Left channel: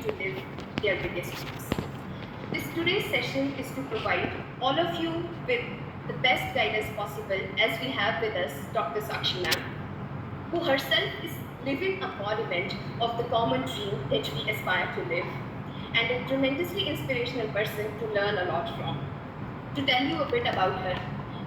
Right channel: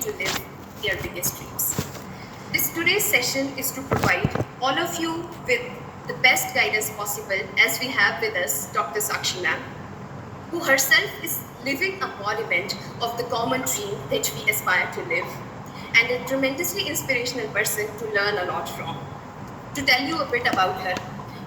to live their biggest dreams. Today's session is to provide all of you with the best guidance possible, as we have with us Dr. Sakshi ma'am, who herself is living embodiment of the common dream that we aspire to live, and a tremendously inspirational person to learn a lot from. To tell you a bit about her,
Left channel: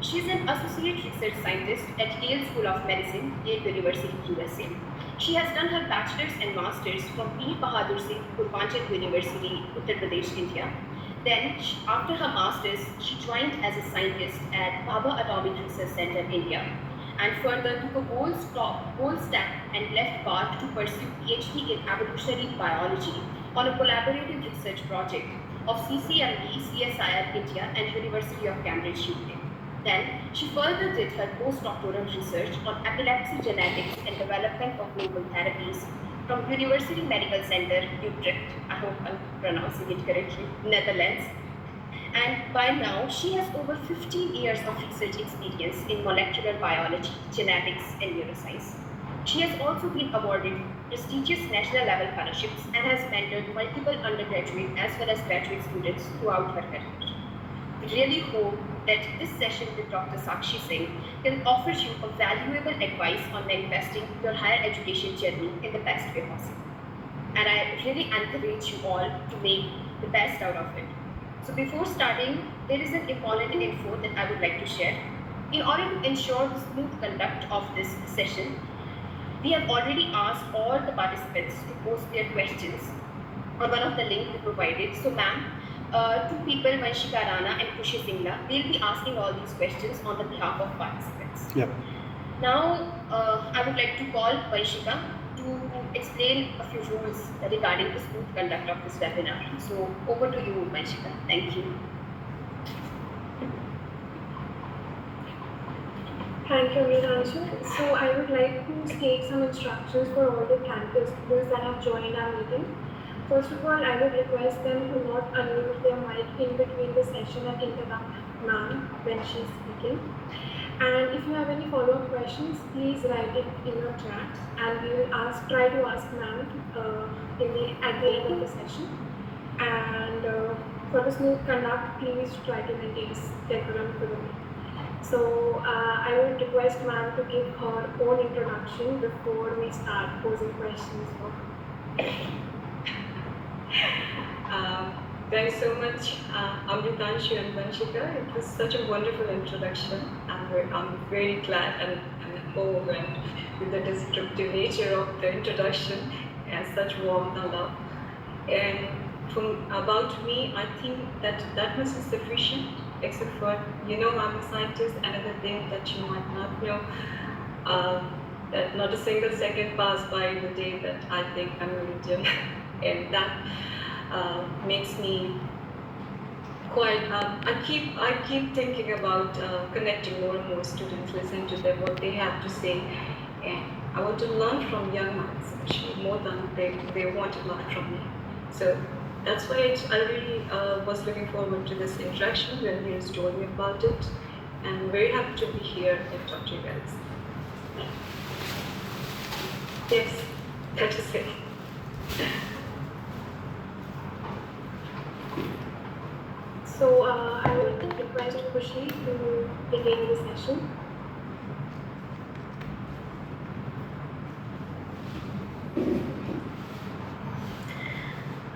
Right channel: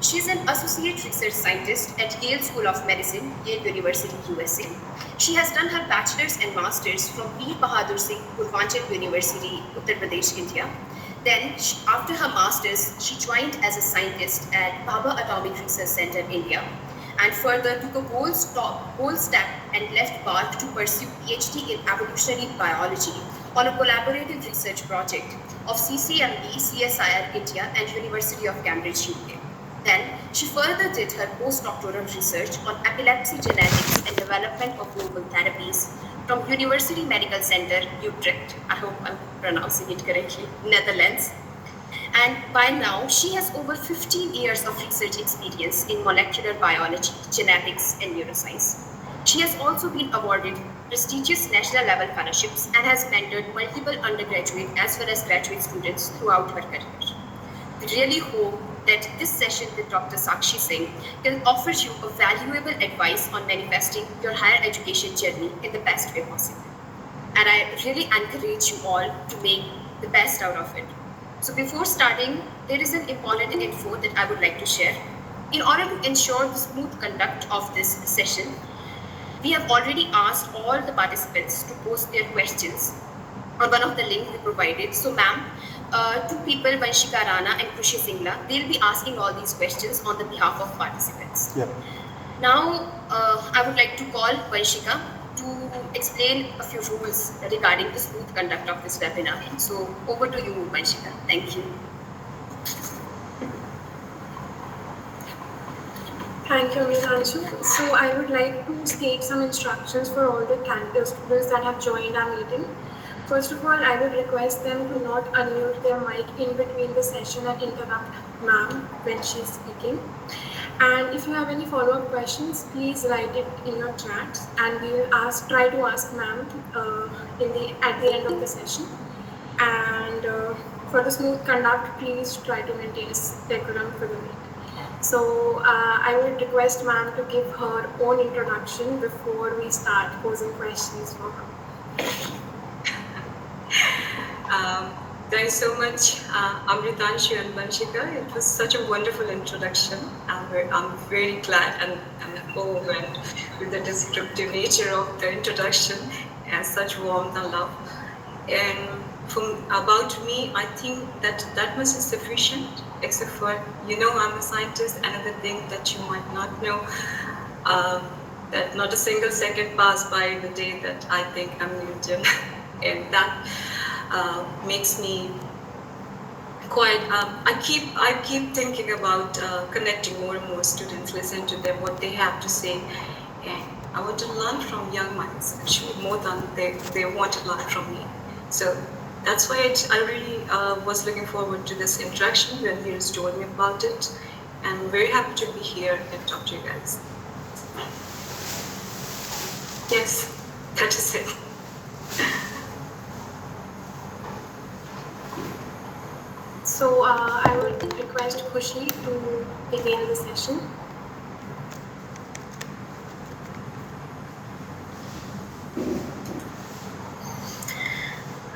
she's an associate research scientist at Yale School of Medicine, Yale University, USA. She has done her bachelor's and master's from Veer Bahadur Singh Purvanchal University, Uttar Pradesh, India. Then, after her master's, she joined as a scientist at Bhabha Atomic Research Center, India, and further took a bold step and left BARC to pursue PhD in evolutionary biology on a collaborative research project of CCMB, CSIR India and University of Cambridge, UK. Then she further did her postdoctoral research on epilepsy genetics and development of novel therapies from University Medical Center, Utrecht, I hope I'm pronouncing it correctly, Netherlands. And by now, she has over 15 years of research experience in molecular biology, genetics, and neuroscience. She has also been awarded prestigious national level fellowships and has mentored multiple undergraduate as well as graduate students throughout her career. We really hope that this session with Dr. Sakshi Singh can offer you a valuable advice on manifesting your higher education journey in the best way possible. And I really encourage you all to make the best out of it. So before starting, there is an important info that I would like to share. In order to ensure the smooth conduct of this session, we have already asked all the participants to post their questions on one of the links we provided. So ma'am, two people, Vanshika Rana and Khushi Singla, they'll be asking all these questions on the behalf of participants. Yeah. Now, I would like to call Vanshika to explain a few rules regarding the smooth conduct of this webinar. So over to you, Vanshika. Thank you. Thank you, Meenanshu. So I would like to state some instructions for all the students that have joined our meeting. First of all, I would request them to not unmute their mic in between the session and interrupt ma'am when she is speaking. And if you have any follow-up questions, please write it in your chat, and we will try to ask ma'am at the end of the session. And for the smooth conduct, please try to maintain decorum for the meeting. So I would request ma'am to give her own introduction before we start posing questions for her. Thanks so much, Amritanshu and Vanshika. It was such a wonderful introduction. I'm very glad and overwhelmed with the descriptive nature of the introduction and such warmth and love. And about me, I think that much is sufficient, except for, I'm a scientist. Another thing that you might not know, that not a single second passed by the day that I think I'm Indian. And that makes me quite, I keep thinking about connecting more and more students, listen to them, what they have to say. And I want to learn from young minds, actually, more than they want to learn from me. So that's why I really was looking forward to this interaction when you told me about it. And I'm very happy to be here and talk to you guys. Yes, that is it. So I would request Khushi to begin the session.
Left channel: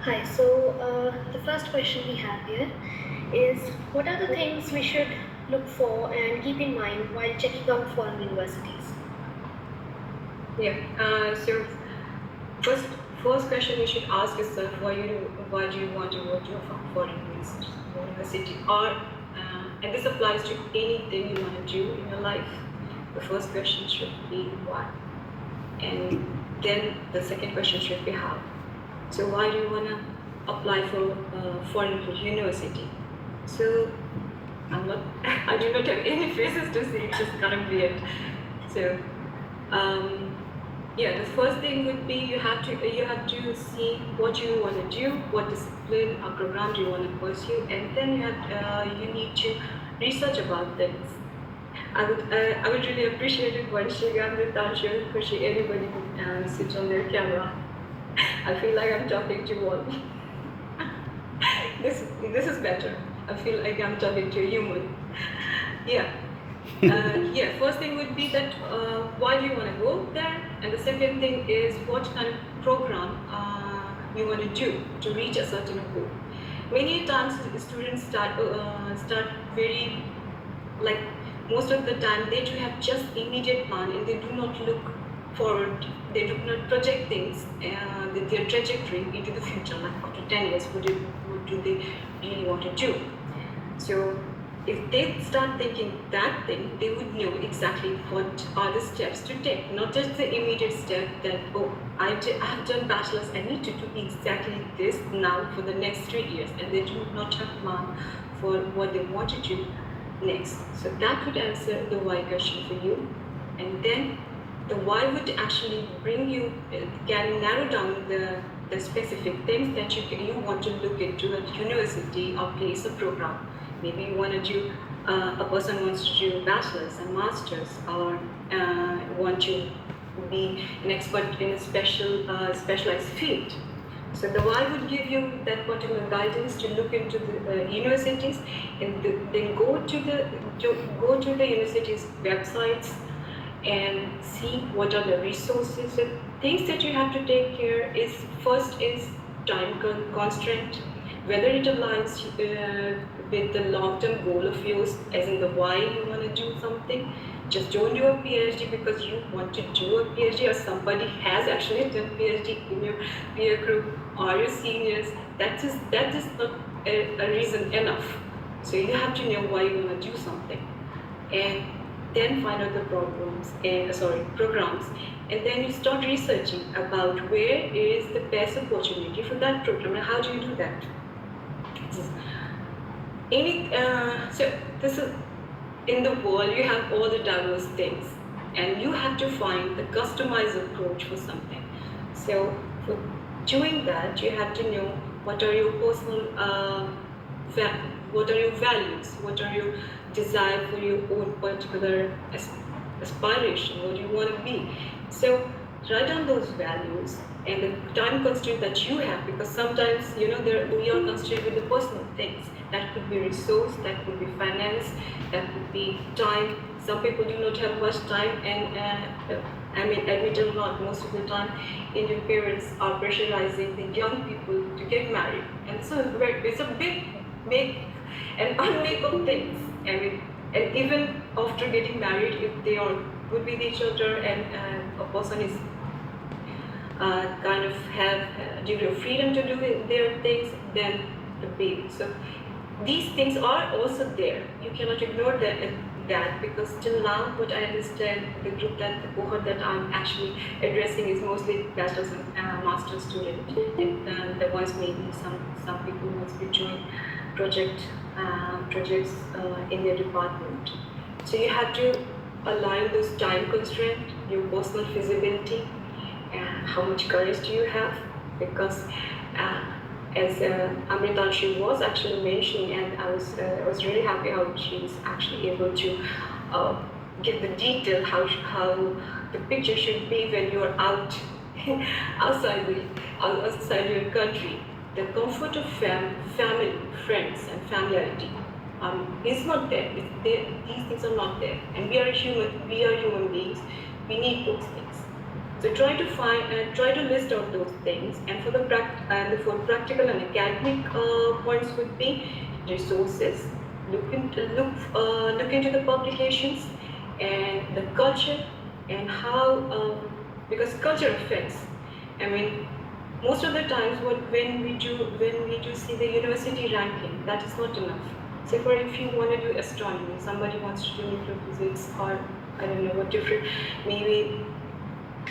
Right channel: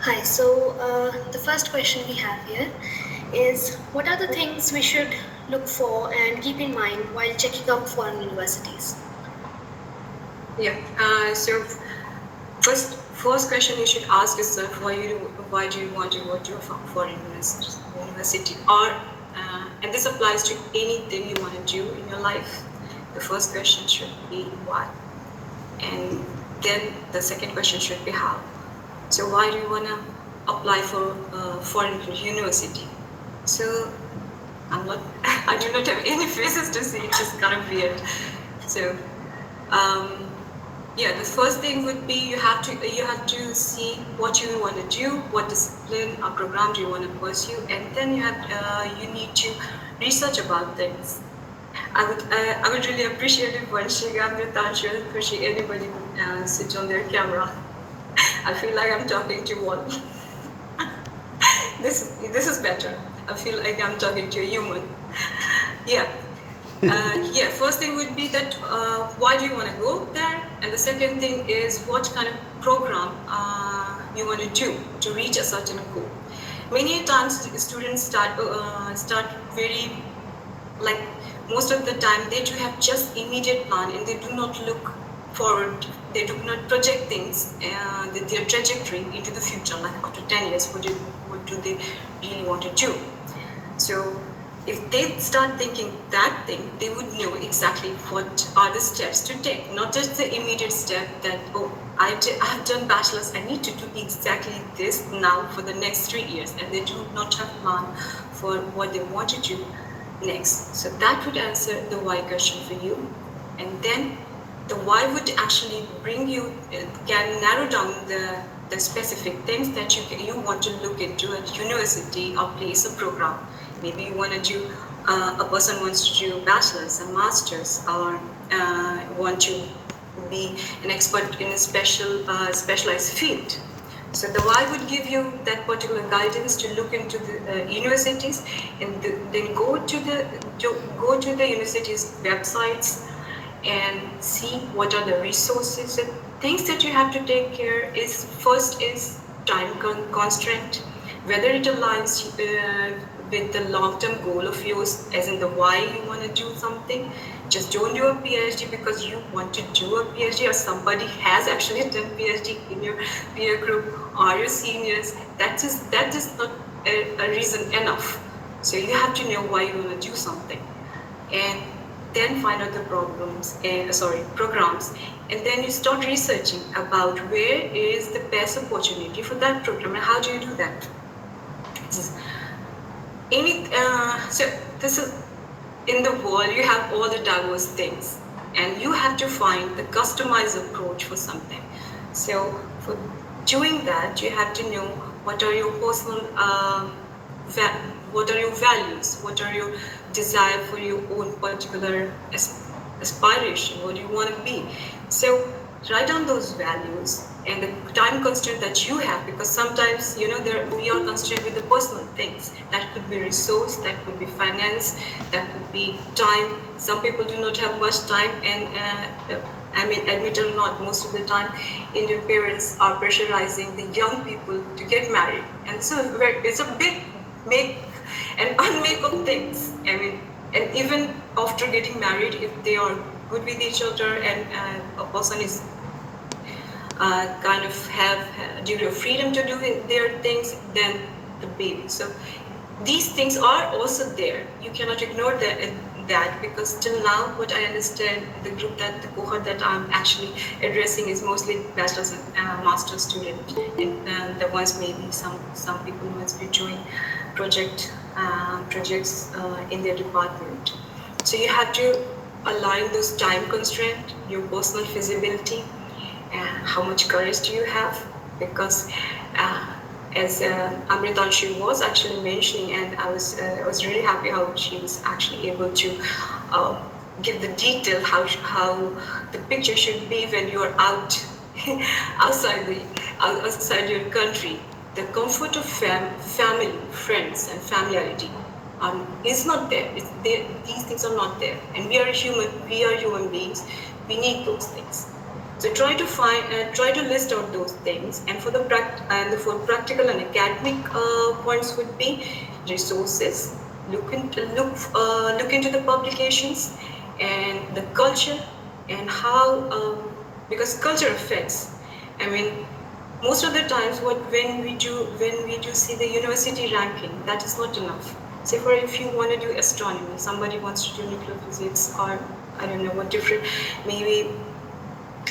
Hi, so the first question we have here is, what are the things we should look for and keep in mind while checking out foreign universities? Yeah, so first question you should ask yourself, why do you want to go to a foreign university? Or, and this applies to anything you want to do in your life. The first question should be why. And then the second question should be how. So why do you want to apply for a foreign university? So I do not have any faces to say, it's just kind of weird. So, yeah, the first thing would be you have to see what you want to do, what discipline or program do you want to pursue, and then you need to research about things. I would really appreciate if Vanshika, Amritanshu, especially anybody would switch on their camera. I feel like I'm talking to one. This is better. I feel like I'm talking to a human. Yeah. Yeah, first thing would be that why do you want to go there? And the second thing is what kind of program you want to do to reach a certain goal. Many times students start very, like most of the time they do have just immediate plan and they do not look forward, they do not project things, their trajectory into the future, like after 10 years, what do they really want to do? So if they start thinking that thing, they would know exactly what are the steps to take, not just the immediate step that, oh, I have done bachelor's, I need to do exactly this now for the next 3 years, and they do not have a plan for what they want to do next. So that would answer the why question for you. And then the why would actually bring you, can narrow down the specific things that you want to look into at university or place a program. Maybe you want to do, a person wants to do bachelor's and master's, or want to be an expert in a specialized field. So the why would give you that particular guidance to look into the universities, and then go to the universities' websites and see what are the resources. So things that you have to take care is, first is time constraint, whether it aligns with the long-term goal of yours, as in the why you want to do something. Just don't do a PhD because you want to do a PhD, or somebody has actually done PhD in your peer group or your seniors. That is not a reason enough. So you have to know why you want to do something, and then find out the programs, and then you start researching about where is the best opportunity for that program, and how do you do that. So this is, in the world you have all the diverse things, and you have to find the customized approach for something. So for doing that, you have to know what are your personal, what are your values, what are your desire for your own particular aspiration, what do you want to be. So write down those values and the time constraint that you have, because sometimes, we are constrained with the personal things. That could be resource, that could be finance, that could be time. Some people do not have much time, and admit or not, most of the time Indian parents are pressurizing the young people to get married, and so it's a big make and unmake of things. And even after getting married, if they are good with each other and a person is kind of have degree of freedom to do their things, then the baby. So these things are also there. You cannot ignore that because till now, what I understand, the cohort that I'm actually addressing is mostly bachelor's and master's student, and the ones maybe some people must be doing projects in their department. So you have to align those time constraints, your personal feasibility, and how much courage do you have, because as Amritanshi was actually mentioning, and I was really happy how she was actually able to give the detail how the picture should be when you are outside your country. The comfort of family, friends, and familiarity is not there. These things are not there, and we are human beings. We need those things. So try to list out those things, and for practical and academic points would be resources. Look into the publications and the culture, and how because culture affects. Most of the times, when we do see the university ranking, that is not enough. Say if you want to do astronomy, somebody wants to do nuclear physics, or I don't know what different, maybe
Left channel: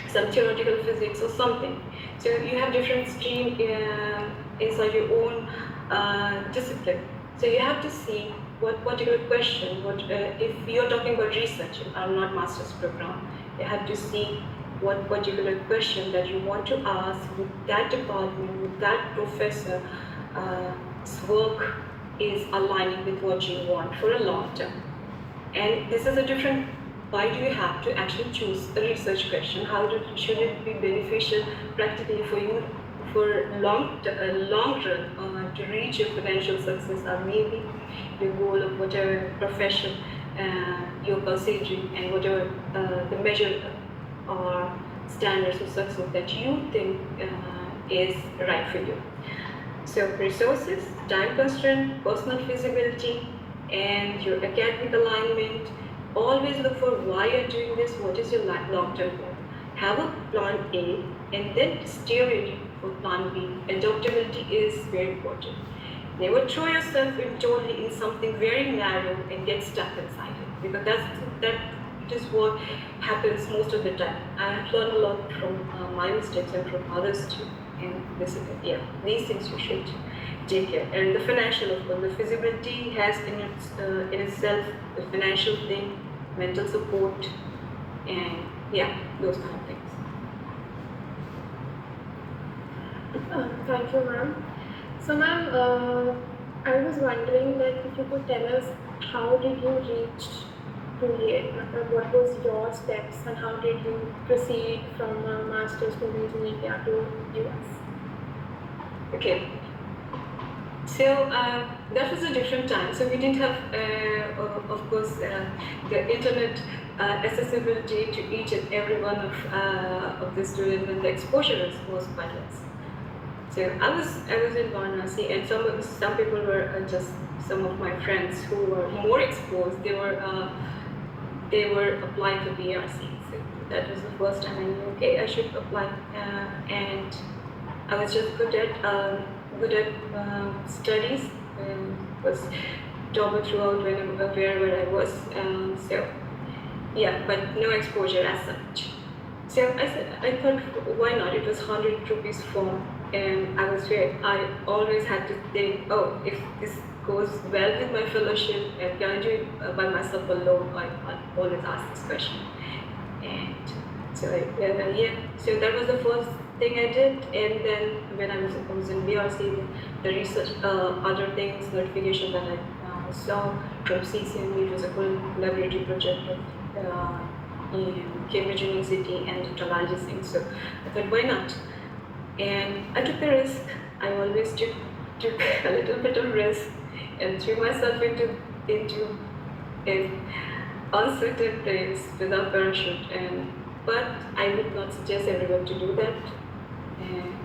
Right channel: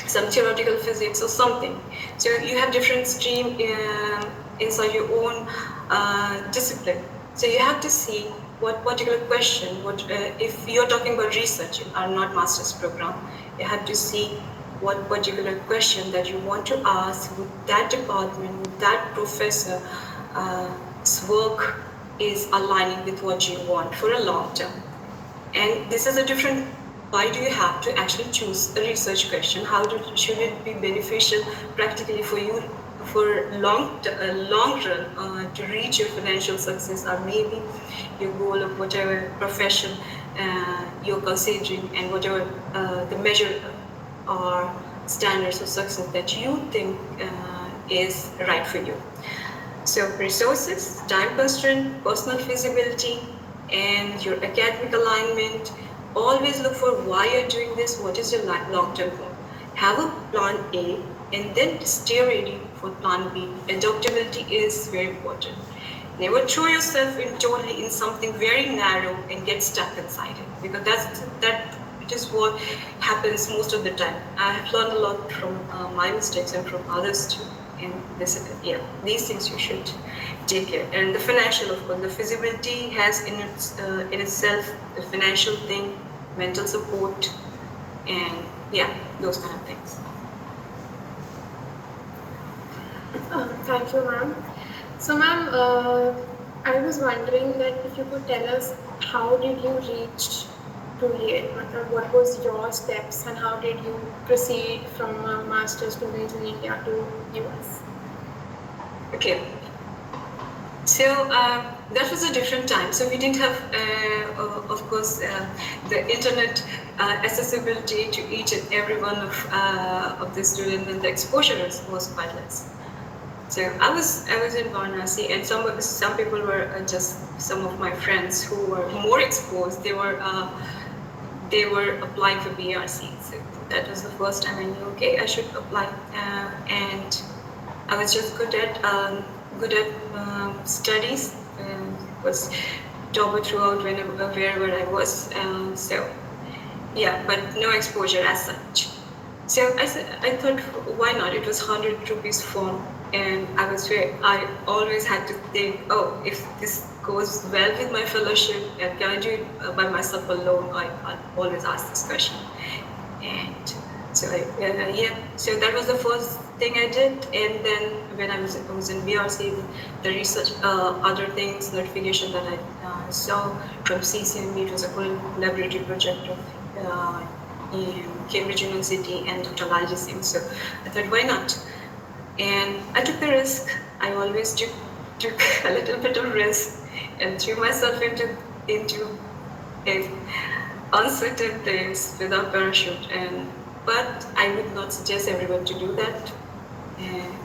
some theoretical physics or something. So you have different stream inside your own discipline. So you have to see what particular question, if you're talking about research or not master's program, you have to see what particular question that you want to ask with that department, with that professor's work is aligning with what you want for a long term. And this is a different. Why do you have to actually choose a research question? Should it be beneficial practically for you, for long run to reach your financial success, or maybe your goal of whatever profession you're considering, and whatever the measure or standards of success that you think is right for you. So resources, time constraint, personal feasibility, and your academic alignment. Always look for why you're doing this, what is your long-term goal. Have a plan A and then stay ready for plan B. Adaptability is very important. Never throw yourself in totally in something very narrow and get stuck inside it, because that is what happens most of the time. I have learned a lot from my mistakes and from others too. And these things you should take care. And the financial, of course, the feasibility has in itself the financial thing, mental support, and those kind of things. Thank you, ma'am. So, ma'am, I was wondering that if you could tell us how did you reach to Yale? What was your steps and how did you proceed from master's students in India to US? Okay. So that was a different time. So we didn't have, of course, the internet accessibility to each and every one of the students, and the exposure was quite less. So I was in Varanasi, and some people were just some of my friends who were more exposed. They were applying for BRC. So that was the first time I knew, okay, I should apply, and I was just good at studies. Was topper throughout wherever I was. But no exposure as such. So I thought, why not? It was 100 rupees form, and I always had to think, oh, if this goes well with my fellowship, and can I do it by myself alone? I always ask this question. And so so that was the first thing I did. And then when I was in BRC, the research, other things, notification that I saw from CCMB, it was a collaborative project of in Cambridge University and Dr. Lal Singh. So I thought, why not? And I took the risk. I always took a little bit of risk and threw myself into a uncertain place without parachute. But I would not suggest everyone to do that.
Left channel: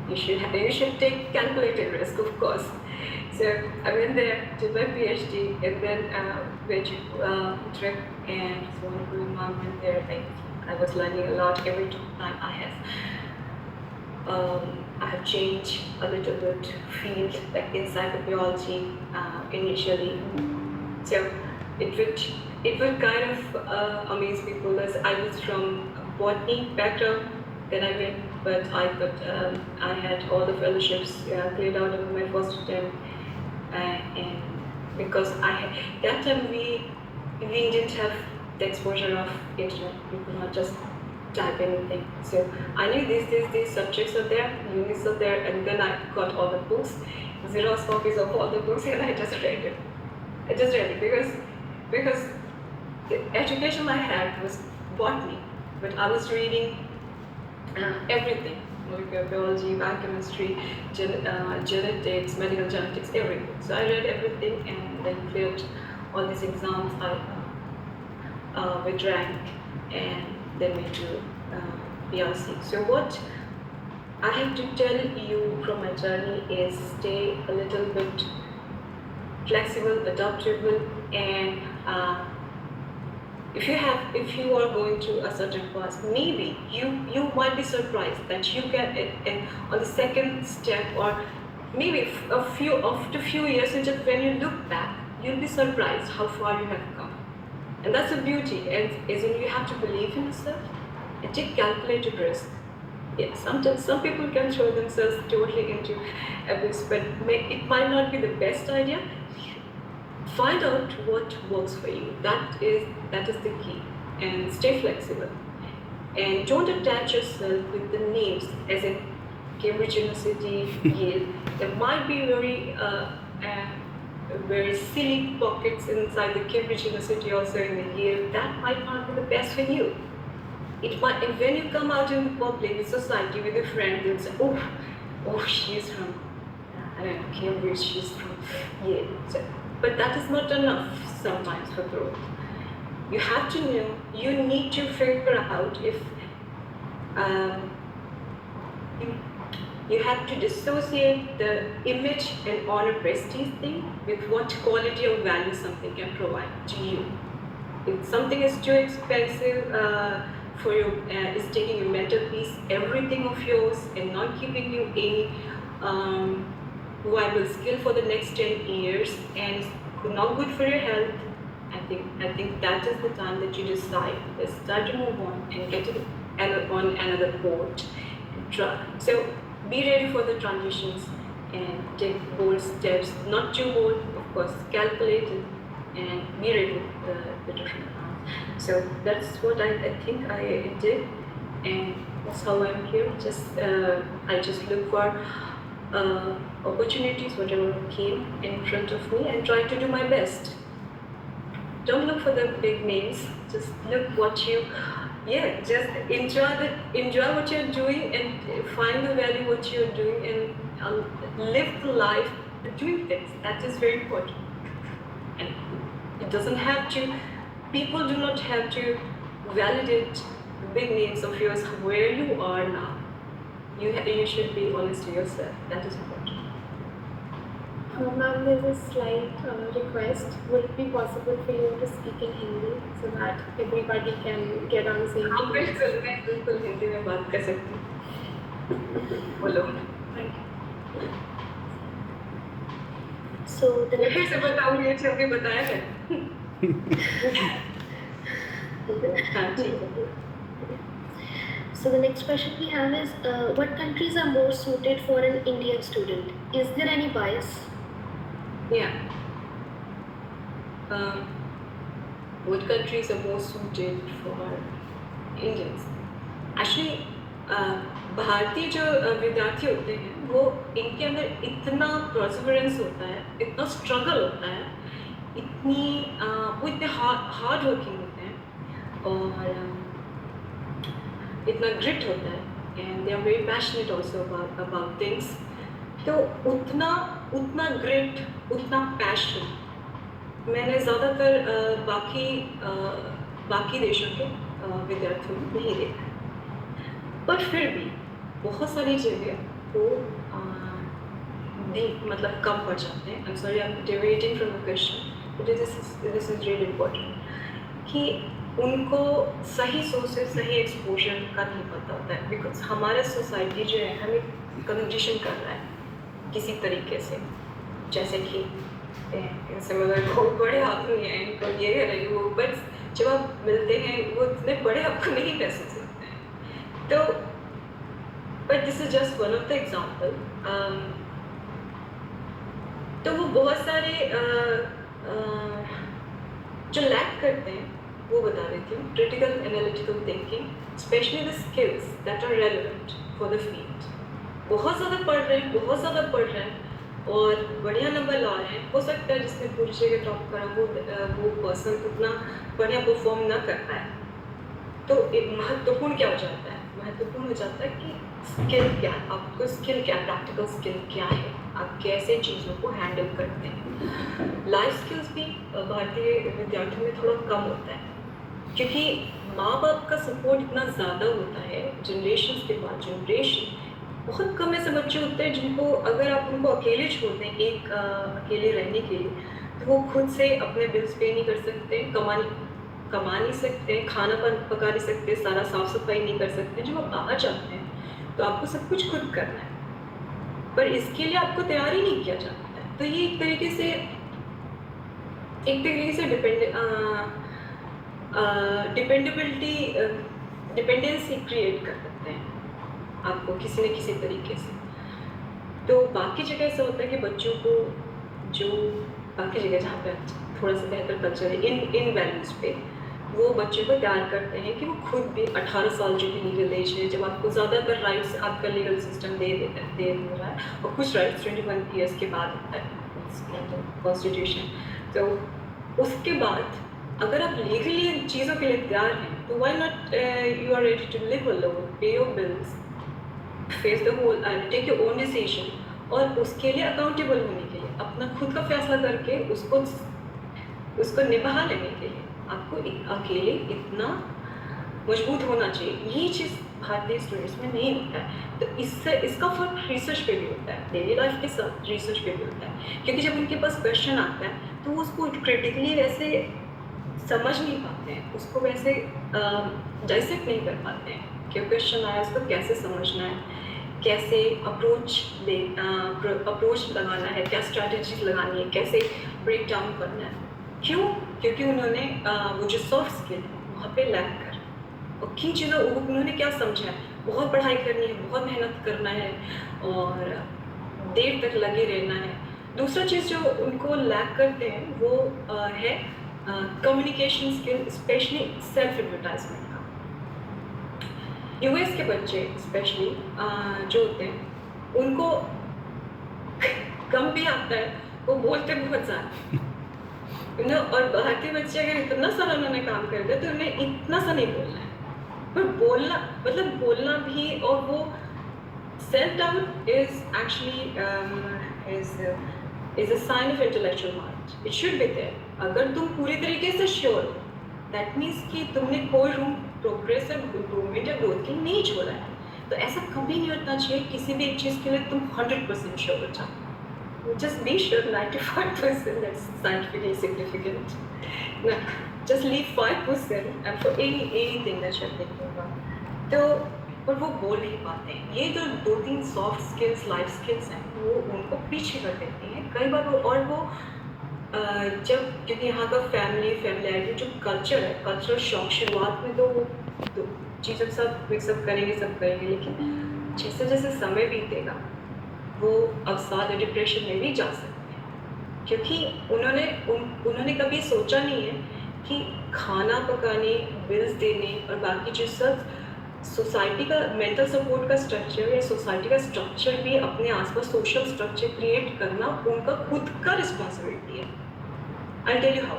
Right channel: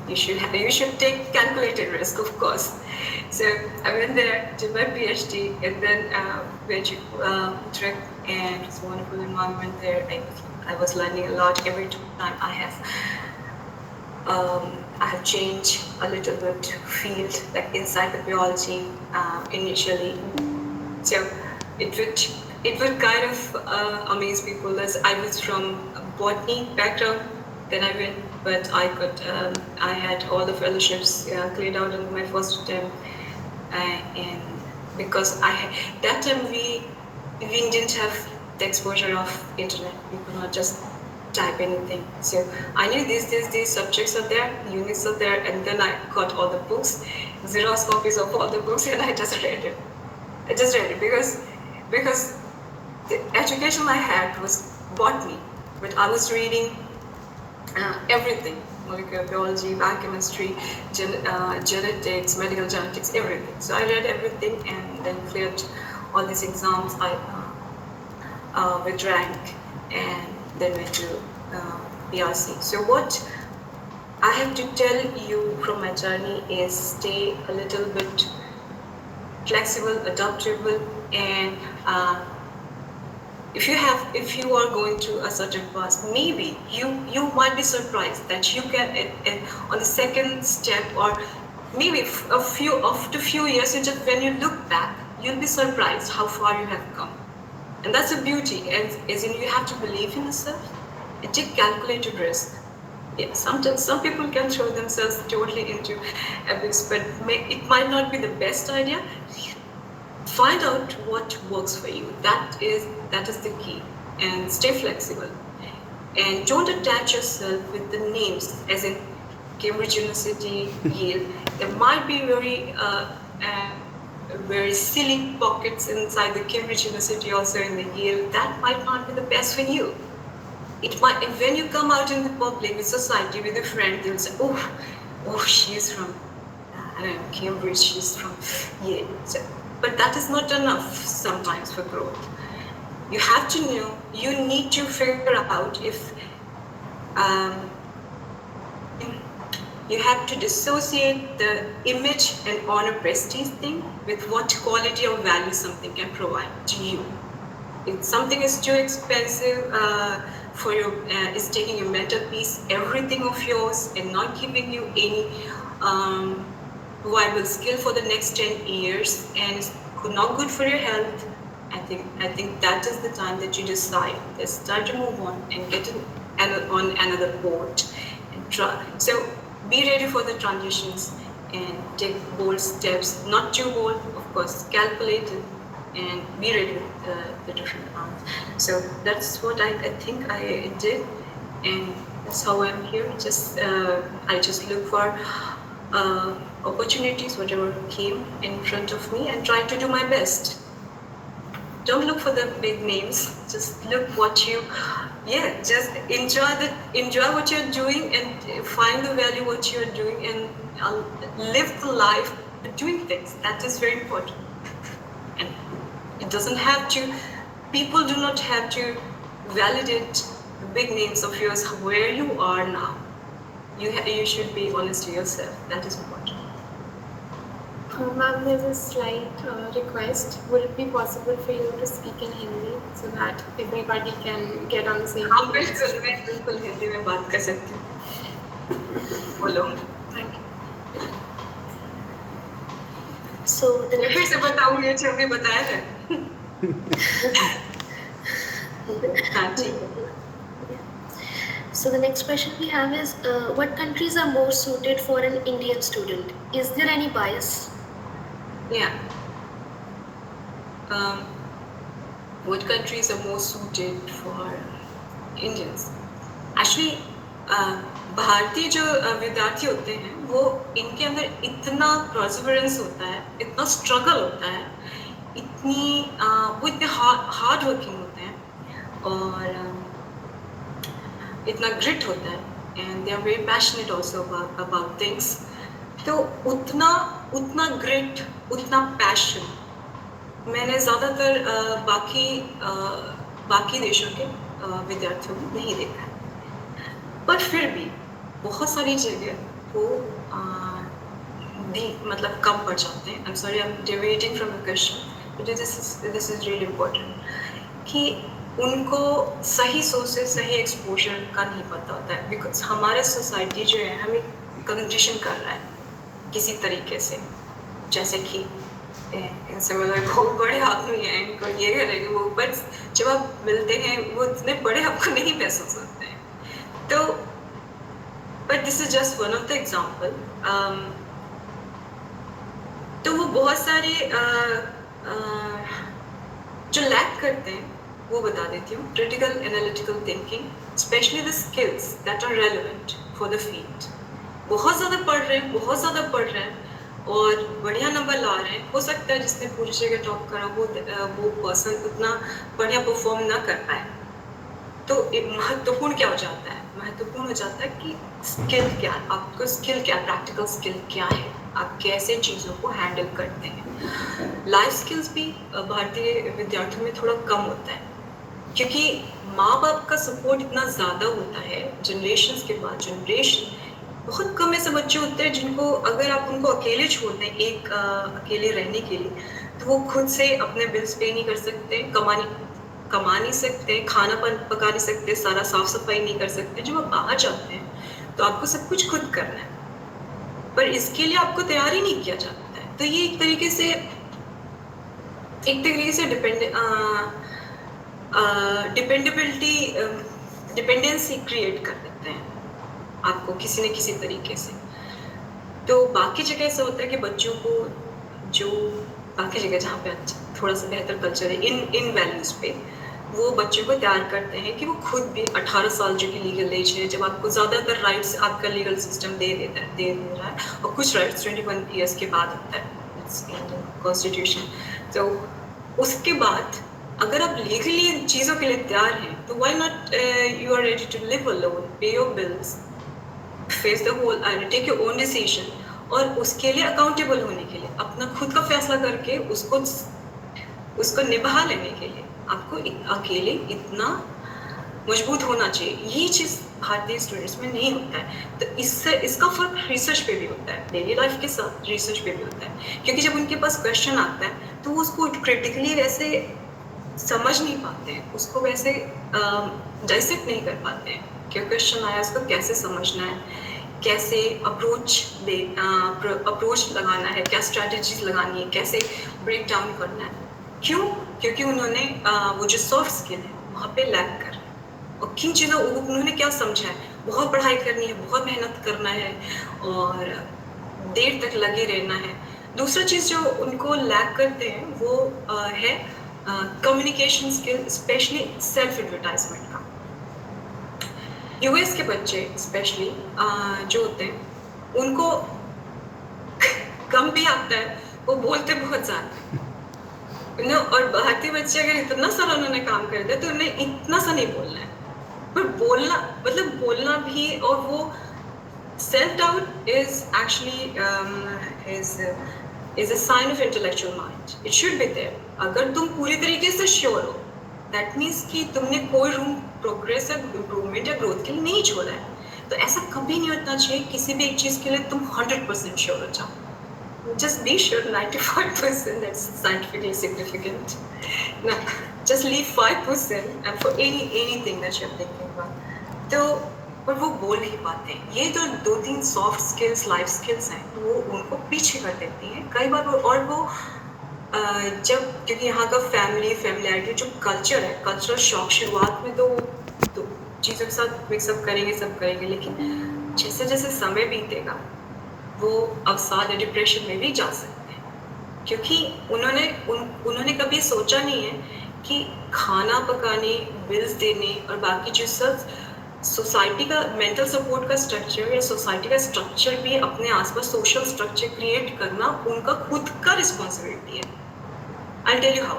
You should take calculated risk, of course. So I went there, did my PhD, and then went to Utrecht, and it's a wonderful environment there. I was learning a lot every time I have changed a little bit field, like inside the biology initially. So it would kind of amaze people, as I was from a botany background. Then I went, but I had all the fellowships cleared out in my first attempt, and because that time we didn't have the exposure of internet. We could not just type anything. So I knew these subjects are there, units are there, and then I got all the books, Xerox copies of all the books, and I just read it. Because the education I had was botany, but I was reading everything: molecular biology, biochemistry, genetics, medical genetics, everything. So I read everything and then cleared all these exams. I with rank, and then went to BRC. So what I have to tell you from my journey is stay a little bit flexible, adaptable, and if you are going through a certain path, maybe you might be surprised that you can on the second step, or maybe after a few years, when you look back, you'll be surprised how far you have come. And that's the beauty, and as in you have to believe in yourself and take calculated risk. Yeah, sometimes some people can throw themselves totally into abyss, but it might not be the best idea. Find out what works for you. That is the key. And stay flexible. And don't attach yourself with the names, as in Cambridge University, Yale. There might be very silly pockets inside the Cambridge University, also in the Yale. That might not be the best for you. It might, and when you come out in the public, with society, with a friend, they'll say, oh, oh, she's from, I don't know, Cambridge, she's from Yale. So, but that is not enough sometimes for growth. You have to know, you need to figure out if you have to dissociate the image and honor prestige thing with what quality or value something can provide to you. If something is too expensive for your, is taking your mental peace, everything of yours, and not giving you any viable skill for the next 10 years, and it's not good for your health, I think that is the time that you decide, let's start to move on and get on another boat and try. So be ready for the transitions and take bold steps, not too bold, of course, calculated, and be ready with the different paths. So that's what I think I did, and that's how I'm here. I just look for opportunities, whatever came in front of me, and try to do my best. Don't look for the big names. Just look what you, just enjoy what you're doing and find the value what you're doing, and live the life doing things. That is very important. And it doesn't have to. People do not have to validate the big names of yours where you are now. You should be honest to yourself. That is important. Ma'am, there's a slight request. Would it be possible for you to speak in Hindi so that everybody can get on the same हाँ page? मैं बिल्कुल हिंदी में बात कर सकती हूँ. बोलो. Thank you. So the मैं फिर next से बताऊँ ये चीज़ बताया है. हाँ ठीक है. So the next question we have is, what countries are more suited for an Indian student? Is there any bias? Yeah. What countries are more suited for Indians? Actually, भारतीय जो विद्यार्थी होते हैं वो इनके अंदर इतना perseverance होता है, इतना struggle होता है, वो इतने hard working होते हैं और इतना grit होता है, and they are very passionate also about things. तो उतना grit, उतना passion मैंने ज़्यादातर बाकी देशों के विद्यार्थियों में नहीं देखा, पर फिर भी बहुत सारी जगह वो मतलब कम पड़ जाते हैं. I'm sorry, I'm deviating from the question, but this is really important कि उनको सही सोच से सही एक्सपोजर का नहीं पता होता है, बिकॉज हमारा सोसाइटी जो है हमें कंडीशन कर रहा है किसी तरीके से, जैसे कि इनसे बहुत बड़े आदमी हैं, इनको ये करेंगे वो, बट जब आप मिलते हैं वो इतने बड़े आपको नहीं महसूस होते हैं. तो but this is just one of the example. तो वो बहुत सारे जो लैक करते हैं वो बता देती हूँ. Critical analytical thinking, specially the skills that are relevant for the field. बहुत ज़्यादा पढ़ रहे हैं और बढ़िया नंबर ला रहे हैं. हो सकता है जिसने पूरी जगह टॉप करा वो पर्सन इतना बढ़िया परफॉर्म ना कर पाए. तो महत्वपूर्ण क्या हो जाता है? महत्वपूर्ण हो जाता है कि स्किल क्या, आपको स्किल क्या, प्रैक्टिकल स्किल क्या है, आप कैसे चीज़ों को हैंडल करते हैं. लाइफ स्किल्स भी भारतीय विद्यार्थियों में थोड़ा कम होता है, क्योंकि माँ बाप का सपोर्ट इतना ज़्यादा होता है. जनरेशन के बाद जनरेशन बहुत कम ऐसे बच्चे होते हैं जिनको अगर आप उनको अकेले छोड़ दें अकेले रहने के लिए, तो वो खुद से अपने बिल्स पे नहीं कर सकते, कमा नहीं सकते, खाना पका नहीं सकते, सारा साफ सफाई नहीं कर सकते. जब आप बाहर जाते हैं तो आपको सब कुछ खुद करना है, पर इसके लिए आपको तैयार ही नहीं किया जाता है. तो ये एक तरीके से डिपेंडेंसी क्रिएट कर देते हैं आपको किसी न किसी तरीके से. तो बाकी जगह ऐसा होता है कि बच्चों को जो बाकी जगह जहाँ पे थोड़ा सा बेहतर कल्चर है इन वैल्यूज़ पे, वो बच्चों को तैयार करते हैं कि वो खुद भी 18 साल जो कि लीगल एज है, जब आपको ज़्यादातर राइट्स आपका लीगल सिस्टम दे रहा है, और कुछ राइट्स 21 ईयर्स के बाद होता है कॉन्स्टिट्यूशन. तो उसके बाद अगर आप लीगली इन चीज़ों के लिए तैयार हैं, तो why not you are ready to live alone, pay your bills, face the whole, take your own decision, और उसके लिए अकाउंटेबल होने के लिए, अपना खुद का फैसला करके उसको निभा लेने के लिए आपको अकेले इतना मजबूत होना चाहिए। ये चीज़ भारतीय स्टूडेंट्स में नहीं होता है। तो इसका फर्क रिसर्च पे भी होता है, डेली लाइफ के साथ रिसर्च पे भी होता है, क्योंकि जब उनके पास क्वेश्चन आता है तो वो उसको क्रिटिकली वैसे समझ नहीं पाते हैं, उसको वैसे डाइसेक्ट नहीं कर पाते हैं कि क्वेश्चन आया उसको कैसे समझना है, कैसे अप्रोच लगाना है, क्या स्ट्रैटेजीज लगानी है, कैसे ब्रेक डाउन करना है। क्यों? क्योंकि उन्होंने वो जो सॉफ्ट स्किल है वहाँ पे लैक कर, और किन चीज़ों उन्होंने क्या समझा है, बहुत पढ़ाई करनी है, बहुत मेहनत करना है और देर तक लगे रहना है। दूसरा चीज़ जो उनको लैक करते हैं वो है communication skill, specially self advertisement का। यूएस के बच्चे स्पेशली जो होते हैं उनको कम भी आता है, वो बोलते बहुत ज़्यादा, और भारतीय बच्चे अगर इतना सारा उन्होंने काम कर दिया तो उन्हें इतना सा नहीं बोलना है, पर बोलना मतलब बोलना भी। और वो self doubt is actually is a sign of intellectual mind, it should be there. अगर तुम पूरी तरीके से श्योर हो, दैट मीन्स कि तुमने कोई रूम प्रोग्रेसिव इम्प्रूवमेंट या ग्रोथ के लिए नहीं छोड़ा है। तो ऐसा कभी नहीं होना चाहिए किसी भी एक चीज़ के लिए तुम 100% श्योर हो जाओ। Just be sure 95%, that's scientifically significant. No, just leave 5% and for anything that you're thinking about. तो पर वो बोल नहीं पाते हैं। ये जो 2-3 सॉफ्ट स्किल्स, लाइफ स्किल्स हैं, वो उनको पीछे कर देती हैं कई बार। और वो जब, क्योंकि यहाँ का फैमिलियरिटी जो कल्चर है, कल्चरल शॉक, शुरुआत में तो चीज़ों के साथ मिक्सअप करेंगे, सब करेंगे, लेकिन जैसे जैसे समय बीतेगा वो अवसाद या डिप्रेशन में भी जा सकते हैं, क्योंकि उन्होंने कभी सोचा नहीं है कि खाना पकाने, बिल्स देने और बाकी जो सब सोसाइटी का मेंटल सपोर्ट का स्ट्रक्चर या सोसाइटी का स्ट्रक्चर भी अपने आसपास सोशल स्ट्रक्चर क्रिएट करना उनका खुद का रिस्पॉन्सिबिलिटी है। I tell you how.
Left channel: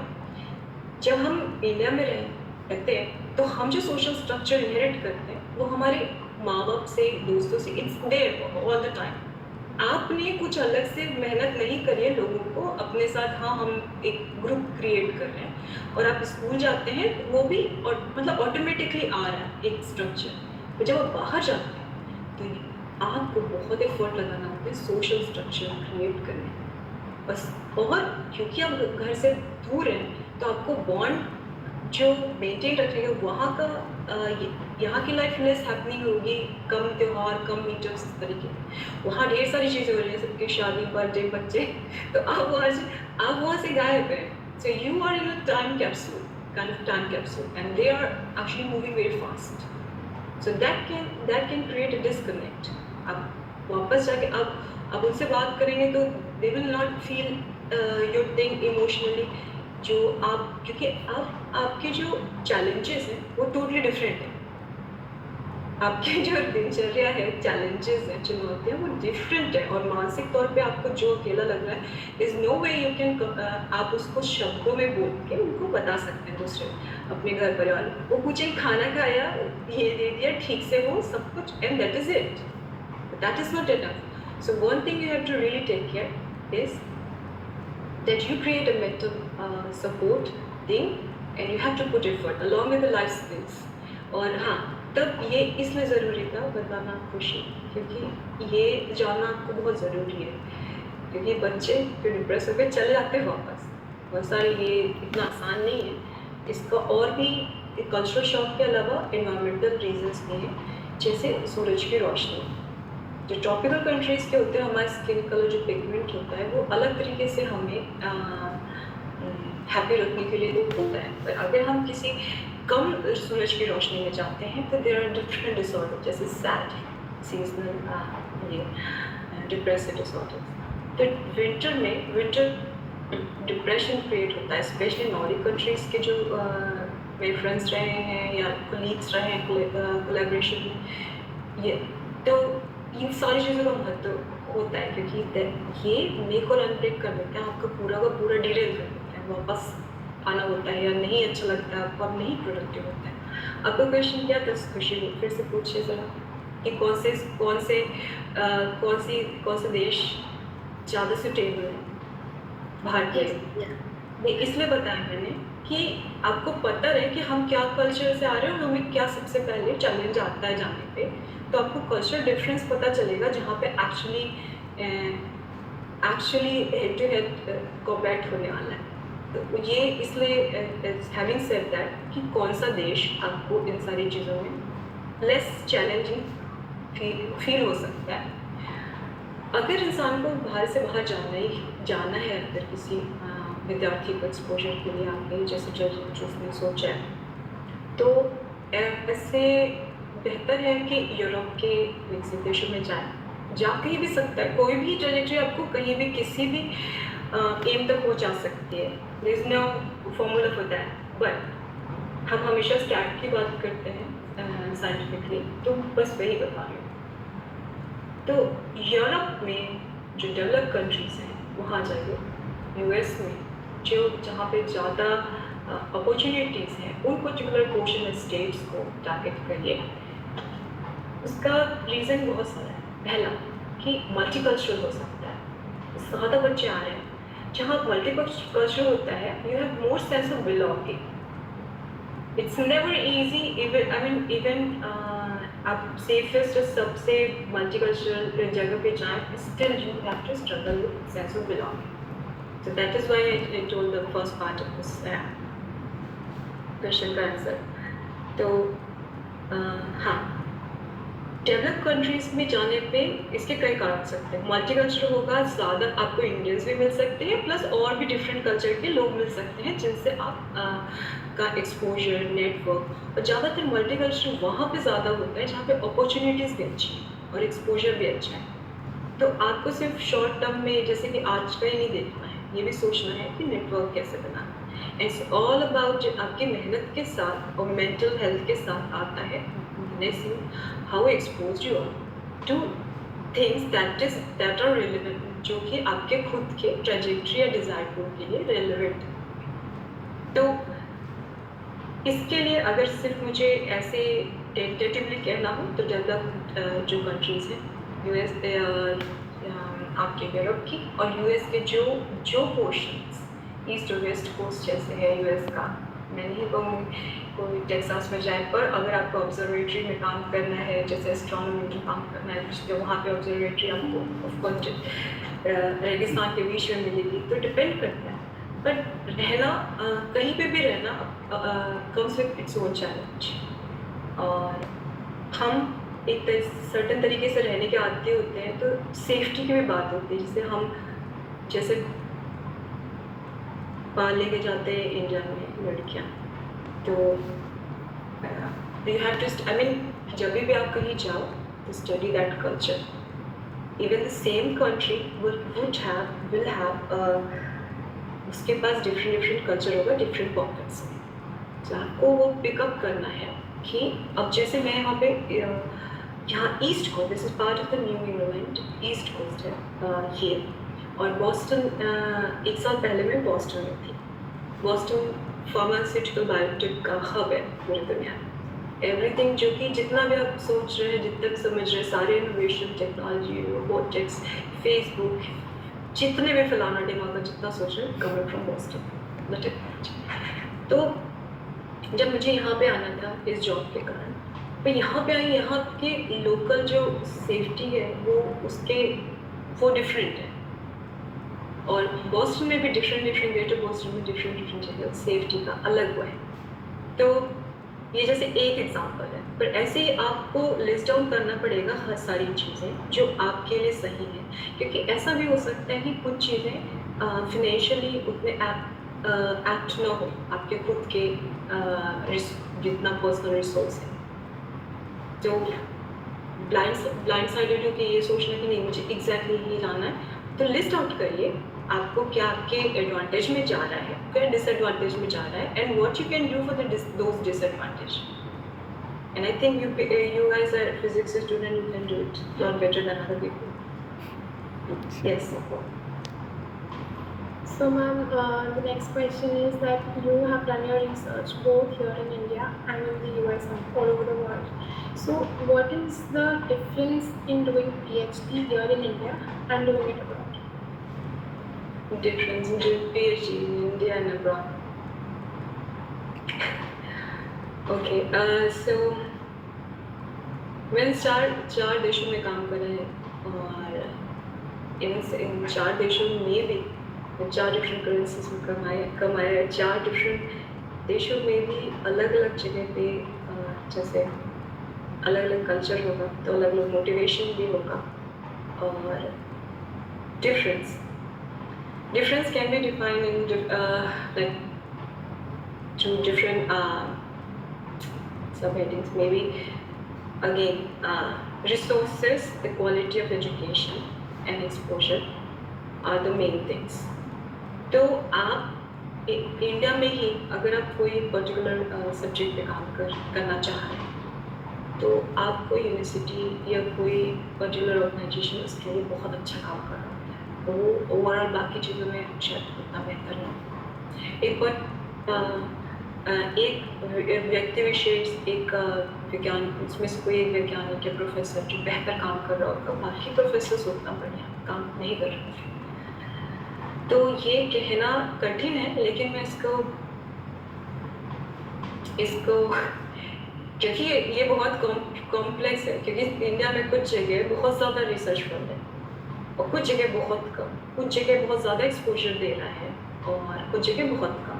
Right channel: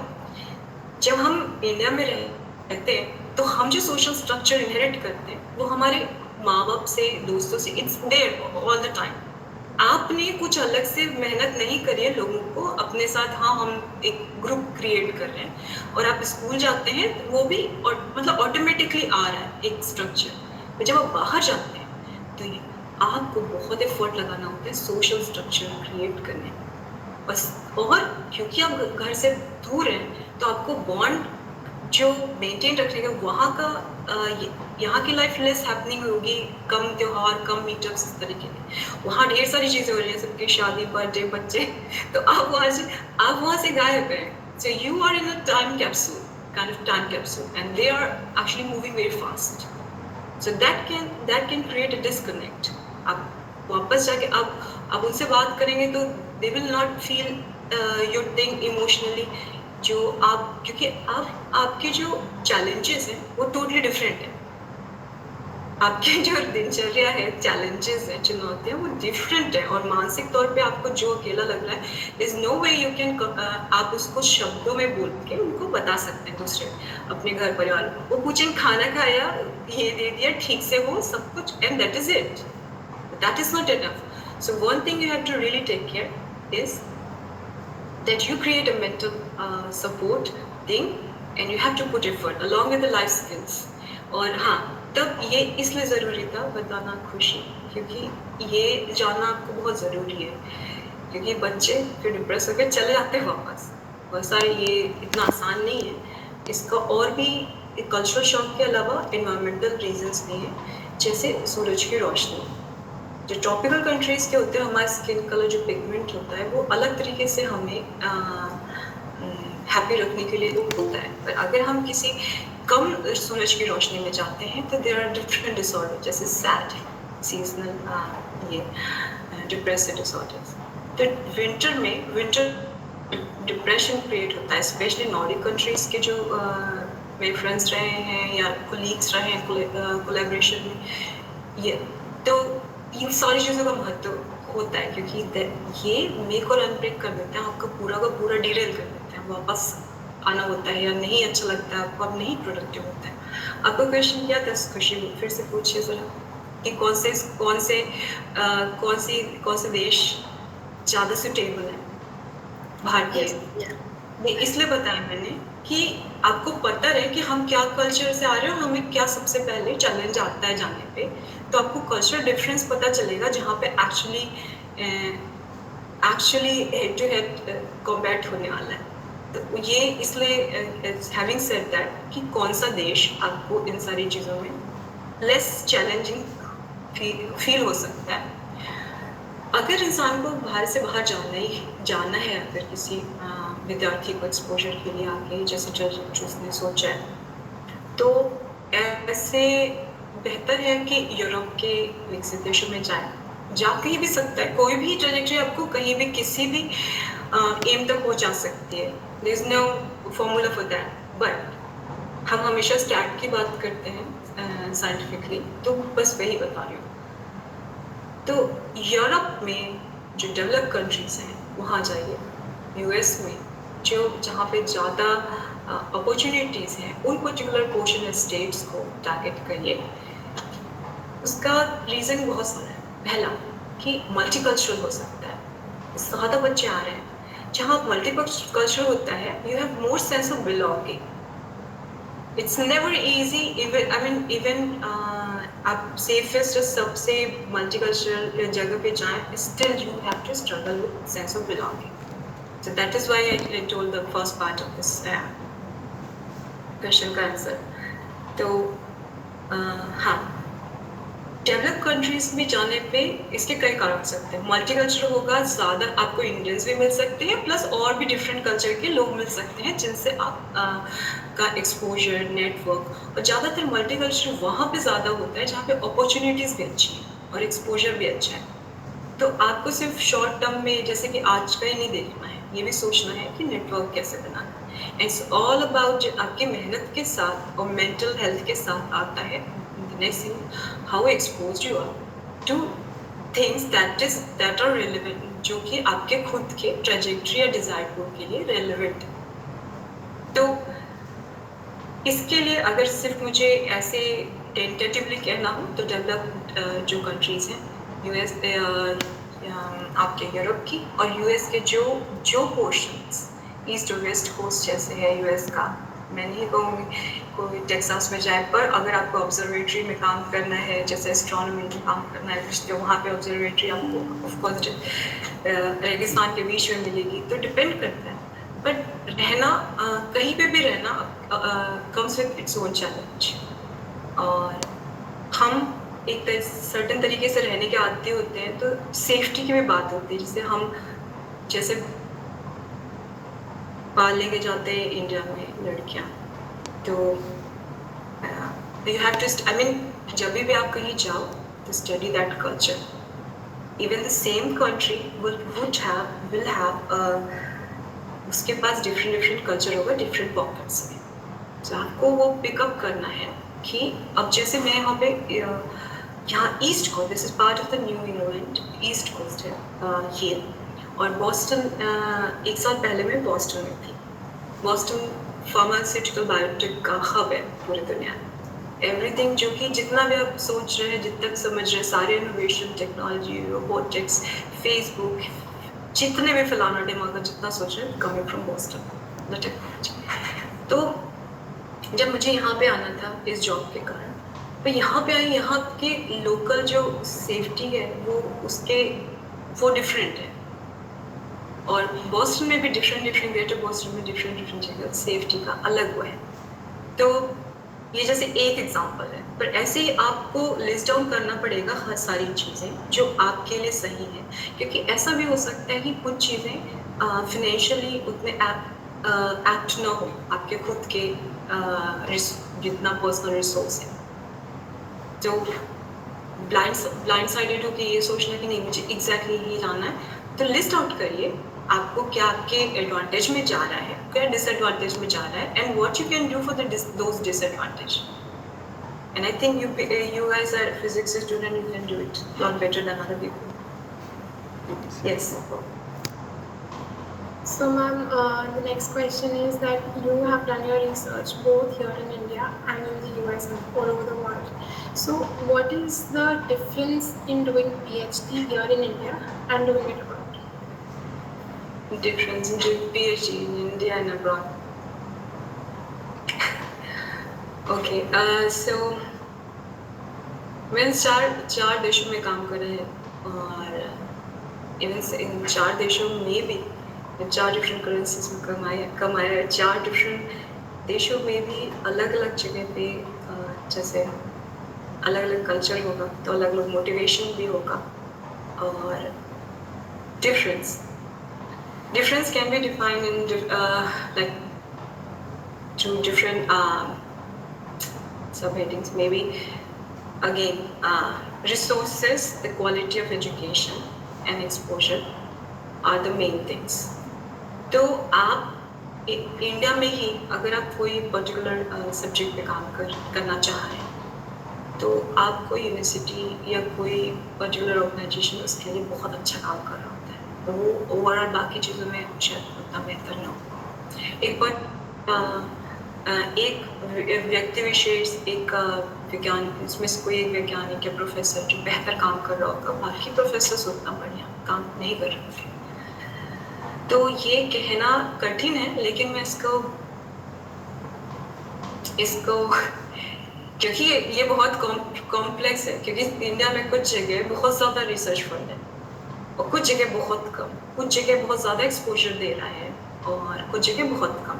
जब हम इंडिया में रहते हैं तो हम जो सोशल स्ट्रक्चर इनहेरिट करते हैं वो हमारे माँ बाप से, दोस्तों से, it's there all the time. आपने कुछ अलग से मेहनत नहीं करी है लोगों को अपने साथ, हाँ हम एक ग्रुप क्रिएट कर रहे हैं और आप स्कूल जाते हैं तो वो भी मतलब ऑटोमेटिकली आ रहा है एक स्ट्रक्चर। तो जब आप बाहर जाते हैं तो आपको बहुत एफर्ट लगाना होता है सोशल स्ट्रक्चर क्रिएट करने में बस। और क्योंकि आप घर से दूर हैं तो आपको बॉन्ड जो मेंटेन रखेगा वहाँ का, यहाँ की लाइफ लेस हैपनिंग होगी, कम त्यौहार, कम मीटअप्स, इस तरीके के। वहाँ ढेर सारी चीज़ें हो रही हैं, सबकी शादी, बर्थडे, बच्चे, तो आप वहाँ से गायब हैं। So you are in a time capsule, kind of time capsule, and they are actually moving very fast. So that can create a disconnect. आप वापस जाके आप उनसे बात करेंगे तो they will not feel your thing emotionally, जो आप, क्योंकि आपके जो चैलेंजेस हैं वो टोटली डिफरेंट है। आपके जो दिनचर्या है, चैलेंजेस हैं, चुनौतियाँ, वो डिफरेंट है। और मानसिक तौर पे आपको जो अकेला लग रहा है, is no way you can, आप उसको शब्दों में बोल के उनको बता सकते हैं दूसरे अपने घर परिवार में। वो पूछें खाना खाया, ये दे दिया, ठीक से हो सब कुछ, and that is it, that is not enough. So one thing you have to really take care is that you create a mental support thing and you have to put effort along with the life skills. और हाँ, तब ये इसलिए ज़रूरी था बताना खुशी, क्योंकि ये जानना आपको बहुत ज़रूरी है, क्योंकि बच्चे फिर डिप्रेस होकर चले जाते हैं वापस। बहुत सारे, ये इतना आसान नहीं है। इसका और भी कल्चरल शॉक के अलावा इन्वायरमेंटल रीजंस भी हैं, जैसे सूरज की रोशनी। जो ट्रॉपिकल कंट्रीज़ के होते हैं, हमारे स्किन कलर जो पिगमेंट होता है वो अलग तरीके से हमें हैप्पी रखने के लिए होता है। पर अगर हम किसी कम सूरज की रोशनी में जाते हैं तो देयर आर डिफरेंट डिसऑर्डर, जैसे सैड, सीजनल, ये डिप्रेसिव डिसऑर्डर्स। तो विंटर डिप्रेशन क्रिएट होता है, स्पेशली नॉर्डिक कंट्रीज़ के जो मेरे फ्रेंड्स रहे हैं या कोलीग्स रहे हैं कोलैबोरेशन में, ये तो इन सारी चीज़ों का महत्व होता है, क्योंकि ये मेक और अनब्रेक कर देते हैं, आपका पूरा का पूरा डिरेल कर देते हैं। वापस आना होता है या नहीं अच्छा लगता है आपको, अब नहीं प्रोडक्टिव होता है। आपका क्वेश्चन क्या था खुशी, फिर से पूछिए ज़रा। कि कौन से देश ज़्यादा सुटेबल है बाहर के Yes. लिए। Yeah. ये इसलिए बताया मैंने कि आपको पता रहे कि हम क्या कल्चर से आ रहे हैं और हमें क्या सबसे पहले चैलेंज आता है जाने पे, तो आपको कल्चरल डिफरेंस पता चलेगा जहाँ पे actually head to head combat होने वाला है। तो ये इसलिए हैविंग सेड दैट कि कौन सा देश आपको इन सारी चीज़ों में लेस चैलेंजिंग फील हो सकता है। अगर इंसान को बाहर से बाहर जाना है, अगर किसी विद्यार्थी को एक्सपोजर के लिए आगे जैसे जिसने सोचा है, तो ऐसे बेहतर है कि यूरोप के विकसित देशों में जाए। जा कहीं भी सकता है, कोई भी ट्रेजेक्टरी आपको कहीं भी किसी भी एम तक पहुंचा सकती है। There is no formula for that, but हम हमेशा स्टैट की बात करते हैं साइंटिफिकली, तो बस वही बता रही हूँ। तो यूरोप में जो डेवलप कंट्रीज हैं वहाँ जाइए, यूएस में जहाँ पे ज़्यादा अपॉर्चुनिटीज़ हैं उन पर्टिकुलर पोर्शन स्टेट्स को टारगेट करिए। उसका रीज़न बहुत सारा है। पहला कि मल्टीकल्चरल हो सकता है, ज़्यादा बच्चे आ रहे हैं। जहाँ मल्टीकल्चरल होता है, you have more sense of belonging. It's never easy, even आप सेफेस्ट सबसे मल्टीकल्चरल जगह पे जाएं, still you have to struggle with sense of belonging. So that is why I told the first part of this question का answer. तो हाँ, develop countries में जाने पे इसके कई कारण हो सकते हैं। मल्टीकल्चरल होगा, ज़्यादा आपको इंडियंस भी मिल सकते हैं, प्लस और भी डिफरेंट कल्चर के लोग मिल सकते हैं जिनसे आप का एक्सपोजर, नेटवर्क, और ज़्यादातर मल्टीकल्चरल वहाँ पे ज़्यादा होता है जहाँ पे अपॉर्चुनिटीज़ भी अच्छी हैं और एक्सपोजर भी अच्छा है। तो आपको सिर्फ शॉर्ट टर्म में जैसे कि आज का ही नहीं देखना है, ये भी सोचना है कि नेटवर्क कैसे बनाना है। इट्स ऑल अबाउट आपकी मेहनत के साथ और मेंटल हेल्थ के साथ आता है how expose you are to things that are relevant, जो कि आपके खुद के ट्रेजेक्ट्री या डिजायर गोल के लिए रेलेवेंट है। तो इसके लिए अगर सिर्फ मुझे ऐसे टेंटेटिवली कहना हो तो डेवलप्ड जो कंट्रीज हैं, यूएस, आपके यूरोप की और यूएस के जो पोर्शंस ईस्ट और वेस्ट कोस्ट जैसे है यूएस का, मैं नहीं कहूँगी कोई टेक्सास में जाए, पर अगर आपको ऑब्जर्वेटरी में काम करना है, जैसे एस्ट्रोनॉमी में काम करना है, तो वहाँ पे ऑब्जर्वेटरी आपको ऑफकोर्स रेगिस्तान के बीच में मिलेगी, तो डिपेंड करता है। बट रहना कहीं पे भी रहना comes with its own challenge, और हम एक सर्टेन तरीके से रहने के आदि होते हैं, तो सेफ्टी की भी बात होती है। जिसे हम जैसे बाहर लेके जाते हैं इंडिया में लड़कियाँ, तो यू हैव टू जब भी आप कहीं जाओ तो study that culture. Even the same country will have उसके पास डिफरेंट कल्चर होगा डिफरेंट पॉकेट्स में, तो आपको वो पिकअप करना है कि अब जैसे मैं यहाँ पे यहाँ east coast, this is part of the new England, east coast है ये, और बॉस्टन एक साल पहले मैं बॉस्टन में थी। बॉस्टन फार्मास्यूटिकल बायोटेक का हब है पूरी दुनिया में। एवरीथिंग जो कि जितना भी आप सोच रहे हैं, जितना भी समझ रहे हैं, सारे इनोवेशन, टेक्नोलॉजी, रोबोटिक्स, फेसबुक, जितने भी फलाना दिमाग जितना सोच रहे हैं, coming from Boston the technology. तो जब मुझे यहाँ पे आना था इस जॉब के कारण, तो यहाँ पे आई, यहाँ के लोकल जो सेफ्टी है वो डिफरेंट है, और बॉस्टन में भी डिफरेंट ग्रेटर बॉस्टन में डिफरेंट जगह सेफ्टी का अलग हुआ है। तो ये जैसे एक एग्जांपल है, पर ऐसे ही आपको लिस्ट डाउन करना पड़ेगा हर सारी चीज़ें जो आपके लिए सही है, क्योंकि ऐसा भी हो सकता है कि कुछ चीज़ें फाइनेंशियली उतने एक्ट ना हो आपके खुद के जितना पर्सनल रिसोर्स है। तो ब्लाइंड साइडेड हो कि ये सोचना कि नहीं मुझे एग्जैक्टली ये जाना है, तो लिस्ट आउट करिए आपको क्या आपके एडवांटेज में जा रहा है, क्या डिसएडवांटेज में जा रहा है, and what you can do for those disadvantage. And I think you guys are physics student, you can do it a lot better than other people. Yes. So ma'am, the next question is that you have done your research both here in India and in the US and all over the world. So, what is the difference in doing PhD here in India and doing it abroad? Difference in doing PhD in India and abroad. Okay, so मैंने चार देशों में काम करा है और इन 4 देशों में भी 4 डिफरेंट करेंसीज में कमाया है। 4 डिफरेंट देशों में भी अलग अलग जगह पे जैसे अलग अलग कल्चर होगा तो अलग अलग मोटिवेशन भी होगा और difference can be defined in like 2 different subheadings maybe. Again, resources, the quality of education and exposure are the main things. तो आप इंडिया में ही अगर आप कोई पर्टिकुलर सब्जेक्ट पे काम करना चाह रहे हैं तो आपको यूनिवर्सिटी या कोई पर्टिकुलर ऑर्गेनाइजेशन उसके लिए बहुत अच्छा काम कर रहा होता है तो वो ओवरऑल बाकी चीज़ों में शायद उतना बेहतर ना हो। एक बार एक व्यक्ति विशेष एक विज्ञान उसमें से कोई एक वैज्ञानिक या प्रोफेसर जो बेहतर काम कर रहा होगा बाकी प्रोफेसर उतना बढ़िया काम नहीं कर रहे थे तो ये कहना कठिन है लेकिन मैं इसको क्योंकि ये बहुत कॉम्प्लेक्स है क्योंकि इंडिया में कुछ जगह बहुत ज़्यादा रिसर्च फंड है और कुछ जगह बहुत कम कुछ जगह बहुत ज़्यादा एक्सपोजर दे रहा है और कुछ जगह बहुत कम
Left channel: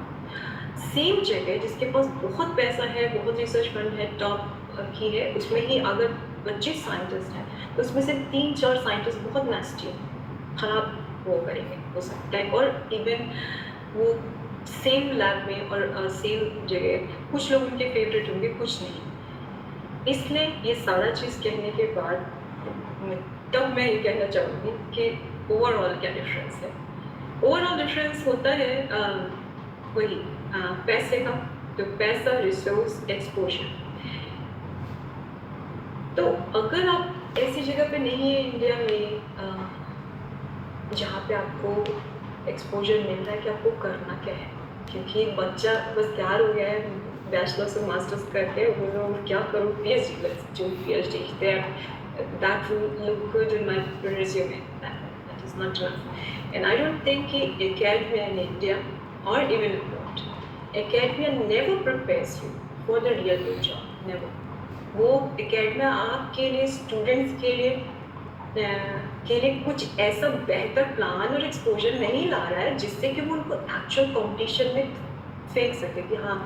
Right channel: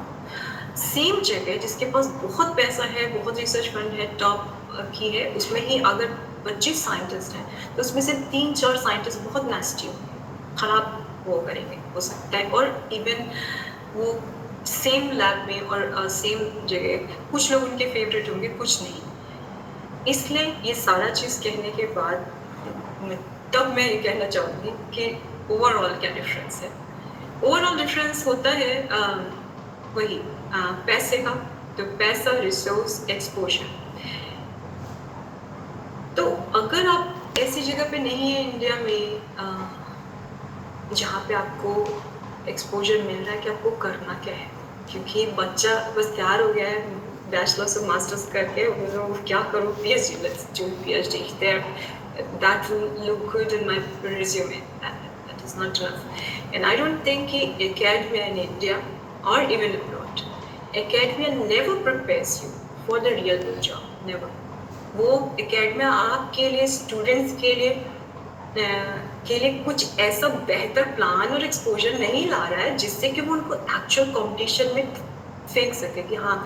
सेम जगह जिसके पास बहुत पैसा है बहुत रिसर्च फंड है टॉप की है उसमें ही अगर 25 साइंटिस्ट हैं तो उसमें से 3-4 साइंटिस्ट बहुत नेस्टी खराब वो करेंगे हो सकता है और इवन वो सेम लैब में और सेम जगह कुछ लोग उनके फेवरेट होंगे कुछ नहीं इसलिए ये सारा चीज़ कहने के बाद तब मैं ये कहना चाहूँगी कि ओवरऑल क्या डिफरेंस है। ओवरऑल डिफरेंस होता है वही पैसे का तो पैसा रिसोर्स एक्सपोजर तो अगर आप ऐसी जगह पे नहीं है इंडिया में जहाँ पे आपको एक्सपोजर मिल रहा है कि आपको करना क्या है क्योंकि बच्चा बस तैयार हो गया है बैचलर्स और मास्टर्स करके वो क्या करो PhD let's do PhD there that will look good in my resume that is not enough and I don't think academia in India or even abroad academia never prepares you for the real world job never वो academia आपके लिए students के लिए कुछ ऐसा बेहतर plan और exposure नहीं ला रहा है जिससे कि वो उनको एक्चुअल कंपटीशन में फेंक सके कि हाँ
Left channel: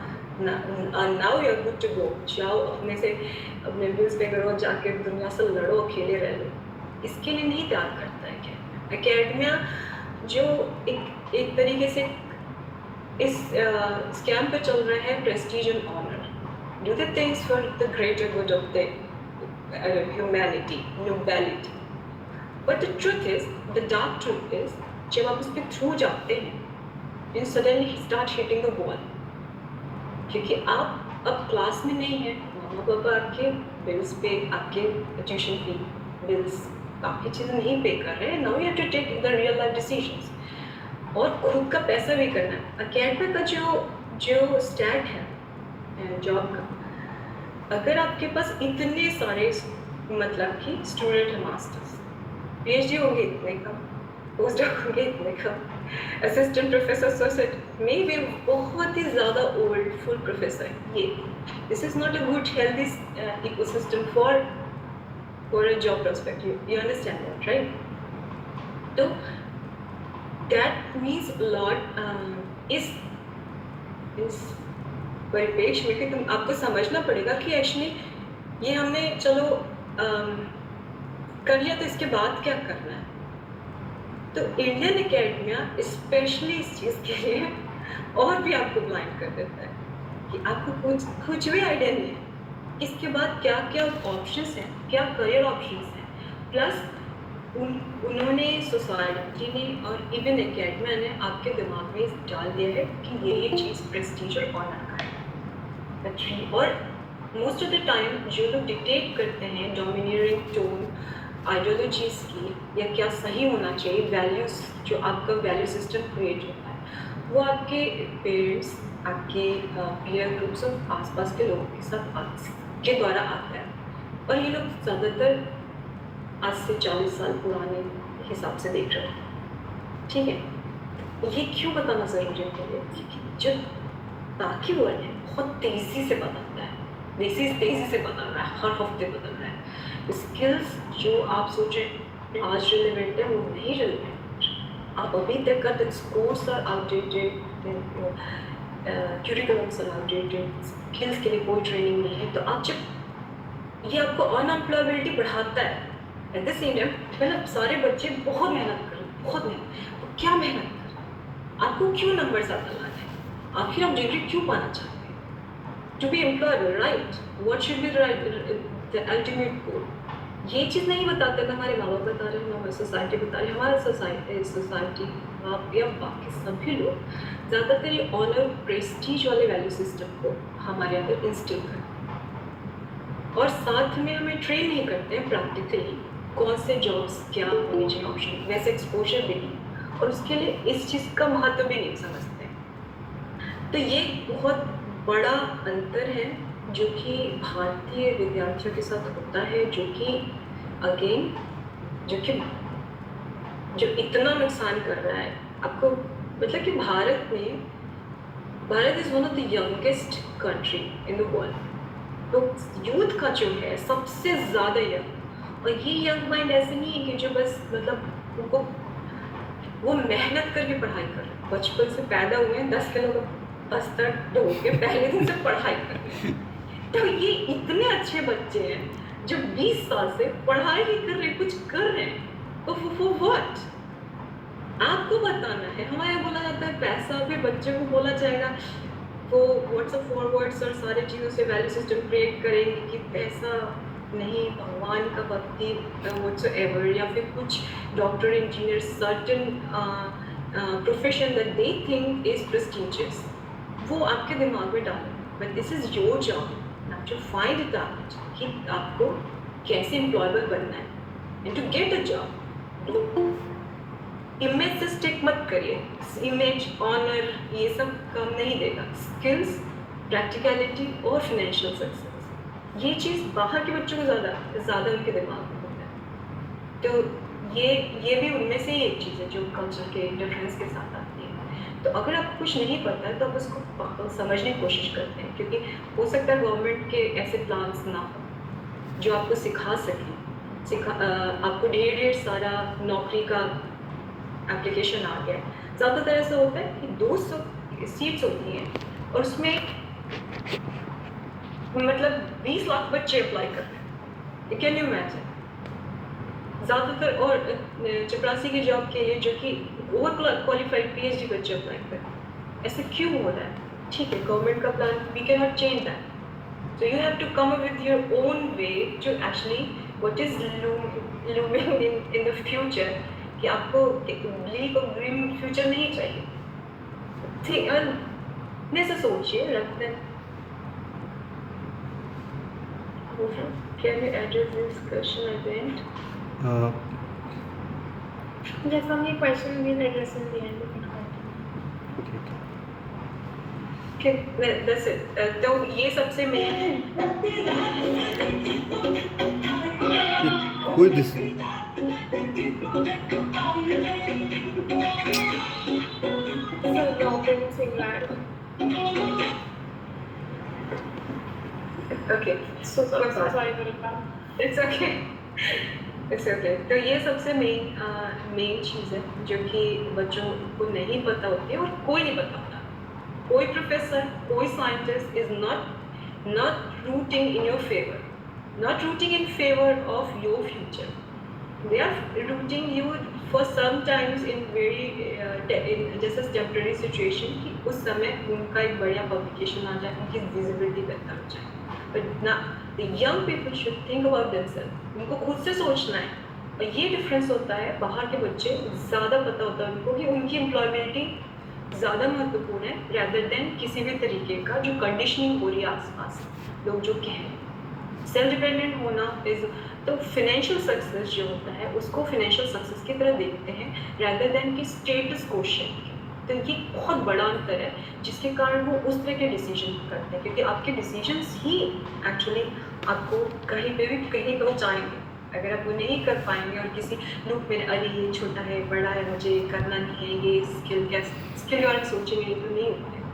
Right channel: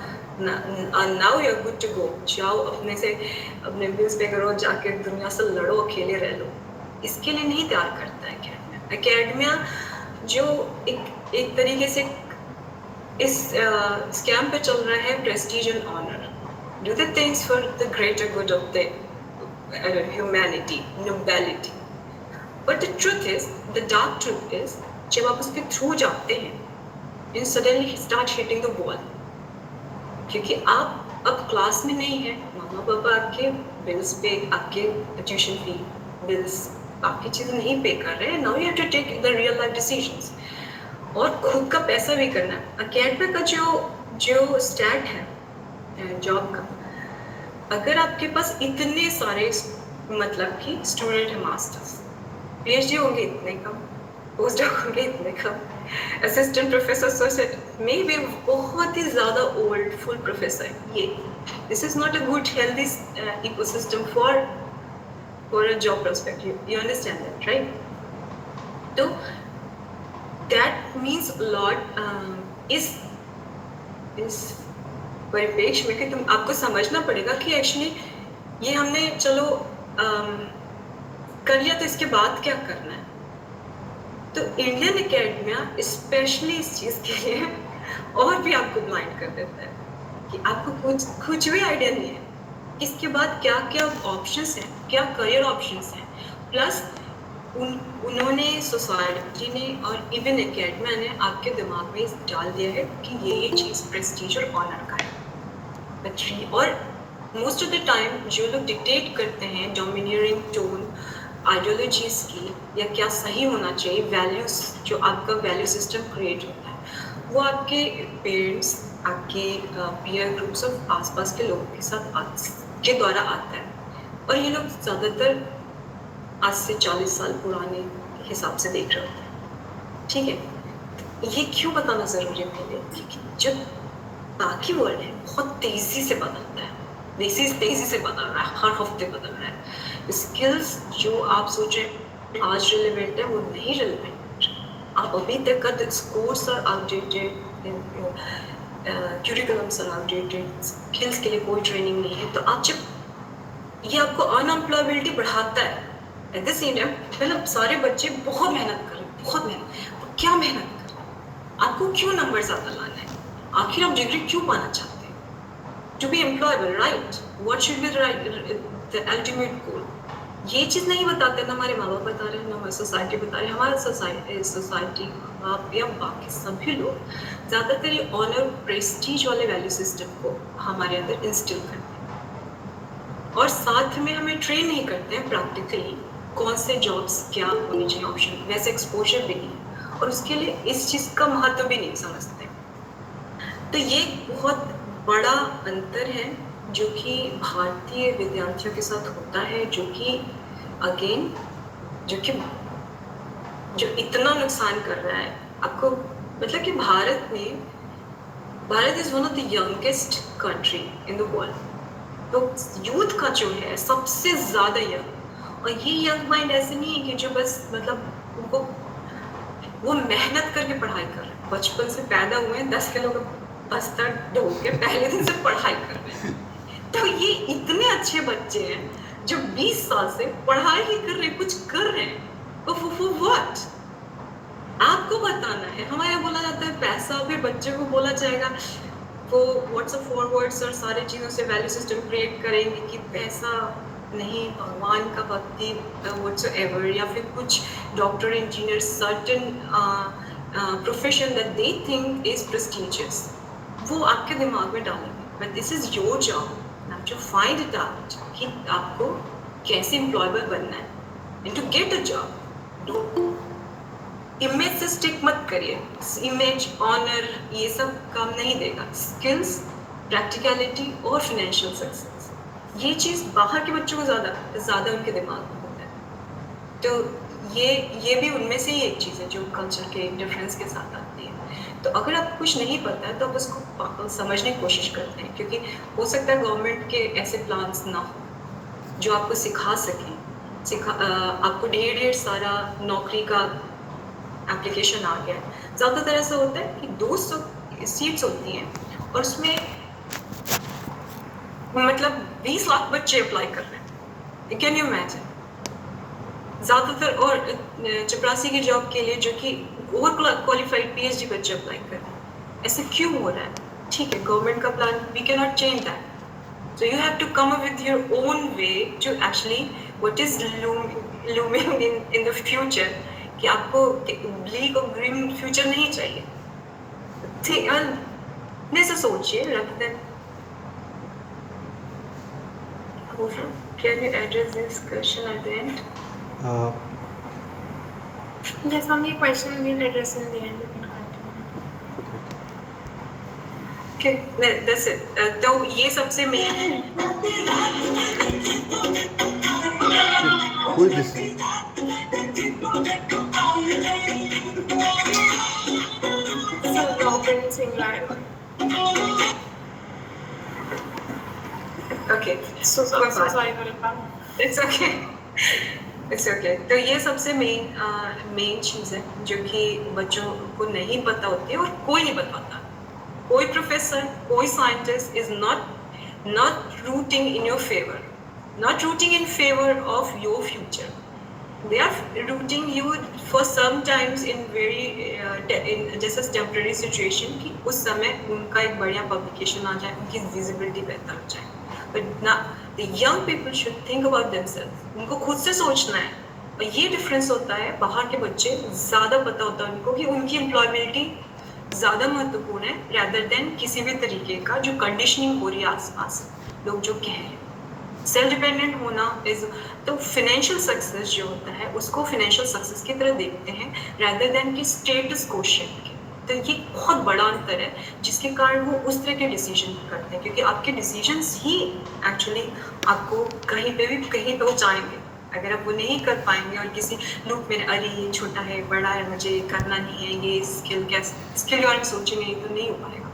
now you are good to go जाओ अपने व्यूज पे करो जाके दुनिया से लड़ो अकेले रह लो इसके लिए नहीं तैयार करता है एकेडमिया जो एक तरीके से इस स्कैम पे चल रहा है prestige and honour do the things for the greater good of the humanity nobility But the truth is, the dark truth is, जब आप उसके थ्रू जाते हैं, you suddenly start hitting the wall. क्योंकि आप अब क्लास में नहीं हैं, मामा पापा आपके बिल्स पे, आपके ट्यूशन फी बिल्स, आपकी चीज़ें नहीं पे कर रहे हैं. Now you have to take the real life decisions. और खुद का पैसा भी करना है. अकेडमी का जो स्टैट है जॉब का, अगर आपके पास इतने सारे मतलब कि स्टूडेंट है मास्टर्स PhD होंगे इतने कम पोस्ट डॉक होंगे इतने कम assistant professor associate may be बहुत ही ज़्यादा ओल्ड फुल प्रोफेसर ये this is not a good healthy ecosystem for a job perspective you understand that right तो दैट मीन्स लॉट इस परिप्रेक्ष्य में कि तुम आपको समझना पड़ेगा कि एक्चुअली ये हमने चलो कर लिया तो इसके बाद क्या करना है तो इंडियन एकेडमिया स्पेशली इस चीज़ के लिए और भी आपको ब्लाइंड कर देता है कि आपको कुछ भी आइडिया नहीं है इसके बाद क्या क्या ऑप्शंस हैं क्या करियर ऑप्शंस हैं प्लस उन्होंने सोसाइटी ने और इवन एकेडमिया ने आपके दिमाग में डाल दिया है कि ये चीज़ प्रेस्टीज और ऑनर का है और मोस्ट ऑफ द टाइम जो लोग डिक्टेट करते हैं डोमिनियरिंग टोन आइडियोलॉजीज की या क्या सही होना चाहिए वैल्यूज जो आपका वैल्यू सिस्टम क्रिएट होता है वो आपके पेरेंट्स आपके पीयर ग्रुप्स ऑफ आसपास के लोगों के साथ के द्वारा आता है और ये लोग ज़्यादातर आज से 40 साल पुराने हिसाब से देख रहे होते हैं, ठीक है। ये क्यों बताना ज़रूरी है मेरे लिए? क्योंकि जो बाकी वर्ल्ड है बहुत तेज़ी से बदलता है, तेज़ी से बदल रहा है, हर हफ्ते बदल रहा है। स्किल्स जो आप सोचें आज रिलेवेंट है वो नहीं रिलेवेंट। आप अभी तक का course are outdated, curriculums are outdated, skills के लिए कोई ट्रेनिंग नहीं है। तो आप जब ये आपको अनएम्प्लॉयबिलिटी बढ़ाता है, एट द सेम टाइम मतलब सारे बच्चे बहुत मेहनत करें, बहुत मेहनत। तो क्या मेहनत करें? आपको क्यों नंबर ज़्यादा लाना है? आखिर आप डिग्री क्यों पाना चाहते हैं? To be employable, right? What should be the ultimate goal? ये चीज़ नहीं बताते, ना हमारे माँ बाप बता रहे हैं, ना हमारी सोसाइटी बता रही है। हमारी सोसाइटी आप या बाकी सभी लोग ज़्यादातर ये ऑनर प्रेस्टीज वाले वैल्यू सिस्टम को हमारे अंदर इंस्टिल करते हैं, और साथ में हमें ट्रेन नहीं करते हैं प्रैक्टिकली कौन से जॉब्स क्या होने चाहिए, ऑप्शन वैसे एक्सपोजर भी नहीं, और उसके लिए इस चीज़ का महत्व भी नहीं समझते। तो ये बहुत बड़ा अंतर है जो कि भारतीय विद्यार्थियों के साथ होता है, जो कि अगेन जो इतना नुकसान कर रहा है आपको। मतलब कि Bharat is one of the youngest country in the world. तो यूथ का जो है सबसे ज़्यादा यंग, और ये यंग माइंड ऐसे नहीं है कि जो बस मतलब उनको वो मेहनत करके पढ़ाई कर रहे हैं, बचपन से पैदा हुए हैं 10 किलो का बस्ता ढोल के पहले दिन से पढ़ाई कर रहे हैं। तो ये इतने अच्छे बच्चे हैं जो 20 साल से पढ़ाई ही कर रहे हैं, कुछ कर रहे हैं, तो फॉर व्हाट? आपको बताना है। हमारे यहाँ बोला जाता है पैसा, फिर बच्चे को बोला जाएगा वो व्हाट्सएप फॉरवर्ड्स और सारी चीज़ों से वैल्यू सिस्टम क्रिएट करेंगे कि पैसा नहीं, भगवान का भक्ति व्हाट्सएवर, या फिर कुछ doctor, engineer, certain profession that they think is prestigious, वो आपके दिमाग में डालेंगे। But this is your job to find it out कि आपको कैसे एम्प्लॉयबल बनना है and to get a job. Image से स्टिक मत करिए, इमेज, ऑनर ये सब काम नहीं देगा। स्किल्स, प्रैक्टिकलिटी और फाइनेंशियल सक्सेस, ये चीज़ बाहर के बच्चों को ज़्यादा उनके दिमाग में होता है। तो ये भी उनमें से ही एक चीज़ है जो कल्चर के डिफरेंस के साथ आती है। तो अगर आपको कुछ नहीं पता है तो आप उसको समझने की कोशिश करते हैं, क्योंकि हो सकता है गवर्नमेंट के ऐसे प्लान्स ना हो जो आपको सिखा सकें। आपको ढेर सारा नौकरी का एप्लीकेशन आ गया है। ज़्यादातर ऐसा होता है कि 200 सीट्स होती हैं और उसमें मतलब 20 लाख बच्चे अप्लाई कर रहे हैं। Can you imagine? ज़्यादातर और चपरासी की जॉब के लिए जो कि ओवर क्वालिफाइड PhD बच्चे अप्लाई कर रहे हैं। ऐसे क्यों हो रहा है? ठीक है, गवर्नमेंट का plan, we can not change that. So you have to come up with your own way to actually what is looming in the future, कि आपको ब्लैक और ग्रीन फ्यूचर नहीं चाहिए। ऐसा सोचिए, रख दें। Can you address this question at the end? Yes, ma'am, the question will address in the end. Okay, that's it. तो ये सबसे main है। Who is this? So, Robin Singlar. Okay, So sorry for it, ma'am. it's okay. It's okay. तो ये सबसे main चीज़ है जो कि बच्चों को नहीं पता होती है और कोई नहीं बताता। कोई प्रोफेसर, कोई scientist is not rooting in your favor, not rooting in favor of your future. They are rooting you for sometimes in just a temporary situation कि उस समय उनका एक बढ़िया पब्लिकेशन आ जाए, उनकी विजिबिलिटी बेहतर हो जाए। But now the young people should think about themselves. उनको खुद से सोचना है। और ये डिफरेंस होता है, बाहर के बच्चे ज़्यादा पता होता है उनको कि उनकी एम्प्लॉयबिलिटी ज़्यादा महत्वपूर्ण है rather than किसी भी तरीके का जो कंडीशनिंग हो रही है आसपास लोग जो कह रहे हैं। सेल्फ डिपेंडेंट होना इज, तो फाइनेंशियल सक्सेस जो होता है उसको फाइनेंशियल सक्सेस की तरह देखते हैं rather than कि स्टेटस क्वोशिएंट के। तो ये बहुत बड़ा अंतर है जिसके कारण वो उस तरह के डिसीजन करते हैं, क्योंकि आपके डिसीजंस ही एक्चुअली आपको कहीं पे भी कहीं पहुंचाएंगे। अगर आप वो नहीं कर पाएंगे और किसी लूप में अरे ये छोटा है बड़ा है मुझे करना नहीं है, ये स्किल कैसे स्किल और सोचेंगे तो नहीं हो पाएगा।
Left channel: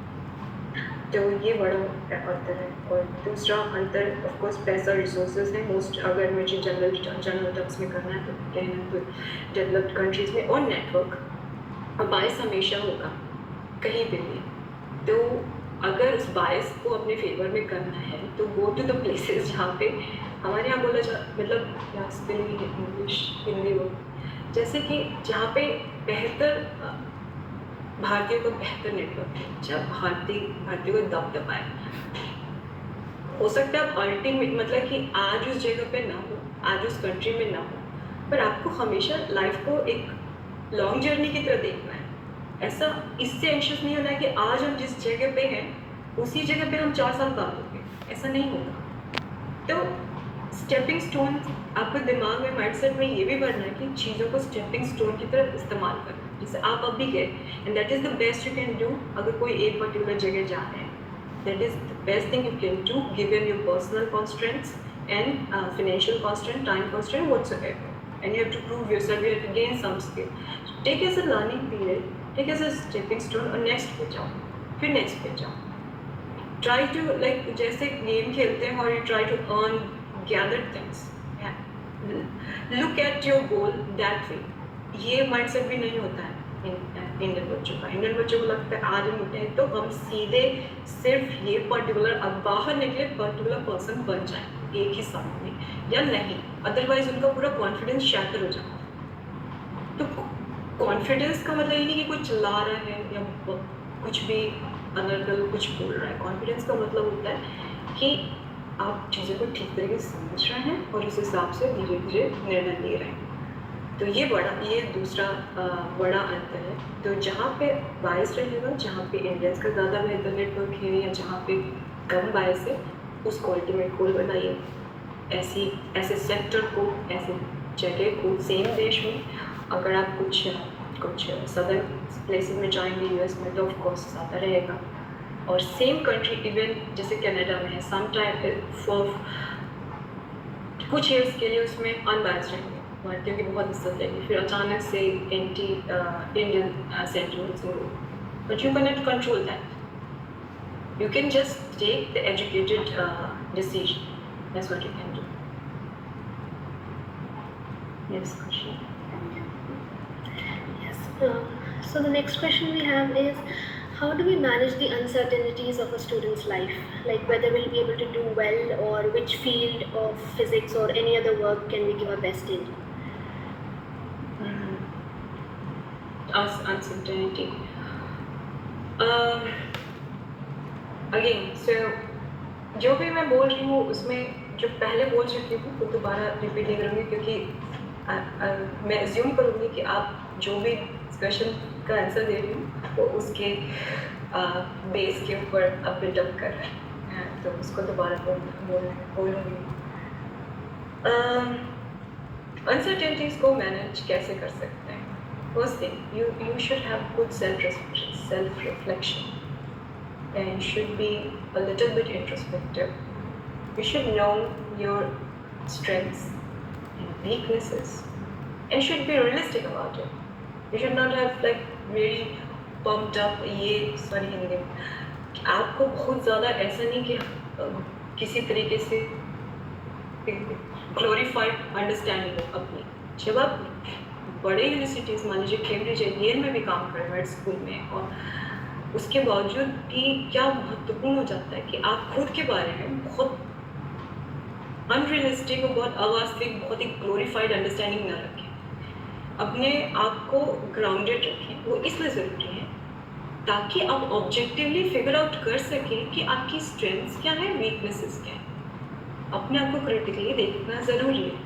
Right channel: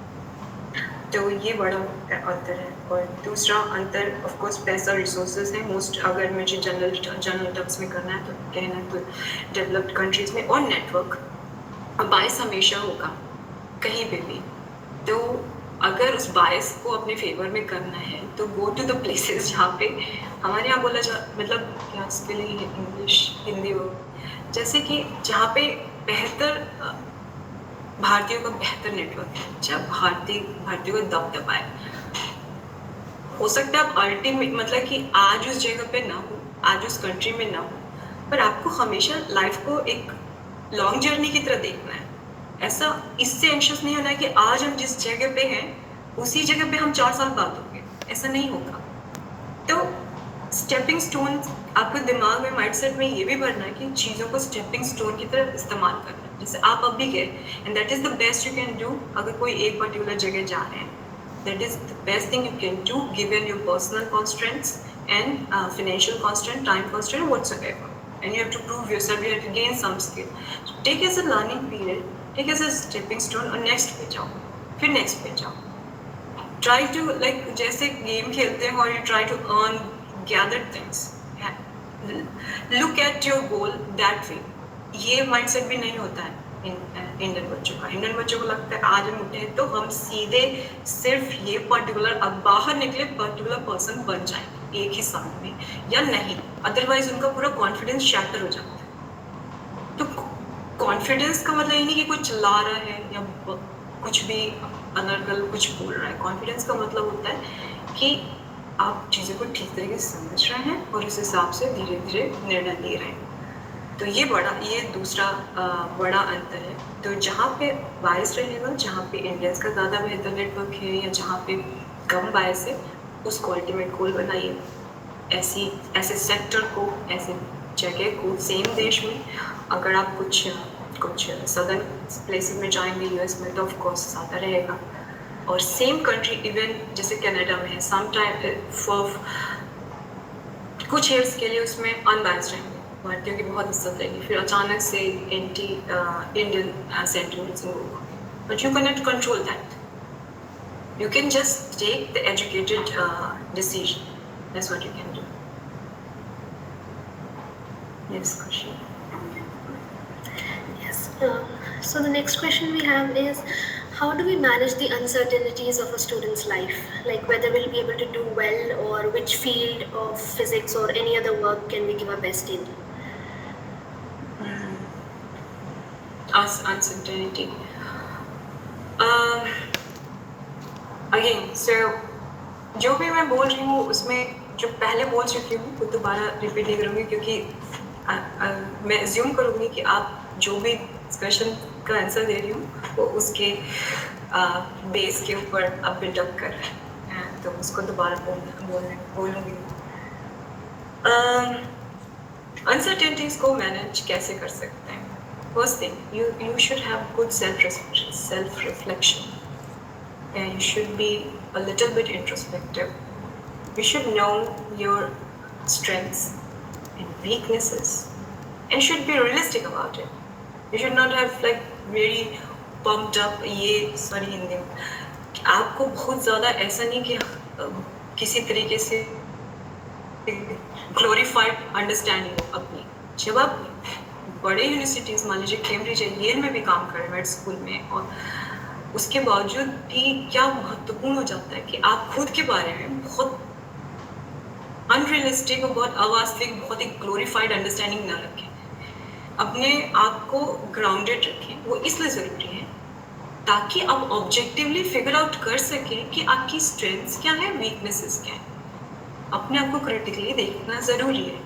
तो ये बड़ा अंतर है। और दूसरा अंतर ऑफ कोर्स पैसा रिसोर्सेज है मोस्ट, अगर मुझे जनरल टर्म्स में करना है तो कहना है तो डेवलप्ड कंट्रीज में, और नेटवर्क बायस हमेशा होगा कहीं पे भी। तो अगर उस बायस को अपने फेवर में करना है तो गो टू द प्लेसेस जहाँ पे हमारे यहाँ बोला जा मतलब इसके लिए इंग्लिश हिंदी हो, जैसे कि जहाँ पे बेहतर भारतीयों का बेहतर नेटवर्क है, जब भारतीयों का दबदबा है। हो सकता है आप अल्टीमेट मतलब कि आज उस जगह पे ना हो, आज उस कंट्री में ना हो, पर आपको हमेशा लाइफ को एक लॉन्ग जर्नी की तरह देखना है। ऐसा इससे एंशियस नहीं होना है कि आज हम जिस जगह पे हैं उसी जगह पे हम 4 साल बाद होंगे, ऐसा नहीं होगा। तो स्टेपिंग स्टोन आपको दिमाग में माइंडसेट में ये भी भरना है कि चीज़ों को स्टेपिंग स्टोन की तरह इस्तेमाल करना है। जैसे आप अभी गए and that is the best you can do. अगर कोई एक पर्टिकुलर जगह जा रहे हैं, that is the best thing you can do given your personal constraints and financial constraint, time constraint, whatsoever. And you have to prove yourself, you have to gain some skill. So take as a learning period, take as a stepping stone और next पे जाओ, फिर next पे जाओ. Try to like जैसे game खेलते हैं और you try to earn, gather things. Look at your goal that way. ये mindset भी नहीं होता है इंडियन बच्चों का। इंडियन बच्चों को लगता है आज हम उठे तो हम सीधे सिर्फ ये पर्टिकुलर अब बाहर निकले पर्टिकुलर पर्सन बन जाए एक ही समय में या नहीं, अदरवाइज उनका पूरा कॉन्फिडेंस शैटर हो जाता है। तो कॉन्फिडेंस का मतलब ये नहीं कि कोई चिल्ला रहा है या कुछ भी अनर्गल कुछ बोल रहा है। कॉन्फिडेंस का मतलब होता है कि आप चीज़ों को ठीक तरीके से समझ रहे हैं और उस हिसाब से धीरे धीरे निर्णय ले रहे हैं। तो ये दूसरा बड़ा अंतर है। तो जहाँ पे बायस रहेगा, जहाँ पे इंडियंस का ज़्यादा बेहतर नेटवर्क है या जहाँ पे कम बायस है, उसको अल्टीमेट गोल बनाइए। ऐसे सेक्टर को, ऐसे जगह को सेम देश में अगर आप कुछ सदर्न प्लेसेस में जाएंगे यूएस में तो ऑफ कोर्स ज़्यादा रहेगा। और सेम कंट्री इवन जैसे कनाडा में है, सम टाइम फॉर कुछ ईयर्स के लिए उसमें अनबायस्ड रहेंगे, भारतीयों की बहुत इज्जत रहेगी, फिर अचानक से एंटी इंडियन सेंटिमेंट्स होगा। But you can not control that, you can just take the educated decision, that's what you can do. Next question. Yes. So the next question we have is, how do we manage the uncertainties of a student's life? Like whether we'll be able to do well or which field of physics or any other work can we give our best in? Uncertainty. Again, so जो भी मैं बोल रही हूँ उसमें जो पहले बोल चुकी हूँ तो दोबारा रिपीट नहीं करूँगी, क्योंकि मैं अज्यूम करूँगी कि आप जो भी क्वेश्चन का आंसर दे रही हूँ वो उसके बेस के ऊपर अब बिल्डअप कर रहे हैं, तो उसको दोबारा बोलूँगी। अनसर्टेनिटीज़ को मैनेज कैसे कर सकते हैं? First thing, you should have good self-reflection, and you should be a little bit introspective. You should know your strengths and weaknesses, and should be realistic about it. You should not have like very pumped up Hindi आपको बहुत ज़्यादा ऐसा नहीं कि किसी तरीके से glorified understanding हो अपनी। जब आप बड़े यूनिवर्सिटीज़ मान लीजिए कैम्ब्रिज येल में भी काम कर रहे हैं मेड स्कूल में, और उसके बावजूद भी क्या महत्वपूर्ण हो जाता है कि आप खुद के बारे में बहुत अनरियलिस्टिक और बहुत अवास्तविक बहुत एक ग्लोरीफाइड अंडरस्टैंडिंग ना रखें, अपने आप को ग्राउंडेड रखें। वो इसलिए ज़रूरी है ताकि आप ऑब्जेक्टिवली फिगर आउट कर सकें कि आपकी स्ट्रेंथ्स क्या है, वीकनेसेस क्या है। अपने आप को क्रिटिकली देखना ज़रूरी है।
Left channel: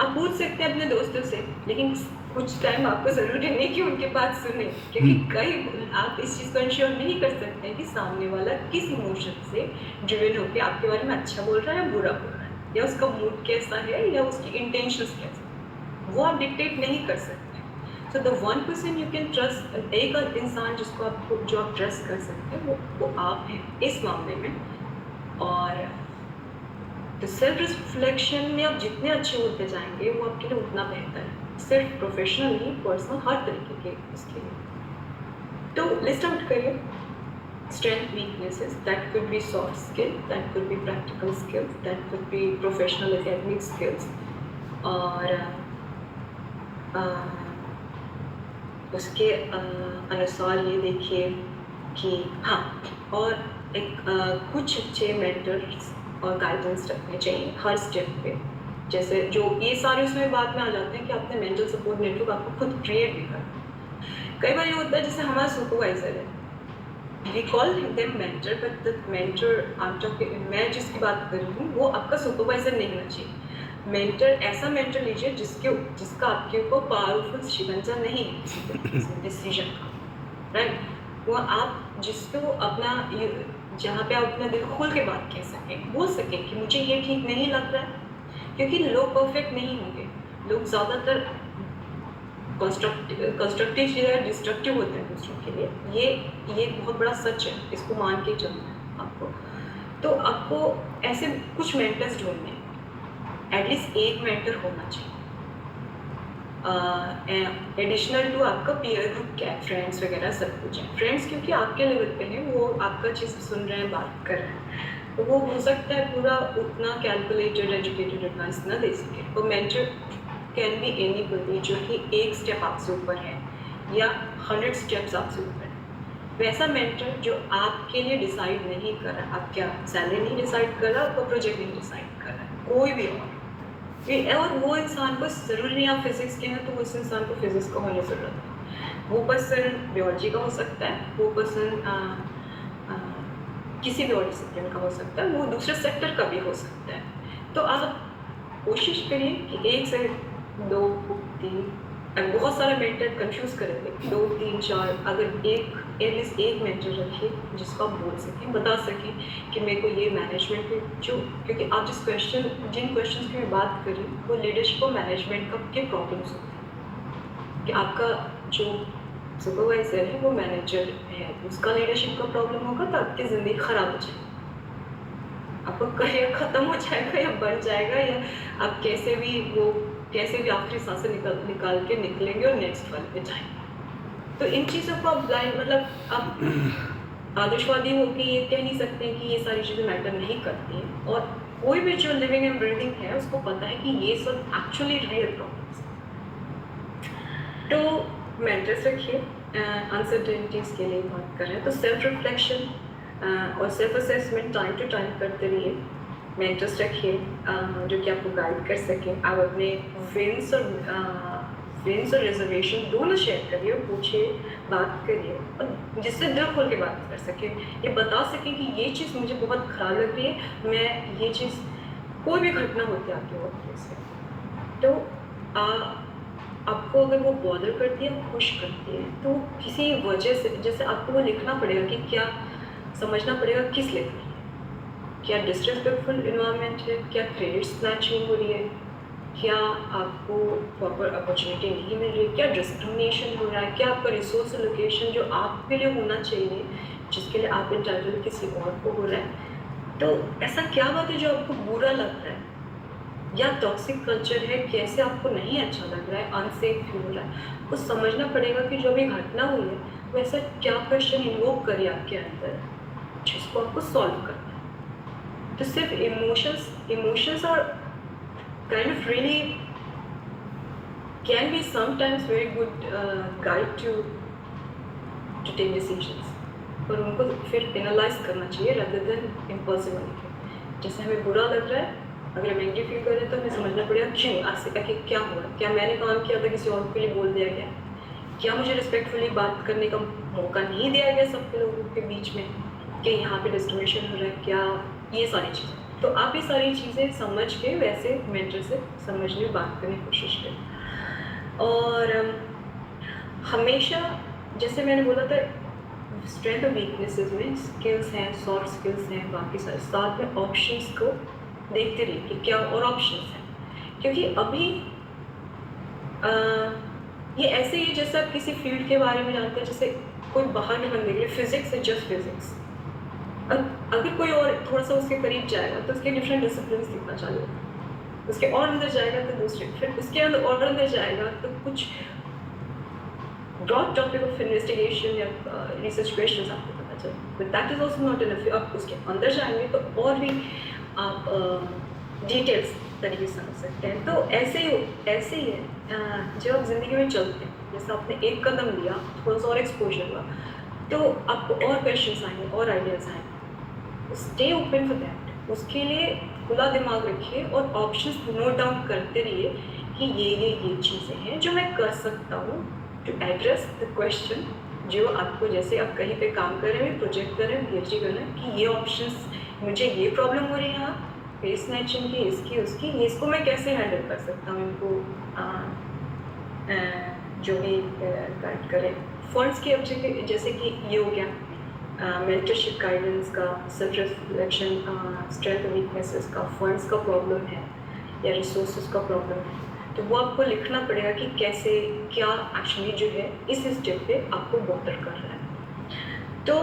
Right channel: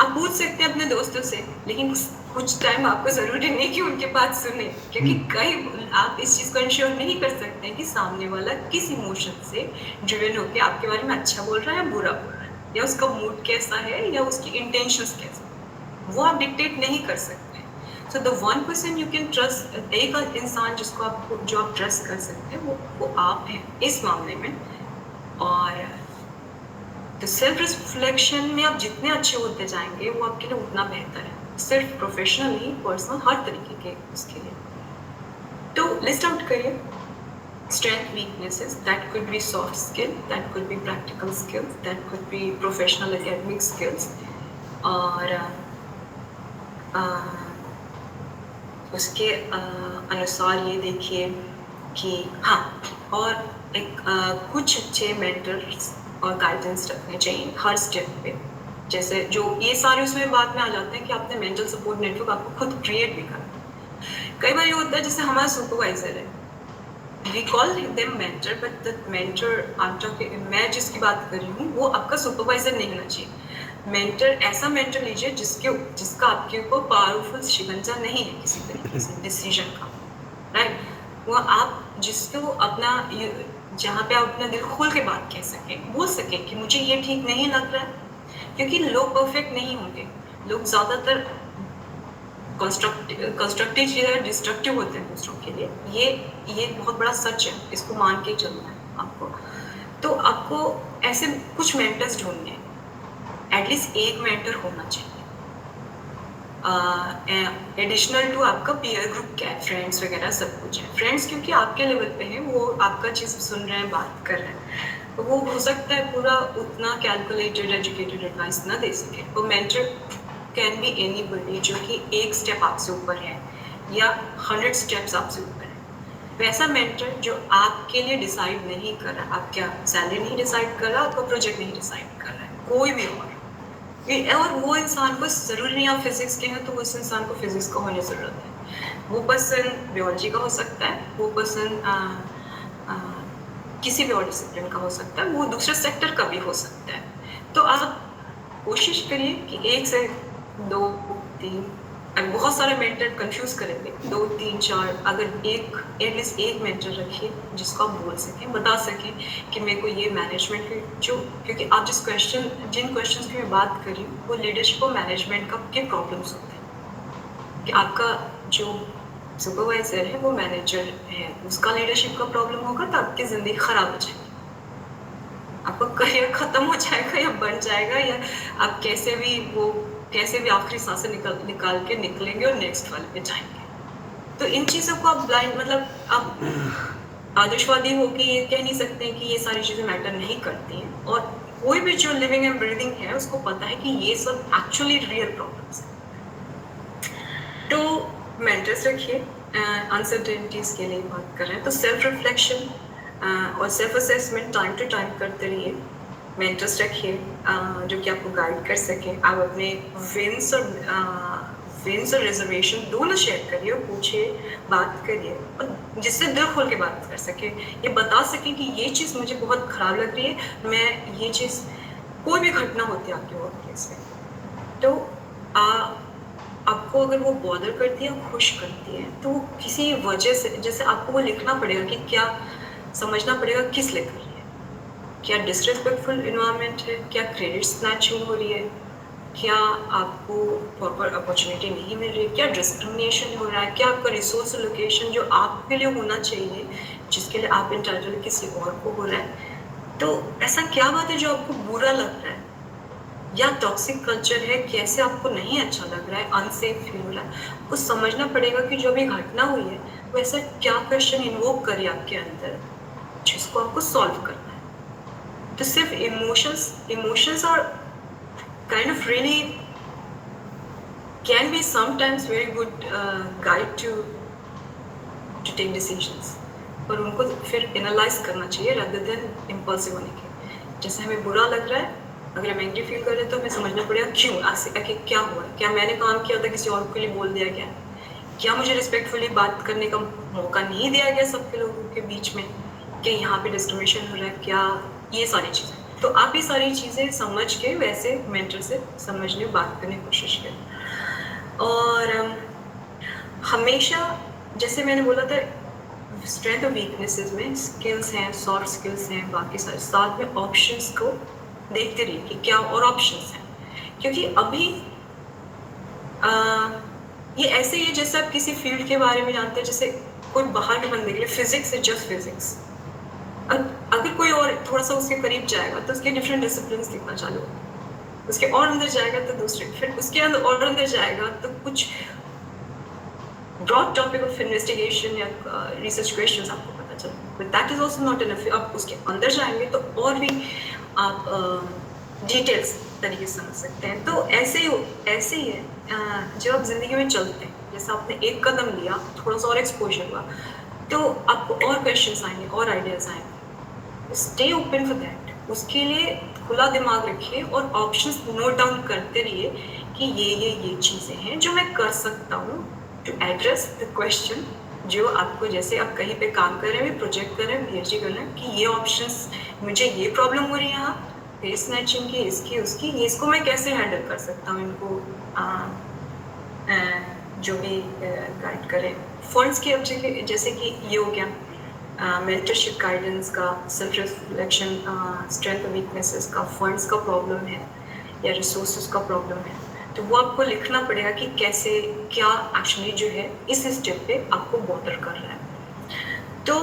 आप पूछ सकते हैं अपने दोस्तों से, लेकिन कुछ टाइम आपको ज़रूरी नहीं कि उनके बात सुने, क्योंकि कई आप इस चीज़ को इंश्योर नहीं कर सकते हैं कि सामने वाला किस इमोशन से ड्रिवन होकर आपके बारे में अच्छा बोल रहा है या बुरा बोल रहा है, या उसका मूड कैसा है या उसकी इंटेंशंस कैसे, वो आप डिक्टेट नहीं कर सकते। So the 1% you can trust, एक इंसान जिसको जो आप ट्रस्ट कर सकते हैं वो आप हैं इस मामले में। और तो सेल्फ रिफ्लेक्शन में आप जितने अच्छे होते जाएंगे वो आपके लिए उतना बेहतर है, सिर्फ प्रोफेशनल नहीं, पर्सनल, हर तरीके के उसके लिए। तो लिस्ट आउट करिए strength, weaknesses. That could be soft skill, that could be practical skills, that could be professional academic skills, और उसके अनुसार ये देखिए कि हाँ, और एक कुछ अच्छे मेंटर्स और गाइडेंस रखने चाहिए हर स्टेप पे। जैसे जो ये सारे उसमें बात में आ जाते हैं कि आपने मेंटल सपोर्ट नेटवर्क आपको खुद क्रिएट भी करना। कई बार ये होता है जैसे हमारा सुपरवाइजर है, we call them mentor, but the mentor मैं जिसकी बात कर रही हूँ वो आपका सुपरवाइजर नहीं होना चाहिए। मेंटर ऐसा मेंटर लीजिए जिसका आपके ऊपर पावरफुल शिकंजा नहीं है किसी डिसीजन का, राइट। वो आप जिसको अपना जहाँ पे आप अपना दिल खोल के बात कह सकें, बोल सकें कि मुझे ये ठीक नहीं लग रहा है, क्योंकि लोग परफेक्ट नहीं होंगे। लोग ज़्यादातर कंस्ट्रक्टिव चीज़ें डिस्ट्रक्टिव होते हैं दूसरों के लिए। ये बहुत बड़ा सच है, इसको मान के चलना है आपको। तो आपको ऐसे कुछ मेंटर्स ढूंढने, एटलीस्ट एक मेंटर होना चाहिए एडिशनल टू आपका पीयर ग्रुप क्या है, फ्रेंड्स वगैरह सब कुछ है। फ्रेंड्स क्योंकि आपके लेवल पे हैं, वो आपका चीज़ सुन रहे हैं, बात कर रहे हैं, तो वो हो सकता है पूरा उतना कैलकुलेटेड एजुकेटेड एडवाइस ना दे सके। वो मेंटर कैन बी एनीबडी जो कि एक स्टेप आपसे ऊपर है या 100 स्टेप्स आपसे ऊपर है। वैसा मेंटर जो आपके लिए डिसाइड नहीं कर रहा, आपका सैलरी नहीं डिसाइड कर रहा, आपका प्रोजेक्ट नहीं डिसाइड कर रहा है, कोई भी हो। और वो इंसान को ज़रूरी नहीं आप फिजिक्स के हैं तो उस इंसान को फिजिक्स का होने ज़रूरत है। वो पर्सन बायोलॉजी का हो सकता है, वो पर्सन किसी भी और डिसिप्लिन का हो सकता है, वो दूसरे सेक्टर का भी हो सकता है। तो आप कोशिश करिए कि 1 से 2 3 बहुत सारे मेंटर कंफ्यूज करेंगे, 2 3 4 अगर एटलीस्ट एक मेंटर रखिए जिसको आप बोल सकें, बता सकें कि मेरे को ये मैनेजमेंट के क्योंकि आप जिन क्वेश्चन की मैं बात कर रही हूँ वो लीडरशिप और मैनेजमेंट के प्रॉब्लम्स होते हैं कि आपका जो सुपरवाइजर है वो मैनेजर है, उसका लीडरशिप का प्रॉब्लम होगा तो आपकी ज़िंदगी ख़राब हो जाएगी, आपका करियर ख़त्म हो जाएगा या बढ़ जाएगा, या आप कैसे भी आखिरी सांसें निकाल के निकलेंगे और नेक्स्ट वाले पे जाएंगे। तो इन चीज़ों को आप ब्लाइंड आप आदर्शवादी हो कि ये कह नहीं सकते हैं कि ये सारी चीज़ें मैटर नहीं करती हैं, और कोई भी जो लिविंग एंड ब्रीदिंग है उसको पता है कि ये सब एक्चुअली रियल प्रॉब्लम्स हैं। तो मेंटर्स रखिए, अनसर्टेनिटीज़ के लिए बात कर रहे हैं तो सेल्फ रिफ्लेक्शन और self assessment time to time करते रहिए। मेंटर्स रखिए जो कि आपको गाइड कर सकें। आप अपने विंस और रिजर्वेशन दोनों शेयर करिए और पूछिए, बात करिए, और जिससे दिल खोल के बात कर सके, ये बता सके कि ये चीज़ मुझे बहुत ख़राब लग रही है, मैं ये चीज़ कोई भी घटना होती है आपके वर्क से तो आपको अगर वो बॉदर करती है, खुश करती है, तो किसी वजह से जैसे आपको वो लिखना पड़ेगा कि क्या समझना पड़ेगा किस लिए कर रही है, क्या डिसरिस्पेक्टफुल इन्वायरमेंट है, क्या क्रेडिट स्नैचिंग हो रही है, क्या आपको प्रॉपर अपॉर्चुनिटी नहीं मिल रही है, क्या डिस्क्रिमिनेशन हो रहा है, क्या आपका रिसोर्स लोकेशन जो आपके लिए होना चाहिए, जिसके लिए आप इंटाइटल किसी और को हो रहा है, तो ऐसा क्या बात है जो आपको बुरा लग रहा है, या टॉक्सिक कल्चर है, कैसे आपको नहीं अच्छा लग रहा है, अनसेफ फील हो रहा है, कुछ समझना पड़ेगा कि जो भी घटना हुई है वो ऐसा क्या क्वेश्चन इन्वोक करे आपके अंदर जिसको आपको सॉल्व करना है। तो सिर्फ इमोशंस और kind of really can be sometimes very good guide to take decisions, और उनको फिर एनालाइज करना चाहिए rather than impulsive होने के। जैसे हमें बुरा लग रहा है, अगर हम एंग्री फील कर रहे हैं तो हमें समझना पड़ेगा क्यों, ऐसे क्या हुआ, क्या मैंने काम किया था, किसी और के लिए बोल दिया गया, क्या मुझे रिस्पेक्टफुली बात करने का मौका नहीं दिया गया सबके लोगों के बीच में, कि यहाँ पे डिस्क्रिमिनेशन हो रहा है, क्या ये सारी चीज़ें। तो आप ये सारी चीज़ें समझ के वैसे मेंटर से समझने बात करने की कोशिश करें। और हमेशा जैसे मैंने बोला था स्ट्रेंथ और वीकनेसेस में स्किल्स हैं, सॉफ्ट स्किल्स हैं, बाकी सारे साथ में ऑप्शंस को देखते रहिए कि क्या और ऑप्शंस हैं, क्योंकि अभी ये ऐसे ही है जैसे आप किसी फील्ड के बारे में जानते हैं, जैसे कोई बाहर के बंदे के लिए फिजिक्स है जस्ट फिजिक्स, अगर कोई और थोड़ा सा उसके करीब जाएगा तो उसके डिफरेंट डिसिप्लिन दिखना चालू होगा, उसके और अंदर जाएगा तो दूसरे, फिर उसके अंदर और अंदर जाएगा तो कुछ ब्रॉड टॉपिक ऑफ इन्वेस्टिगेशन या रिसर्च क्वेश्चंस आपको पता चले, but that is also not enough. आप उसके अंदर जाएंगे तो और भी आप डिटेल्स तरीके से समझ सकते हैं। तो ऐसे ही है जब आप जिंदगी में चलते हैं, जैसे आपने एक कदम लिया, थोड़ा सा और एक्सपोजर हुआ, तो आपको और क्वेश्चंस आएंगे और आइडियाज आएंगे। स्टे ओपन फॉर दैट, उसके लिए खुला दिमाग रखिए और ऑप्शंस नोट डाउन करते रहिए कि ये चीज़ें हैं जो मैं कर सकता हूँ टू एड्रेस द क्वेश्चन जो आपको, जैसे आप कहीं पे काम कर रहे हैं, प्रोजेक्ट कर रहे हैं, पीएचडी कर रहे हैं, कि ये ऑप्शंस, मुझे ये प्रॉब्लम हो रही है यहाँ फेस स्नैचिंग की, इसकी उसकी, इसको मैं कैसे हैंडल कर सकता हूँ, इनको जो भी गाइड करें। फंड्स के ऑब्जेक्ट जैसे कि ये हो गया मेंटरशिप गाइडेंस का, सेल्फ रिफ्लेक्शन, स्ट्रेंथ वीकनेसेस का, फंड्स का प्रॉब्लम है या रिसोर्सेज का प्रॉब्लम है, तो वो आपको लिखना पड़ेगा कि कैसे क्या एक्चुअली जो है इस स्टेप पे आपको बॉर्डर कर रहा है। तो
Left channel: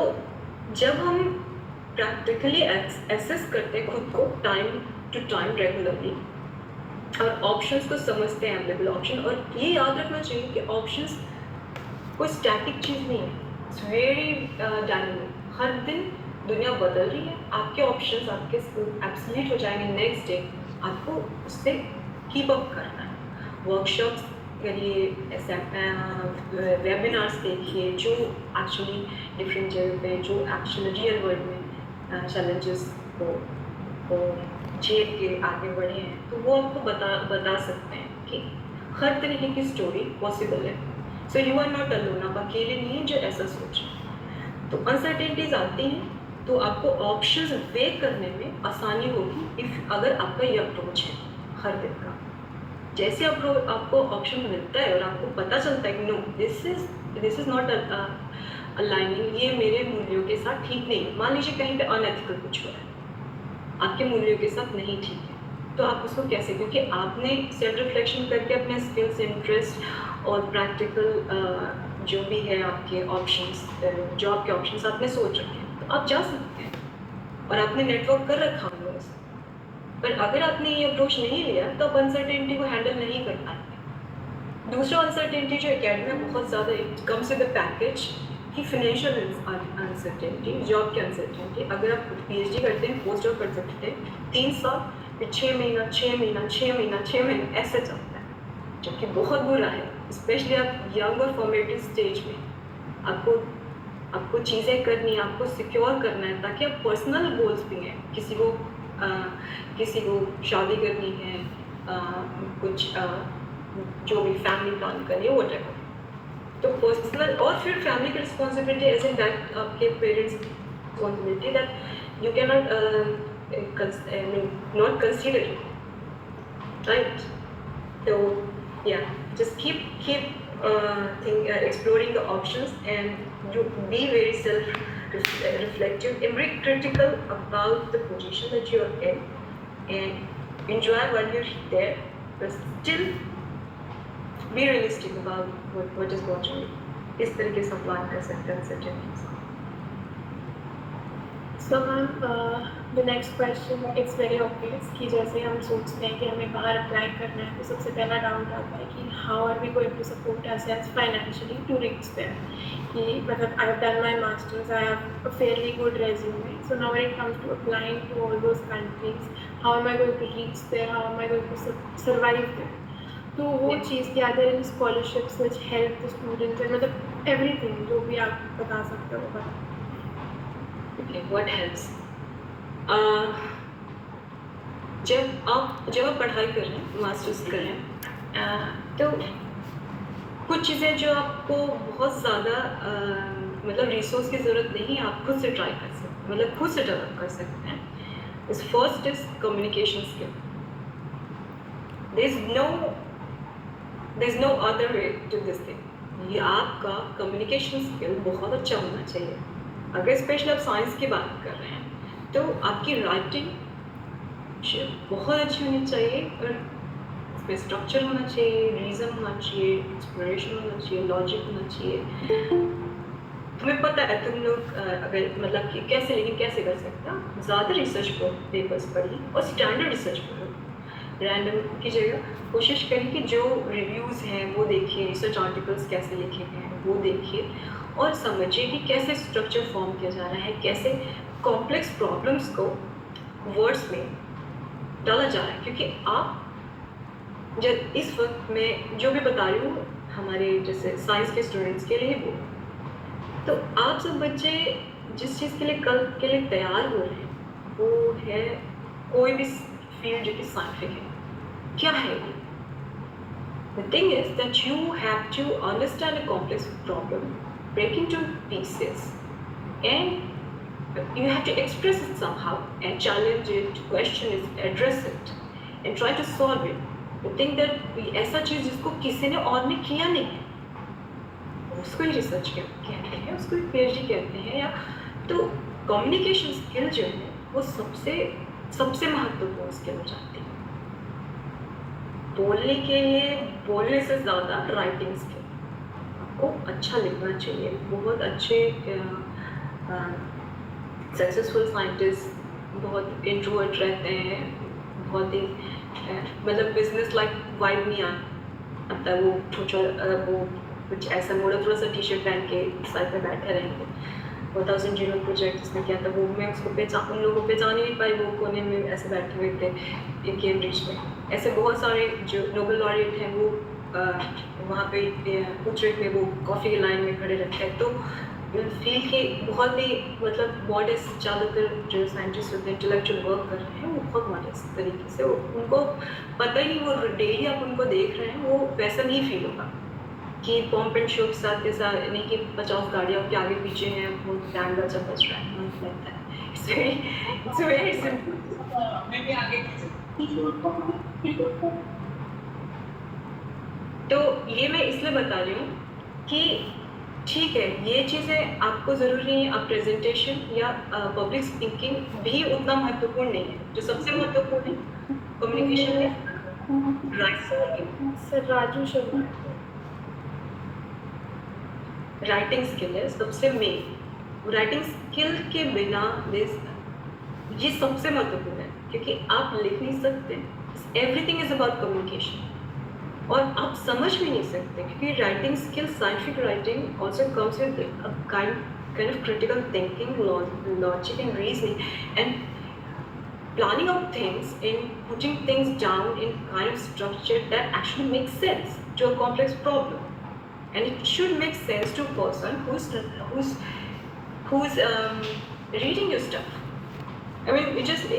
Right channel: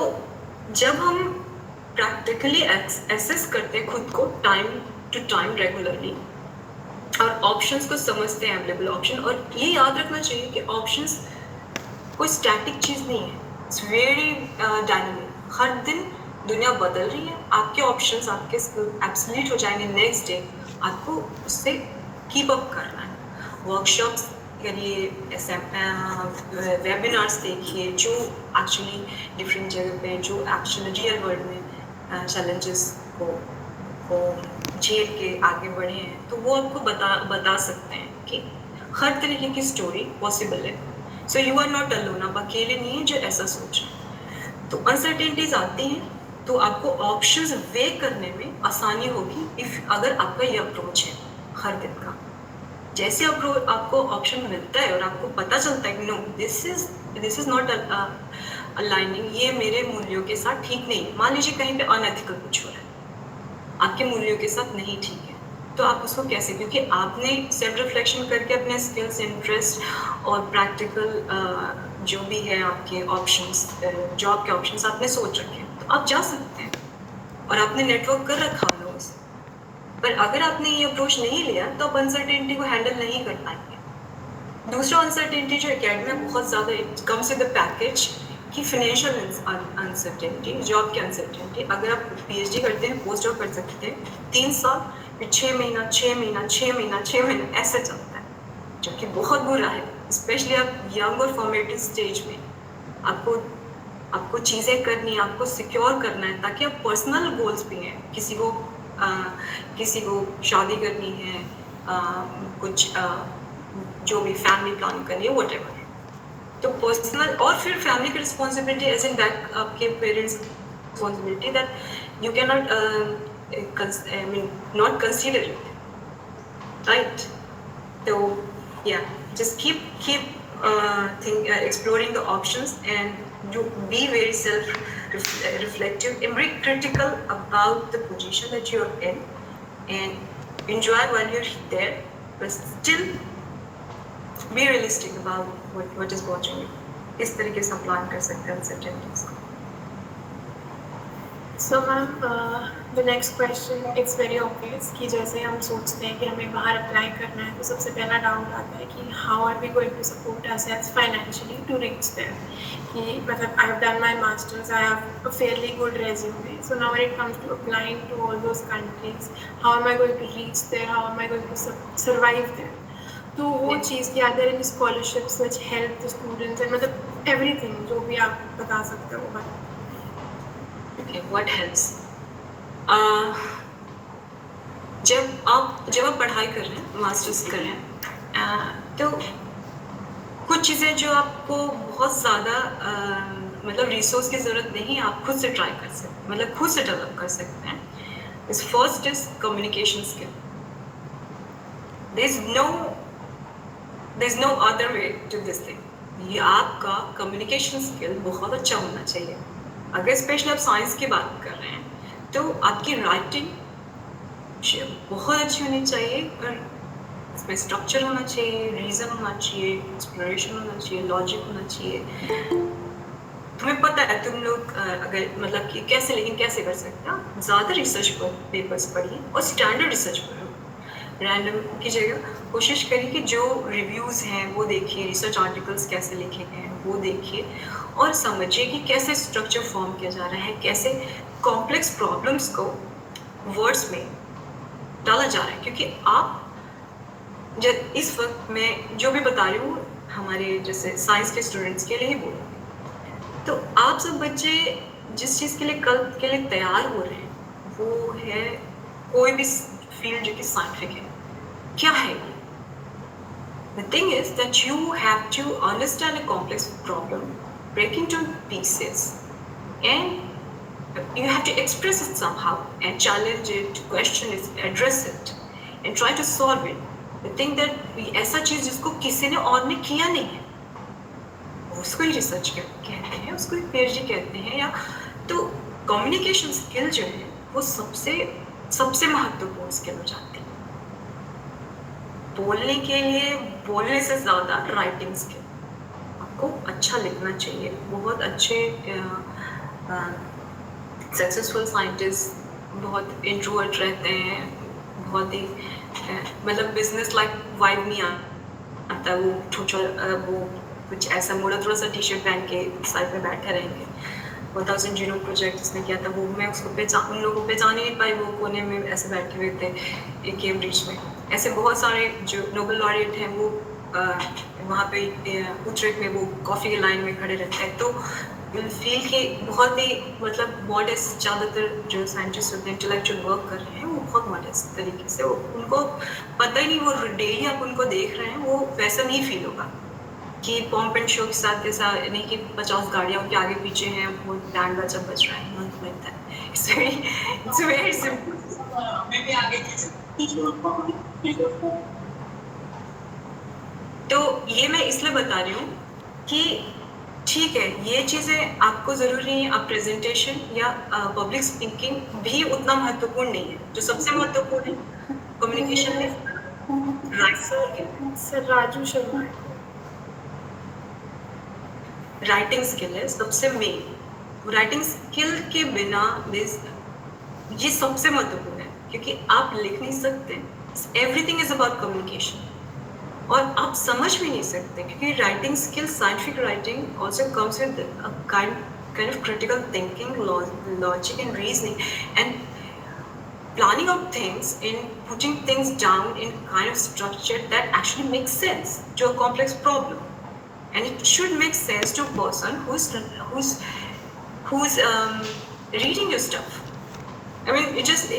जब हम प्रैक्टिकली एसेस करते हैं खुद को टाइम टू टाइम रेगुलरली और ऑप्शंस को समझते हैं, अवेलेबल ऑप्शन, और ये याद रखना चाहिए कि ऑप्शंस कोई स्टैटिक चीज़ नहीं है, इट्स वेरी डायनामिक। हर दिन दुनिया बदल रही है, आपके ऑप्शंस आपके एब्सोल्यूट हो जाएंगे नेक्स्ट डे, आपको उससे कीप अप करना है। वर्कशॉप्स करिए, वेबिनार्स देखिए जो एक्चुअली डिफरेंट जगह पे, जो एक्चुअली रियल वर्ल्ड में चैलेंजेस को झेल के आगे बढ़े हैं, तो वो आपको बता सकते हैं कि हर तरीके की स्टोरी पॉसिबल है। So you are not alone, आप अकेले नहीं हैं जो ऐसा सोच रहे हैं। तो अनसर्टेनिटीज आती हैं तो आपको ऑप्शंस वे करने में आसानी होगी इफ अगर आपका ये अप्रोच है हर दिन का। जैसे आपको ऑप्शन मिलता है और आपको पता चलता है कि no this is not aligning, ये मेरे मूल्यों के साथ ठीक नहीं है। मान लीजिए कहीं पे अनएथिकल कुछ हो रहा है, आपके मूल्यों के साथ नहीं ठीक है, तो आप उसको कैसे, क्योंकि आपने सेल्फ रिफ्लेक्शन करके अपने स्किल्स, इंटरेस्ट और प्रैक्टिकल जो भी है आपके ऑप्शंस, जॉब के ऑप्शंस आपने सोच रखे हैं, तो आप जा सकते हैं और आपने नेटवर्क कर रखा लोगों से। पर अगर आपने ये अप्रोच नहीं लिया तो आप अनसर्टेनिटी को हैंडल नहीं कर पाएंगे। दूसरा अनसर्टेनिटी जो एकेडमी में बहुत ज़्यादा कम्स विद द पैकेज कि फाइनेंशियल अनसर्टेनिटी, जॉब की अनसर्टेनिटी। अगर आप पीएचडी करते हैं, पोस्ट जॉब कर सकते हैं 3 साल, फिर 6 महीना 6 महीना 6 महीना 6 महीना ऐसे चलता है, जो कि बहुत बुरा है। स्पेशली आप यंग और फॉर्मेटिव स्टेज में आपको चीज़ें करनी है, आपको सिक्योर करना है, ताकि आप पर्सनल गोल्स भी हैं, किसी को शादी करनी है, कुछ जो भी फैमिली प्लान करनी है, व्हाटएवर। तो पर्सनल और फिर फैमिली की रिस्पॉन्सिबिलिटी एज इन दैट, आपके parents responsibility that you can not consider it, right? तो या just keep exploring the options and be very self-reflective and very critical about the position that you are in, and enjoy while you're there, but still be realistic about what is watching you. इस तरीके से plan कर सकते हैं uncertainties को। So ma'am, the next question, it's very obvious कि जैसे हम सोचते हैं कि हमें बाहर अप्लाई करना है, तो सबसे पहला डाउट आता है कि how are we going to support ourselves financially to reach there? कि मतलब I have done my masters, I have a fairly good resume, so now when it comes to applying to all those countries, how am I going to reach there? How am I going to survive there? तो वो चीज़ की are there any scholarships which help the students and मतलब everything जो भी आप बता सकते हो बता। Okay, what helps? जब आप पढ़ाई कर रहे हैं, मास्टर्स कर रहे हैं, तो कुछ चीज़ें जो आपको बहुत ज़्यादा मतलब रिसोर्स की ज़रूरत नहीं है, आप खुद से ट्राई कर सकते हैं, मतलब खुद से डेवलप कर सकते हैं। इस first is communication skill. there is no other way to this thing। ये आपका कम्युनिकेशन स्किल बहुत अच्छा होना चाहिए। अगर स्पेशली आप साइंस की बात कर रहे हैं तो आपकी राइटिंग बहुत अच्छी होनी चाहिए, और इसमें स्ट्रक्चर होना चाहिए, रीज़न होना चाहिए, एक्सप्लोरेशन होना चाहिए, लॉजिक होना चाहिए। तुम्हें पता है तुम लोग अगर मतलब कि कैसे, लेकिन कैसे कर सकते हो, ज़्यादा रिसर्च पेपर्स पढ़िए और स्टैंडर्ड रिसर्च पढ़ो। रैंडम की जगह कोशिश करिए कि जो रिव्यूज़ हैं वो देखिए, रिसर्च आर्टिकल्स कैसे लिखे गए हैं वो देखिए और समझिए कि कैसे स्ट्रक्चर फॉर्म किया जा रहा है, कैसे कॉम्प्लेक्स प्रॉब्लम्स को वर्ड्स में डाला जा रहा है। क्योंकि आप जब इस वक्त मैं जो भी बता रही हूँ हमारे जैसे साइंस के स्टूडेंट्स के लिए ही बोल, तो आप सब बच्चे जिस चीज़ के लिए कल के लिए तैयार हो रहे हैं वो है कोई भी फील्ड जो कि साइंटिफिक है। क्या है ये? The thing is that you have to understand a complex problem, break into pieces, and you have to express it somehow and challenge it, question it, address it, and try to solve it. The thing that ऐसा चीज़ जिसको किसी ने और ने किया नहीं है, उसको ही रिसर्च कहते हैं, उसको ही PhD कहते हैं। या तो कम्युनिकेशन स्किल जो है वो सबसे महत्वपूर्ण स्किल हो जाती है। बोलने के लिए बोलने से ज़्यादा राइटिंग स्किल, आपको अच्छा लिखना चाहिए। बहुत अच्छे सक्सेसफुल साइंटिस्ट बहुत इंट्रोवर्ट रहते हैं, बहुत ही मतलब बिजनेस लाइक वाइब नहीं आता है। वो कुछ ऐसा मोड़ा थोड़ा सा टी-शर्ट पहन के साइड में बैठे रहेंगे। 1000 जीरो प्रोजेक्ट जिसने किया था वो मैं उसको उन लोगों को पहचान ही नहीं पाई, वो कोने में ऐसे बैठे हुए थे कैम्ब्रिज में। ऐसे बहुत सारे जो नोबेल लॉरिएट हैं वो वहाँ पे उच्चरेट में वो कॉफ़ी की लाइन में खड़े रहते हैं। तो फील के बहुत ही मतलब मॉडेस्ट, ज़्यादातर जो साइंटिस्ट होते हैं इंटेलेक्चुअल वर्क कर रहे हैं वो बहुत मॉडेस्ट तरीके से, उनको पता ही नहीं, वो डेली आप उनको देख रहे हैं, वो वैसा नहीं फील होगा कि पॉम्प एंड शो के साथ ऐसा नहीं कि 50 गाड़ियों के आगे पीछे हैं, वो बैंड बाजा बज रहा है, नहीं लगता है। It's very simple. तो ये मैं इसलिए बता रही हूँ कि ठीक है, ये चीज़ें आपको ज़रूरी नहीं है। आप प्रेजेंटेशन या पब्लिक स्पीकिंग भी उतना महत्वपूर्ण नहीं है। जो सबसे महत्वपूर्ण है कम्युनिकेशन है, right sir Raju Sharma. Writing skill है सबसे मेन। राइटिंग स्किल के बिना ये सबसे महत्वपूर्ण है, क्योंकि आप लिख नहीं सकते। एवरीथिंग इज अबाउट कम्युनिकेशन, और आप समझ भी नहीं सकते क्योंकि writing skill, scientific writing also comes with kind of critical thinking, logic and reasoning, and planning of things, in putting things down in kind of structure that actually makes sense to a complex problem. And it should make sense to a person who's reading your stuff. I mean,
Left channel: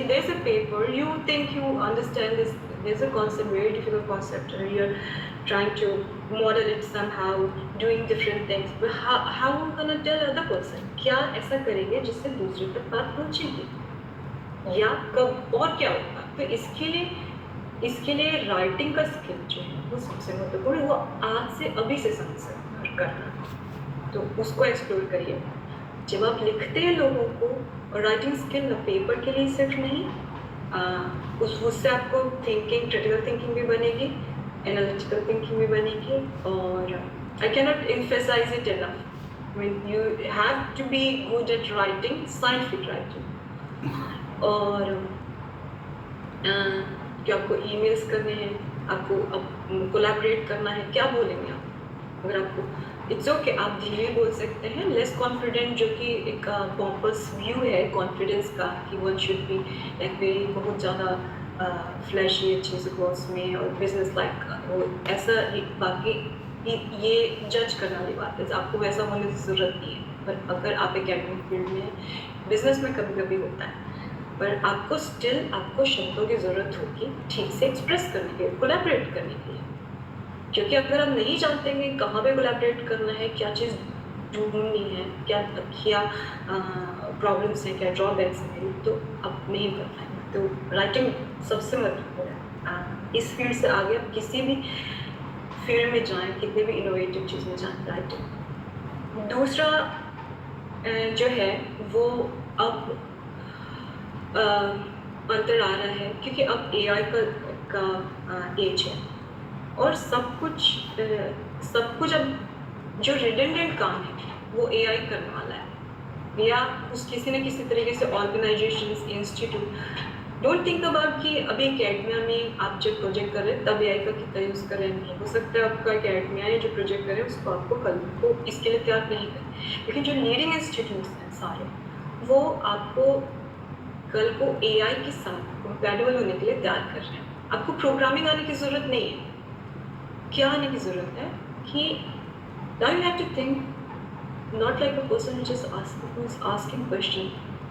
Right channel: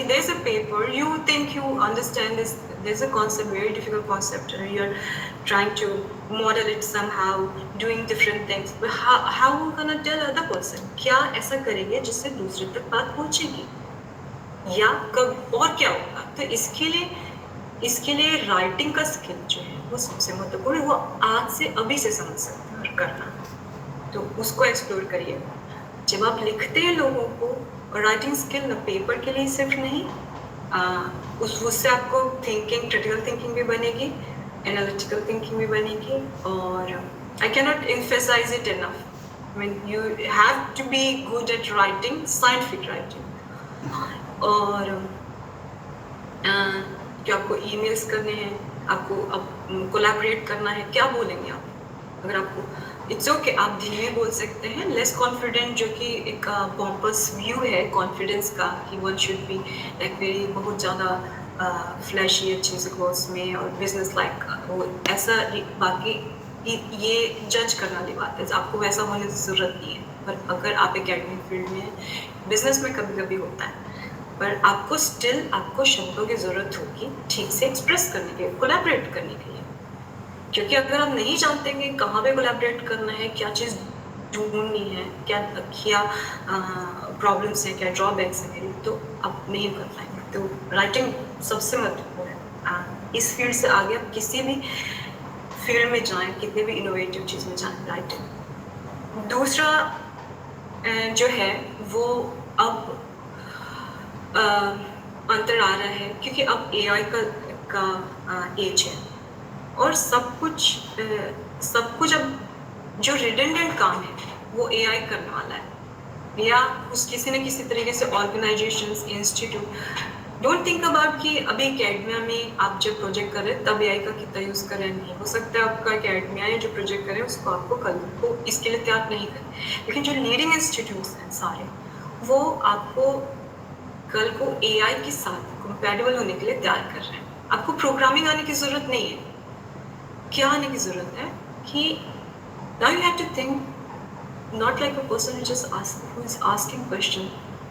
there's a paper, you think you understand this, there's a concept, very difficult concept, and you're trying to model it somehow, doing different things, but how are you gonna tell other person? क्या ऐसा करेंगे जिससे दूसरे तक बात पहुंचेगी, या कब और क्या होगा? तो इसके लिए राइटिंग का स्किल जो है वो सबसे महत्वपूर्ण है। वो आज से अभी से समझ सकते करना, तो उसको एक्सप्लोर करिए। जब आप लिखते हैं लोगों को, और राइटिंग स्किल ना पेपर के लिए सिर्फ नहीं, उससे आपको थिंकिंग, क्रिटिकल थिंकिंग भी बनेगी, एनालिटिकल थिंकिंग भी बनेगी। और I can not emphasise it enough, I mean you have to be good at writing, scientific writing. और कि आपको ईमेल्स करने हैं, आपको अब कोलैबोरेट करना है, क्या बोलेंगे आप? अगर आपको इट्स ओके, आप धीरे बोल सकते हैं, लेस कॉन्फिडेंट, जो कि एक पॉम्पस व्यू है कॉन्फिडेंस का कि one should be like very बहुत ज़्यादा फ्लैशी अच्छे से क्लोथ्स में और बिजनेस लाइक वो ऐसा। बाकी ये जज करने वाली बात है, आपको वैसा होने की ज़रूरत नहीं है। पर अगर आप एकेडमिक फील्ड में, बिजनेस में कभी कभी होता है, पर आपको स्टिल आपको शब्दों की ज़रूरत होगी ठीक से एक्सप्रेस करने के लिए, कोलैबोरेट करने के लिए। क्योंकि अगर आप नहीं जानते कि कहाँ पे कोलैबोरेट करना है, क्या चीज़ ढूंढनी है, क्या प्रॉब्लम्स हैं, क्या ड्रॉबैक्स हैं, तो आप नहीं कर पाएंगे। तो राइटिंग सबसे महत्वपूर्ण है। इस फील्ड से आगे आप किसी भी फील्ड में जाएं, कितने भी इनोवेटिव चीज़ में जाएं, राइटिंग। दूसरा जो है वो अब अंतर आ रहा है, क्योंकि अब AI का एज है। और सब कुछ अब जो रिडेंडेंट काम है वो एआई करने वाला है, या उस किसी न किसी तरीके से organisations, institute. Don't think about कि अभी एकेडमिया में आप जब प्रोजेक्ट करें तब एआई का कितना यूज़ करें। नहीं हो सकता है आपका एकेडमिया या जो प्रोजेक्ट करें उसको आपको कल को इसके लिए तैयार नहीं करें, लेकिन जो लीडिंग इंस्टीट्यूट्स हैं सारे वो आपको कल को एआई के साथ कंपैटिबल होने के लिए तैयार कर रहे हैं। आपको प्रोग्रामिंग आने की ज़रूरत नहीं है। क्या आने की ज़रूरत है कि now you have to think not like a person who is asking question,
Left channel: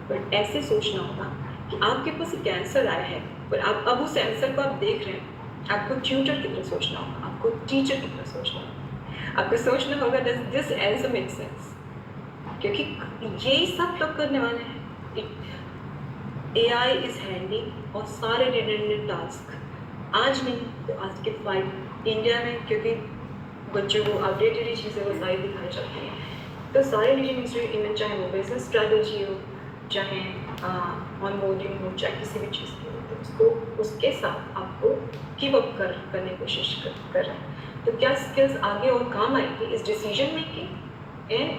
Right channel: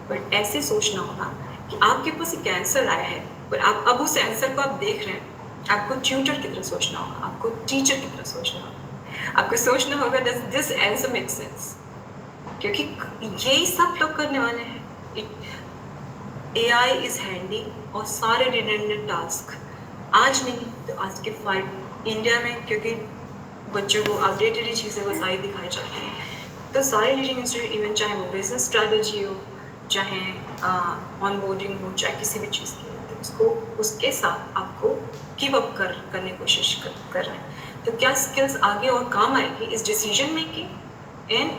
but ऐसे सोचना होगा कि आपके पास एक आंसर आया है और आप अब उस आंसर को आप देख रहे हैं। आपको ट्यूटर की तरह सोचना होगा, आपको टीचर की तरह सोचना होगा, आपको सोचना होगा does this answer make sense, क्योंकि यही सब लोग करने वाले हैं। AI is handy और सारे रिडेंडेंट टास्क आज नहीं तो आज के फाइट इंडिया में, क्योंकि बच्चों को अपडेटेड ही चीज़ें बताई दिखाई जाती हैं, तो सारे लीडिंग इंस्टीट्यूट, इवन चाहे वो बिजनेस स्ट्रैटेजी हो, चाहे ऑन बोर्डिंग हो, चाहे किसी भी चीज़ की हो, तो उसको उसके साथ आपको कीप अप करने की कोशिश कर रहे हैं। तो क्या स्किल्स आगे और काम आएगी इस डिसीजन मेकिंग एंड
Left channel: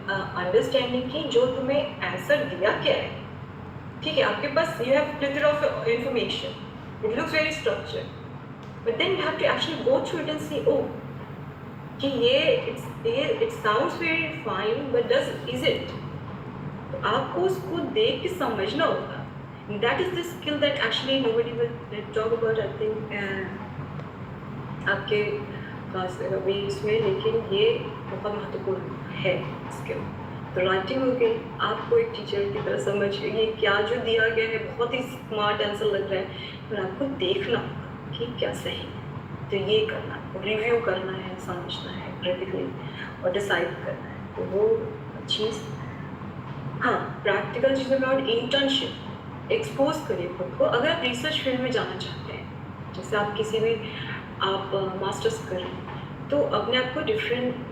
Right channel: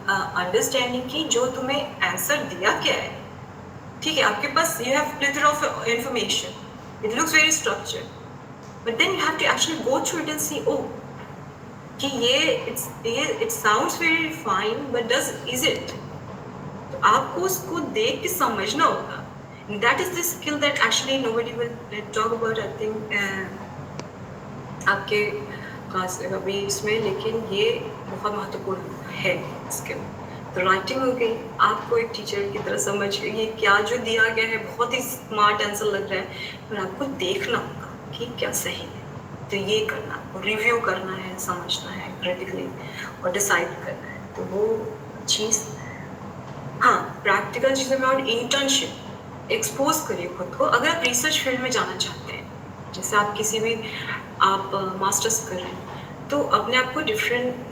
अंडरस्टैंडिंग की जो तुम्हें आंसर दिया क्या है। ठीक है, आपके पास you have plethora of information, it looks very structured, but then you have to actually go through it and see oh कि ये it sounds very fine but is it. तो आपको उसको देख के समझना होगा। That is the skill that actually nobody will talk about, I think आपके क्लास अभी इसमें, लेकिन ये बहुत महत्वपूर्ण है स्किल। तो राइटिंग हो गई, आपको एक टीचर की तरह समझ ये क्या जो दिया गया है बहुत ही स्मार्ट आंसर लग रहा है, पर आपको देखना होगा कि क्या सही है। तो ये करना, रिव्यू करना है, समझना है क्रिटिकली और डिसाइड करना है। तो वो चीज़, हाँ, प्रैक्टिकल चीज़ों में और इंटर्नशिप एक्सपोज करिए खुद को। अगर आप रिसर्च फील्ड में जाना चाहते हैं, जैसे आप किसी भी आप मास्टर्स कर रहे हैं, तो अपने आप को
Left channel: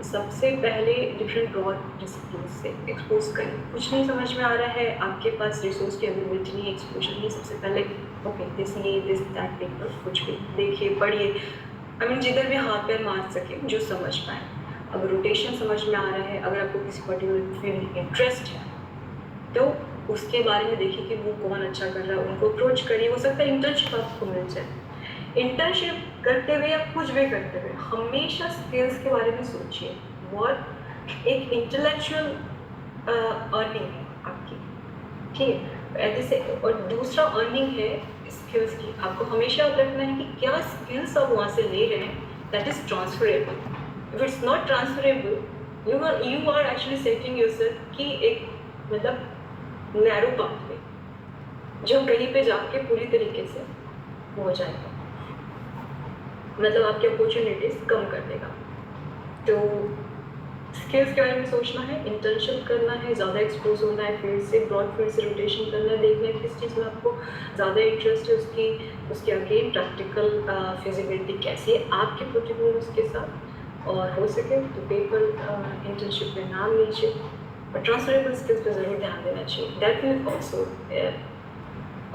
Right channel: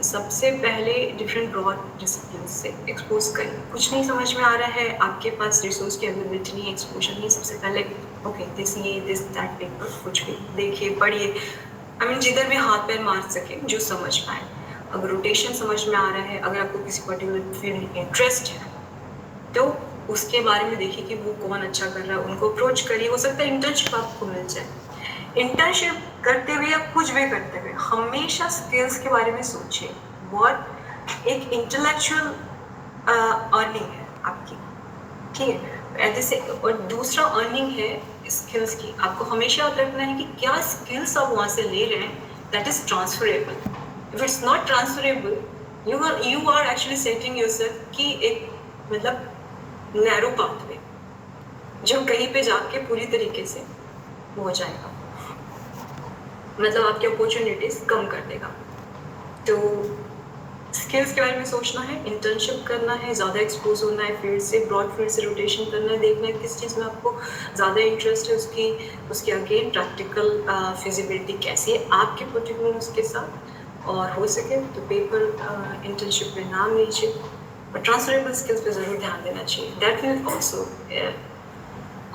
सबसे पहले डिफरेंट ब्रॉड डिसिप्लिन से एक्सपोज करिए। कुछ नहीं समझ में आ रहा है, आपके पास रिसोर्स की अवेलेबिलिटी नहीं, एक्सपोजर नहीं, सबसे पहले ओके दिस दैट पेपर कुछ भी देखिए, पढ़िए, आई मीन जिधर भी हाथ पैर मार सके, जो समझ पाए। अगर रोटेशन समझ में आ रहा है, अगर आपको किसी पर्टिकुलर फील्ड में इंटरेस्ट है, तो उसके बारे में देखिए कि वो कौन अच्छा कर रहा है, उनको अप्रोच करिए। हो सकता है इंटर्नशिप आपको मिल जाए। इंटर्नशिप करते हुए या कुछ भी करते हुए हमेशा स्किल्स के बारे में सोचिए। बहुत एक इंटेलेक्चुअल अर्निंग है आपकी, ठीक है, जैसे, और दूसरा अर्निंग है स्किल्स की। आपको हमेशा याद रखना है कि क्या स्किल्स आप वहाँ से ले रहे हैं that is transferable. If it's not transferable, you are actually setting yourself कि एक मतलब नैरो पाथवे जो कहीं पे जाके पूरी तरीके से हो जाएगा, मतलब आपकी अपॉर्चुनिटीज कम कर देगा। तो स्किल्स के बारे में सोचना है, इंटर्नशिप करना है, ज़्यादा एक्सपोज होना है फील्ड से, ब्रॉड फील्ड से रोटेशन करना है, देखना है किस चीज़ में आपको ज़्यादा इंटरेस्ट है, उसकी अगेन प्रैक्टिकल फिजिबिलिटी कैसी है आपके पर्टिकुलर उसके साथ, और हो सके तो पेपर इंटर्नशिप में नाम लीजिए, और ट्रांसफरेबल स्किल्स पे ज़रूर ध्यान देना चाहिए। That will also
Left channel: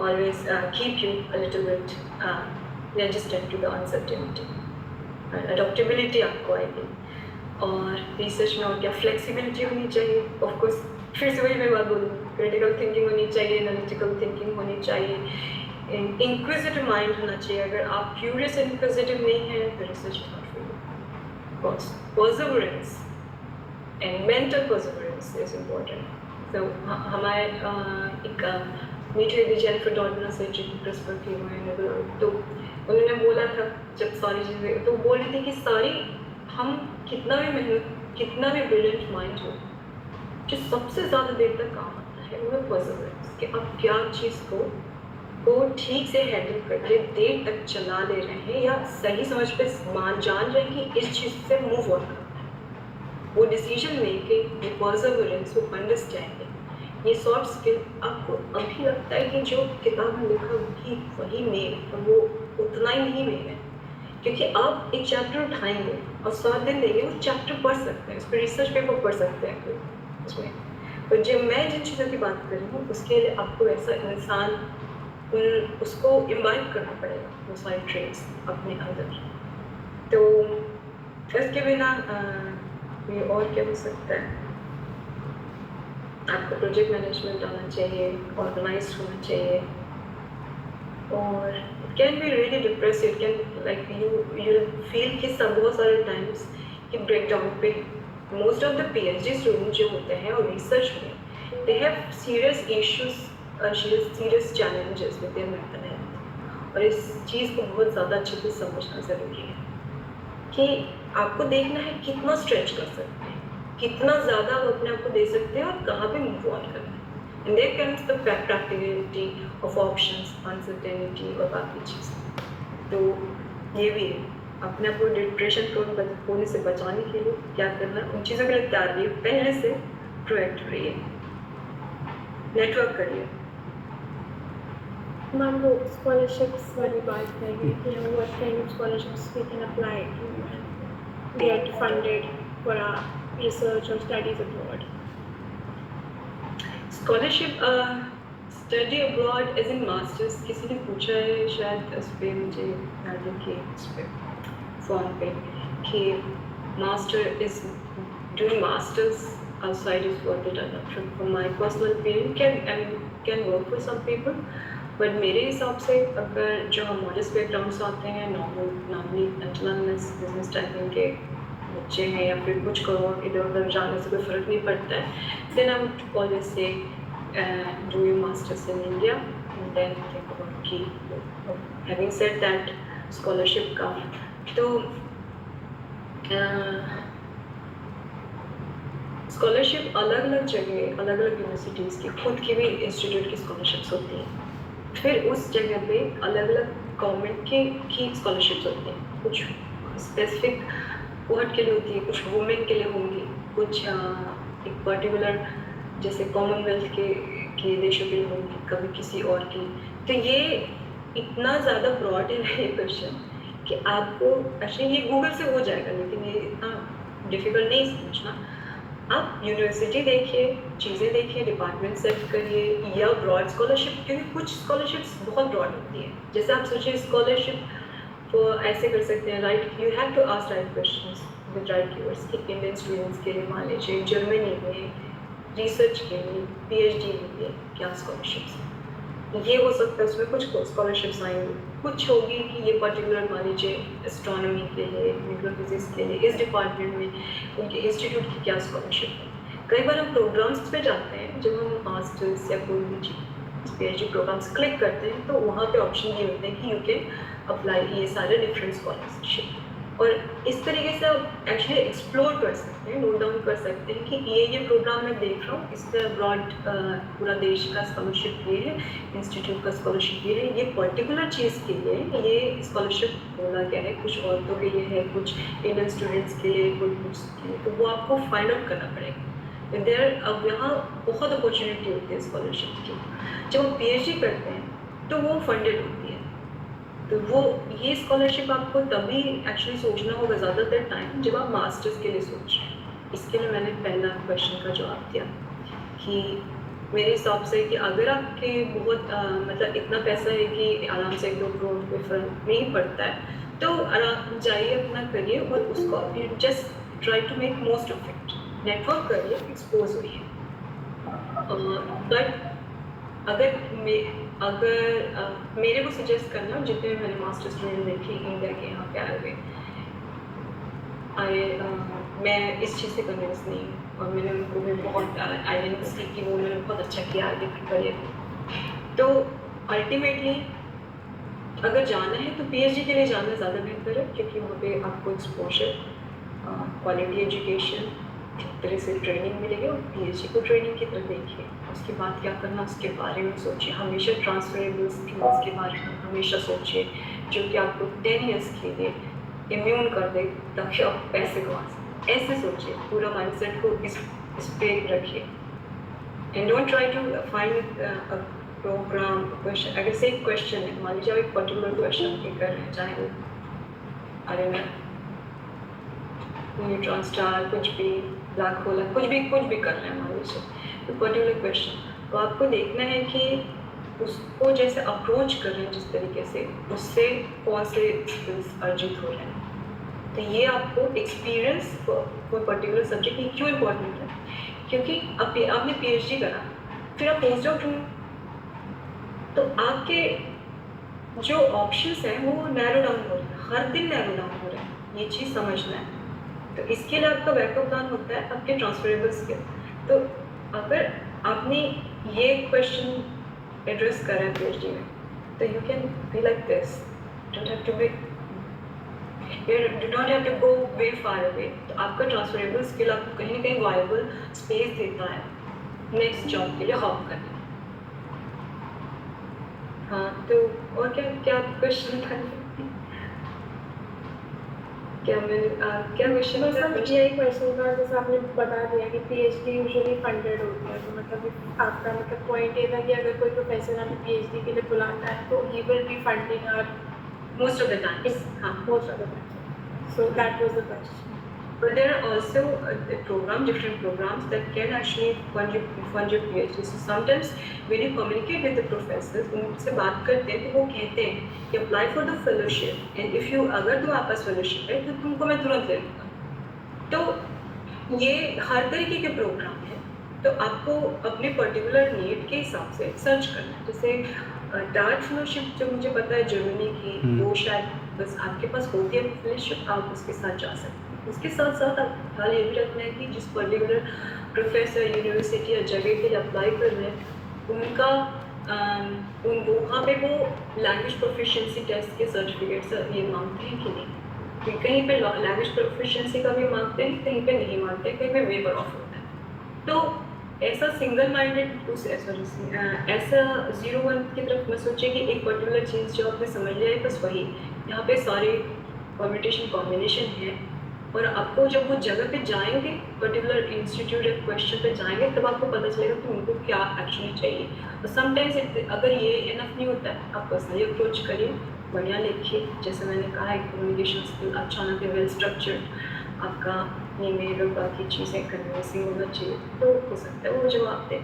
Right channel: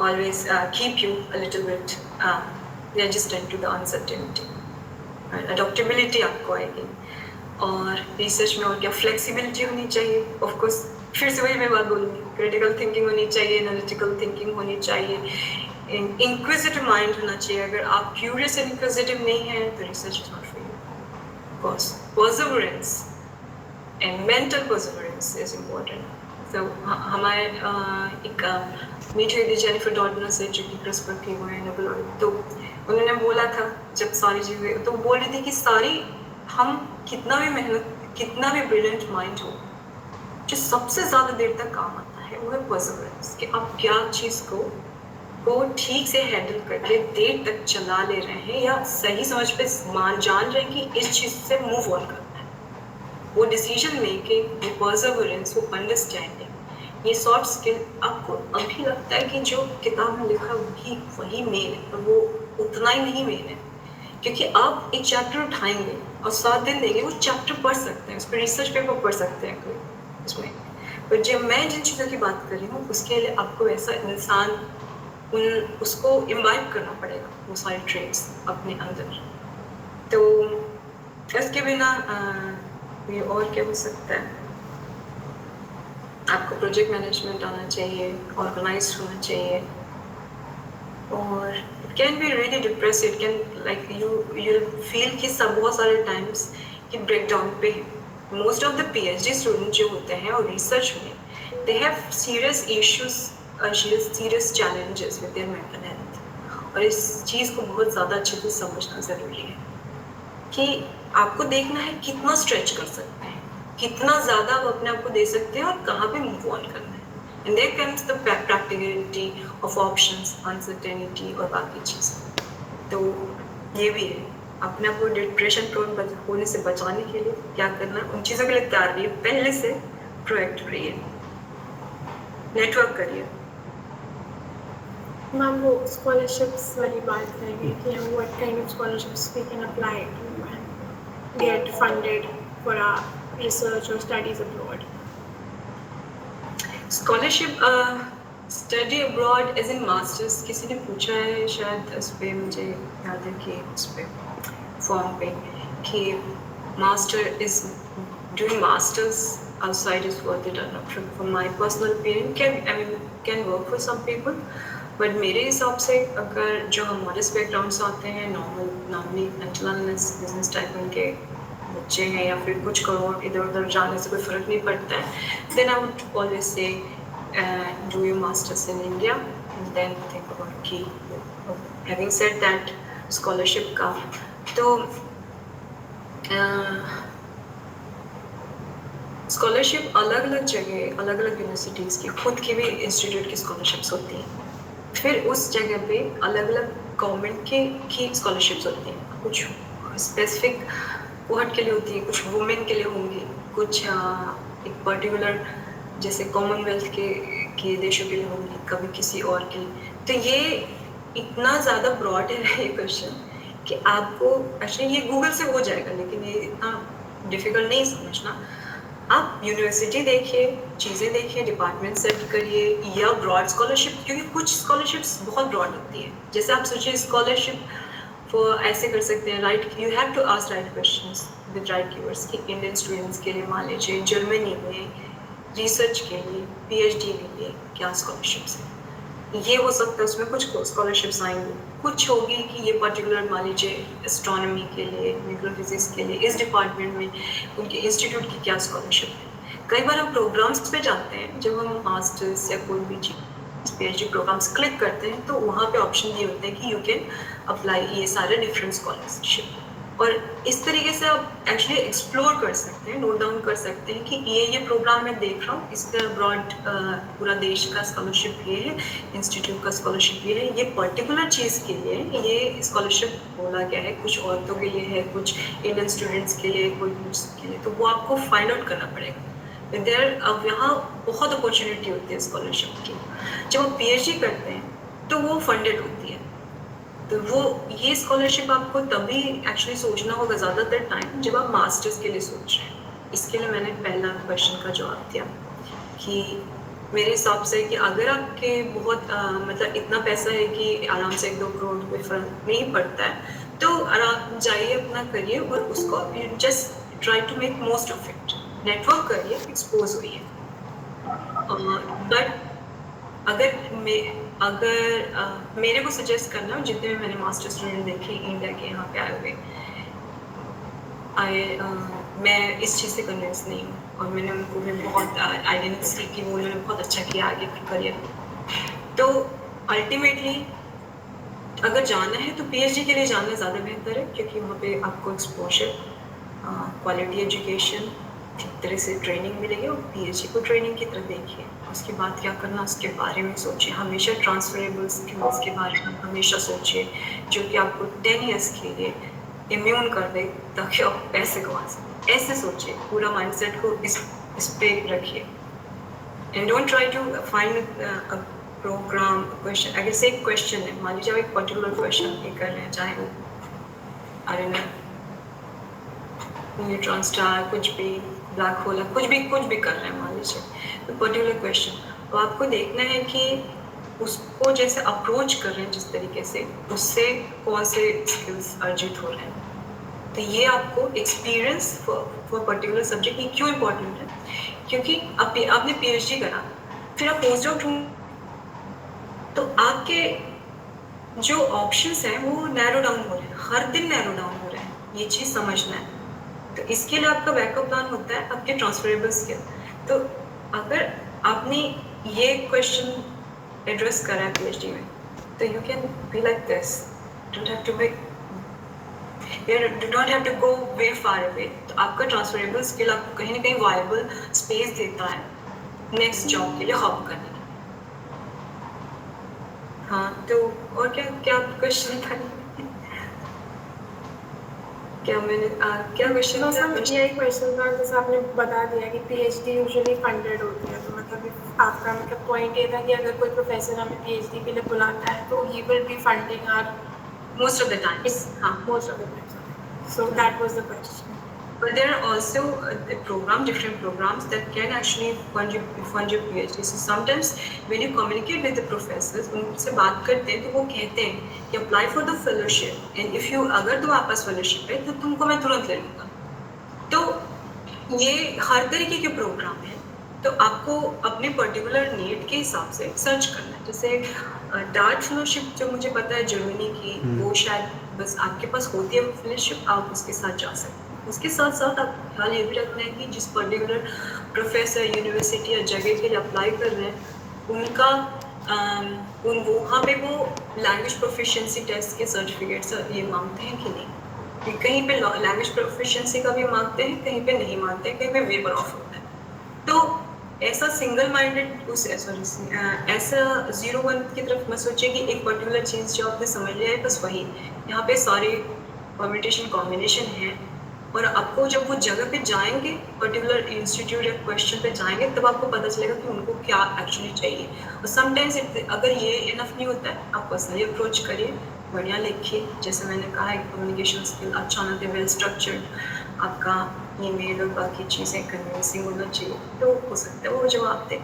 always keep you a little bit resistant to the uncertainty। Adaptability आपको आएगी, और रिसर्च में और क्या फ्लेक्सिबिलिटी होनी चाहिए। ऑफ कोर्स फिर से वही मैं बात बोलूँगी, क्रिटिकल थिंकिंग होनी चाहिए, एनालिटिकल थिंकिंग होनी चाहिए, इंक्विजिटिव माइंड होना चाहिए। अगर आप क्यूरियस एंड इंक्विजिटिव नहीं हैं तो research is not for you. Of course perseverance and mental perseverance is important. तो हमारे एक मीट हुई थी जेनिफर डॉडनर से, जो कि क्रिस्पर थी, वो है नोबेल, तो उन्होंने बोला था जब सारी चीज़ें, तो बोल रही थी कि सारी हम कितना भी मेहनत, कितना भी ब्रिलियंट माइंड हो, जो सबसे ज़्यादा देर तक काम आता है वो है परसिवरेंस, कि आप क्या चीज़ को ठीक से हैंडल करके देर तक चला ले रहे हैं, या सही समझ पे जान रहे हैं कि इस चीज़ से मूव ऑन करना है। वो डिसीजन मेकिंग, ये परसिवरेंस, वो अंडरस्टैंडिंग, ये सॉफ्ट स्किल आपको अभी लगता है कि जो किताब में लिखा वही मेन है, और वो उतना ही नहीं मेन है, क्योंकि आप एक चैप्टर उठाएंगे और 7 दिन देंगे, वो चैप्टर पढ़ सकते हैं, उस पर रिसर्च पेपर पढ़ सकते हैं कोई उसमें। पर जब मैं जिन चीज़ों की बात कर रही हूँ, उसके लिए आपको ऐसा इंसान उसको इम्बाइब करना पड़ेगा, वो सारे ट्रेड्स अपने अंदर। तो इसके बिना ये और क्या हो सकता है? आपको प्रोजेक्ट मैनेजमेंट आना चाहिए, ऑर्गेनाइज्ड होना चाहिए, और it can be really depressive, can like you feel कि सब बहुत सारे टाइम्स कि ब्रेक डाउन पे most of the PhD student जो होते हैं और रिसर्च में they have serious issues, serious challenges with their mental health, और इस चीज़ को बहुत ज़्यादा अच्छे से समझना ज़रूरी है कि आपको देखना है कितना स्ट्रेच कर सकते हैं, कितना ज़्यादा आप अपने आप को दे सकते हैं और कहाँ पे मूव ऑन करना है। And there comes the practicality of options, uncertainty और बाकी चीज़ें। तो ये भी है, अपने आप को डिप्रेशन प्रोन होने से बचाने के लिए क्या करना, उन चीज़ों के लिए तैयार रहिए, पहले से प्रोएक्टिव रहिए, नेटवर्क करिए। मैम वो scholarships वाली बात करेंगे कि what kind of scholarships we can apply to get funded for our research or studies abroad. Scholarship study abroad as in masters, किसी ने पूछा है शायद इस पे, मुझे याद है कि इस पे फॉर्म पे कि master is doing masters outside is worth it or not. From my personal opinion, can work for some people, but मेरे हिसाब से अगर जो हमारे बैकग्राउंड से आते हैं, नॉर्मली बिजनेस टाइपिंग के बच्चे हैं या फिर कुछ करोड़ इधर उधर जाने से कोई फ़र्क नहीं पड़ता है, then I would always say do your masters in India and then think about कि having said that scholarship का तो स्कॉलरशिप अलग अलग जगह, अलग अलग यूनिवर्सिटीज़ की खुद की भी इंस्टीट्यूट की स्कॉलरशिप्स होती हैं, फिर उस जगह पे अलग अलग गवर्नमेंट की स्कॉलरशिप्स होती हैं, कुछ स्पेसिफिक कोहट के लिए होती है, कुछ वुमेन के लिए होंगी, कुछ एक पर्टिकुलर जैसे कॉमनवेल्थ के देशों के लिए होंगी, कभी किसी और के लिए। तो ये इतना ज़्यादा ब्रॉड है ये क्वेश्चन कि आपको एक्चुअली ये गूगल से हो जाएगा, लेकिन ये इतना डिफ़िकल्ट नहीं समझना। आप यूनिवर्सिटी देखिए, चीज़ें देखिए, डिपार्टमेंट सेट करिए, या ब्रॉड स्कॉलरशिप, क्योंकि कुछ स्कॉलरशिप्स बहुत ब्रॉड होती है। जैसे आप सोचिए स्कॉलरशिप फॉर ऐसे कर सकते हैं, right, you have to ask right questions with right keywords कि इंडियन स्टूडेंट्स के लिए मान लीजिए जर्मनी में रिसर्च के लिए, PhD के लिए क्या स्कॉलरशिप्स हैं। ये हो सकता है उसमें कुछ स्कॉलरशिप्स आएंगी, कुछ होगी कि ये पर्टिकुलर मान लीजिए एस्ट्रोनॉमी के लिए, न्यूक्लियर फिजिक्स के लिए, इस डिपार्टमेंट में उनके इंस्टीट्यूट की क्या स्कॉलरशिप है। कई बार हम प्रोग्राम्स पे जाते हैं, जब हम मास्टर्स या कोई भी PhD प्रोग्राम्स क्लिक करते हैं तो वहाँ पे ऑप्शन ये होते हैं कि यू कैन अप्लाई ये सारे डिफरेंट स्कॉलरशिप, और इस तरीके से आप एक्चुअली एक्सप्लोर कर सकते हैं, नोट डाउन कर सकते हैं कि ये प्रोग्राम मैं देख रहा हूँ, इसका ब्रॉड पूरा देश का स्कॉलरशिप ये है, इंस्टीट्यूट का स्कॉलरशिप ये है, ये पर्टिकुलर चीज़ के लिए ये स्कॉलरशिप बोला गया है, कुछ औरतों के लिए है, कुछ इंडियन स्टूडेंट्स के लिए, कुछ के लिए, तो वो आपको फाइंड आउट करना पड़ेगा। देयर अब यहाँ बहुत अपॉर्चुनिटी होती है स्कॉलरशिप की। जब आप PhD करते हैं तो वो फंडेड होती है, तो वो ये स्कॉलरशिप आपको तभी एक्चुअली सोचना होगा ज़्यादातर टाइम जब आप मास्टर्स के लिए सोच रहे हैं। इसके लिए मैंने पहला क्वेश्चन का जवाब दिया कि मेरे हिसाब से कि अगर आपके बहुत मतलब इतना पैसा है कि आराम से 1-2 करोड़ कोई फर्क नहीं पड़ता है, तो आराम जाइए, अपना करिए और उसको just try to make most of it, network करिए, एक्सपोज होइए। बट अगर मेरे को सजेस्ट करना, जितने भी मैंने मास्टर स्टूडेंट देखे इंडिया के यहाँ पे आए हुए, मैं इस चीज़ से कन्विंस नहीं हूँ, और मैंने उनको भी बहुत आइडेंटिटी दी कि वो उन्होंने बहुत अच्छा किया आगे के करियर में। तो अल्टीमेटली अगर जाना है तो PhD के लिए जाना ज़्यादा बेहतर है, क्योंकि वहाँ पे आपको एक्सपोजर, क्वालिटी एजुकेशन, तरह से ट्रेनिंग मिलेगी, और PhD को ट्रेनिंग की तरह देखिए, उसके बाद क्या करना उसके बारे में सोचिए। हमेशा ट्रांसफरेबल स्किल्स के बारे में हमेशा सोचिए, जो कि आपको 10 ईयर्स के लिए इम्यून कर दे ताकि आप पैसे कमा सकें। ऐसे सोचिए, पूरा माइंडसेट को इस पे रखिए, and don't try to find a programme question. अगर से एक क्वेश्चन है, मान लीजिए एक पर्टिकुलर क्वेश्चन ये कर रहे हैं, चाहे वो न्यूट्रॉन स्टार, कुछ भी ब्लैक होल, कुछ भी कर रहे हैं मान लीजिए, तो पर्टिकुलर क्वेश्चन, तो आपको देखना है कि उसको जैसे अप्रोच कर रहे हैं जिस तरीके से, उससे कौन से स्किल्स अर्जित हो रहे हैं। तो ये आपको एक्सपीरियंस फॉर पर्टिकुलर सब्जेक्ट ये क्यों इम्पोर्टेंट है, क्योंकि आपने PhD करा, फिर आप पोस्ट डॉक ढूंढ, तो आपके जो ऑप्शंस हैं वो नैरो डाउन हो रहे हैं, हर दिन नैरो डाउन हो रहे हैं, ये चीज़ समझना है। तो इसके लिए आपका बैकअप प्लान होता है आपके ट्रांसफरेबल स्किल। तो अगर आपने ये क्वेश्चन एड्रेस करा है PhD में, तो you can be like this, don't have to be, do not have to go way far away. तो आपका ट्रांसफरेबल स्किल आपको कहीं ना कहीं वायबल स्पेस देता है नेक्स्ट जॉब के लिए हॉप करने। हाँ, तो और क्या क्वेश्चन था, क्या क्वेश्चन तो सर यही क्वेश्चन था, जैसे आपने बता दिया कि PhD यूजुअली फंडेड होती है, तो मतलब आपका मतलब पॉइंट ये था कि अगर कोई प्रोफेसर हमें PhD के लिए बुलाता है तो he will be funding our most of the times. हाँ, most of the time. So that was the question. but there are also different programs that can actually fund your PhD. So sometimes when you communicate with the professors, उनसे बात करते हैं तो वो कहते हैं कि apply for the fellowship and if you अगर तुम्हारे पास fellowship है तो तुमको मैं तुरंत ले लूँगा। तो ये हर तरीके के प्रोग्राम हैं, तो आपको अपने पर्टिकुलर नीड के हिसाब से सर्च करना है। जैसे डार्ट फेलोशिप जो मुझे पता है जर्मनी की, वो शायद बस आपके पास होती है फेलोशिप, आप उसके साथ जा सकते हैं। उसके साथ साथ आप ख्याल ये भी रखना है कि जिस पर्टिकुलर प्रोफेसर यूनिवर्सिटी या जगह के लिए अप्लाई कर रहे हैं उनका वहाँ पे वो लैंग्वेज प्रोफिशिएंसी टेस्ट के सर्टिफिकेट्स ये मांगते हैं कि नहीं। कहीं पे लैंग्वेज प्रोफिशिएंसी का भी मांगते हैं, कहीं पे नहीं मांगते, कहीं पे वेवर ऑफ होता है। तो ऐसा सिंगल माइंडेड ऐसा 0-1 की तरफ मत सोचिए कि एक पर्टिकुलर चीज़ जो आपने समझ लिया है बस वही। यहाँ पे सारे परम्यूटेशन कॉम्बिनेशन है, और आपको जब वो जगह पे जाएंगे, पर्टिकुलर इंस्टीट्यूट या क्वेश्चन पे जाएंगे, तब आपको पता चलेगा कि उनको क्या एक्चुअली चाहिए। और समटाइम्स अगर ये इनफ नहीं होता है, आप पर्सनली अप्रोच करिए, बढ़िया लिखिए, जैसे मैंने कहा है कम्युनिकेशन स्किल अच्छा होना चाहिए, वेल स्ट्रक्चर्ड, आपका ईमेल और बाकी चीज़ें कन्विंसिंग होना चाहिए, तो हो सकता है वो जवाब दे।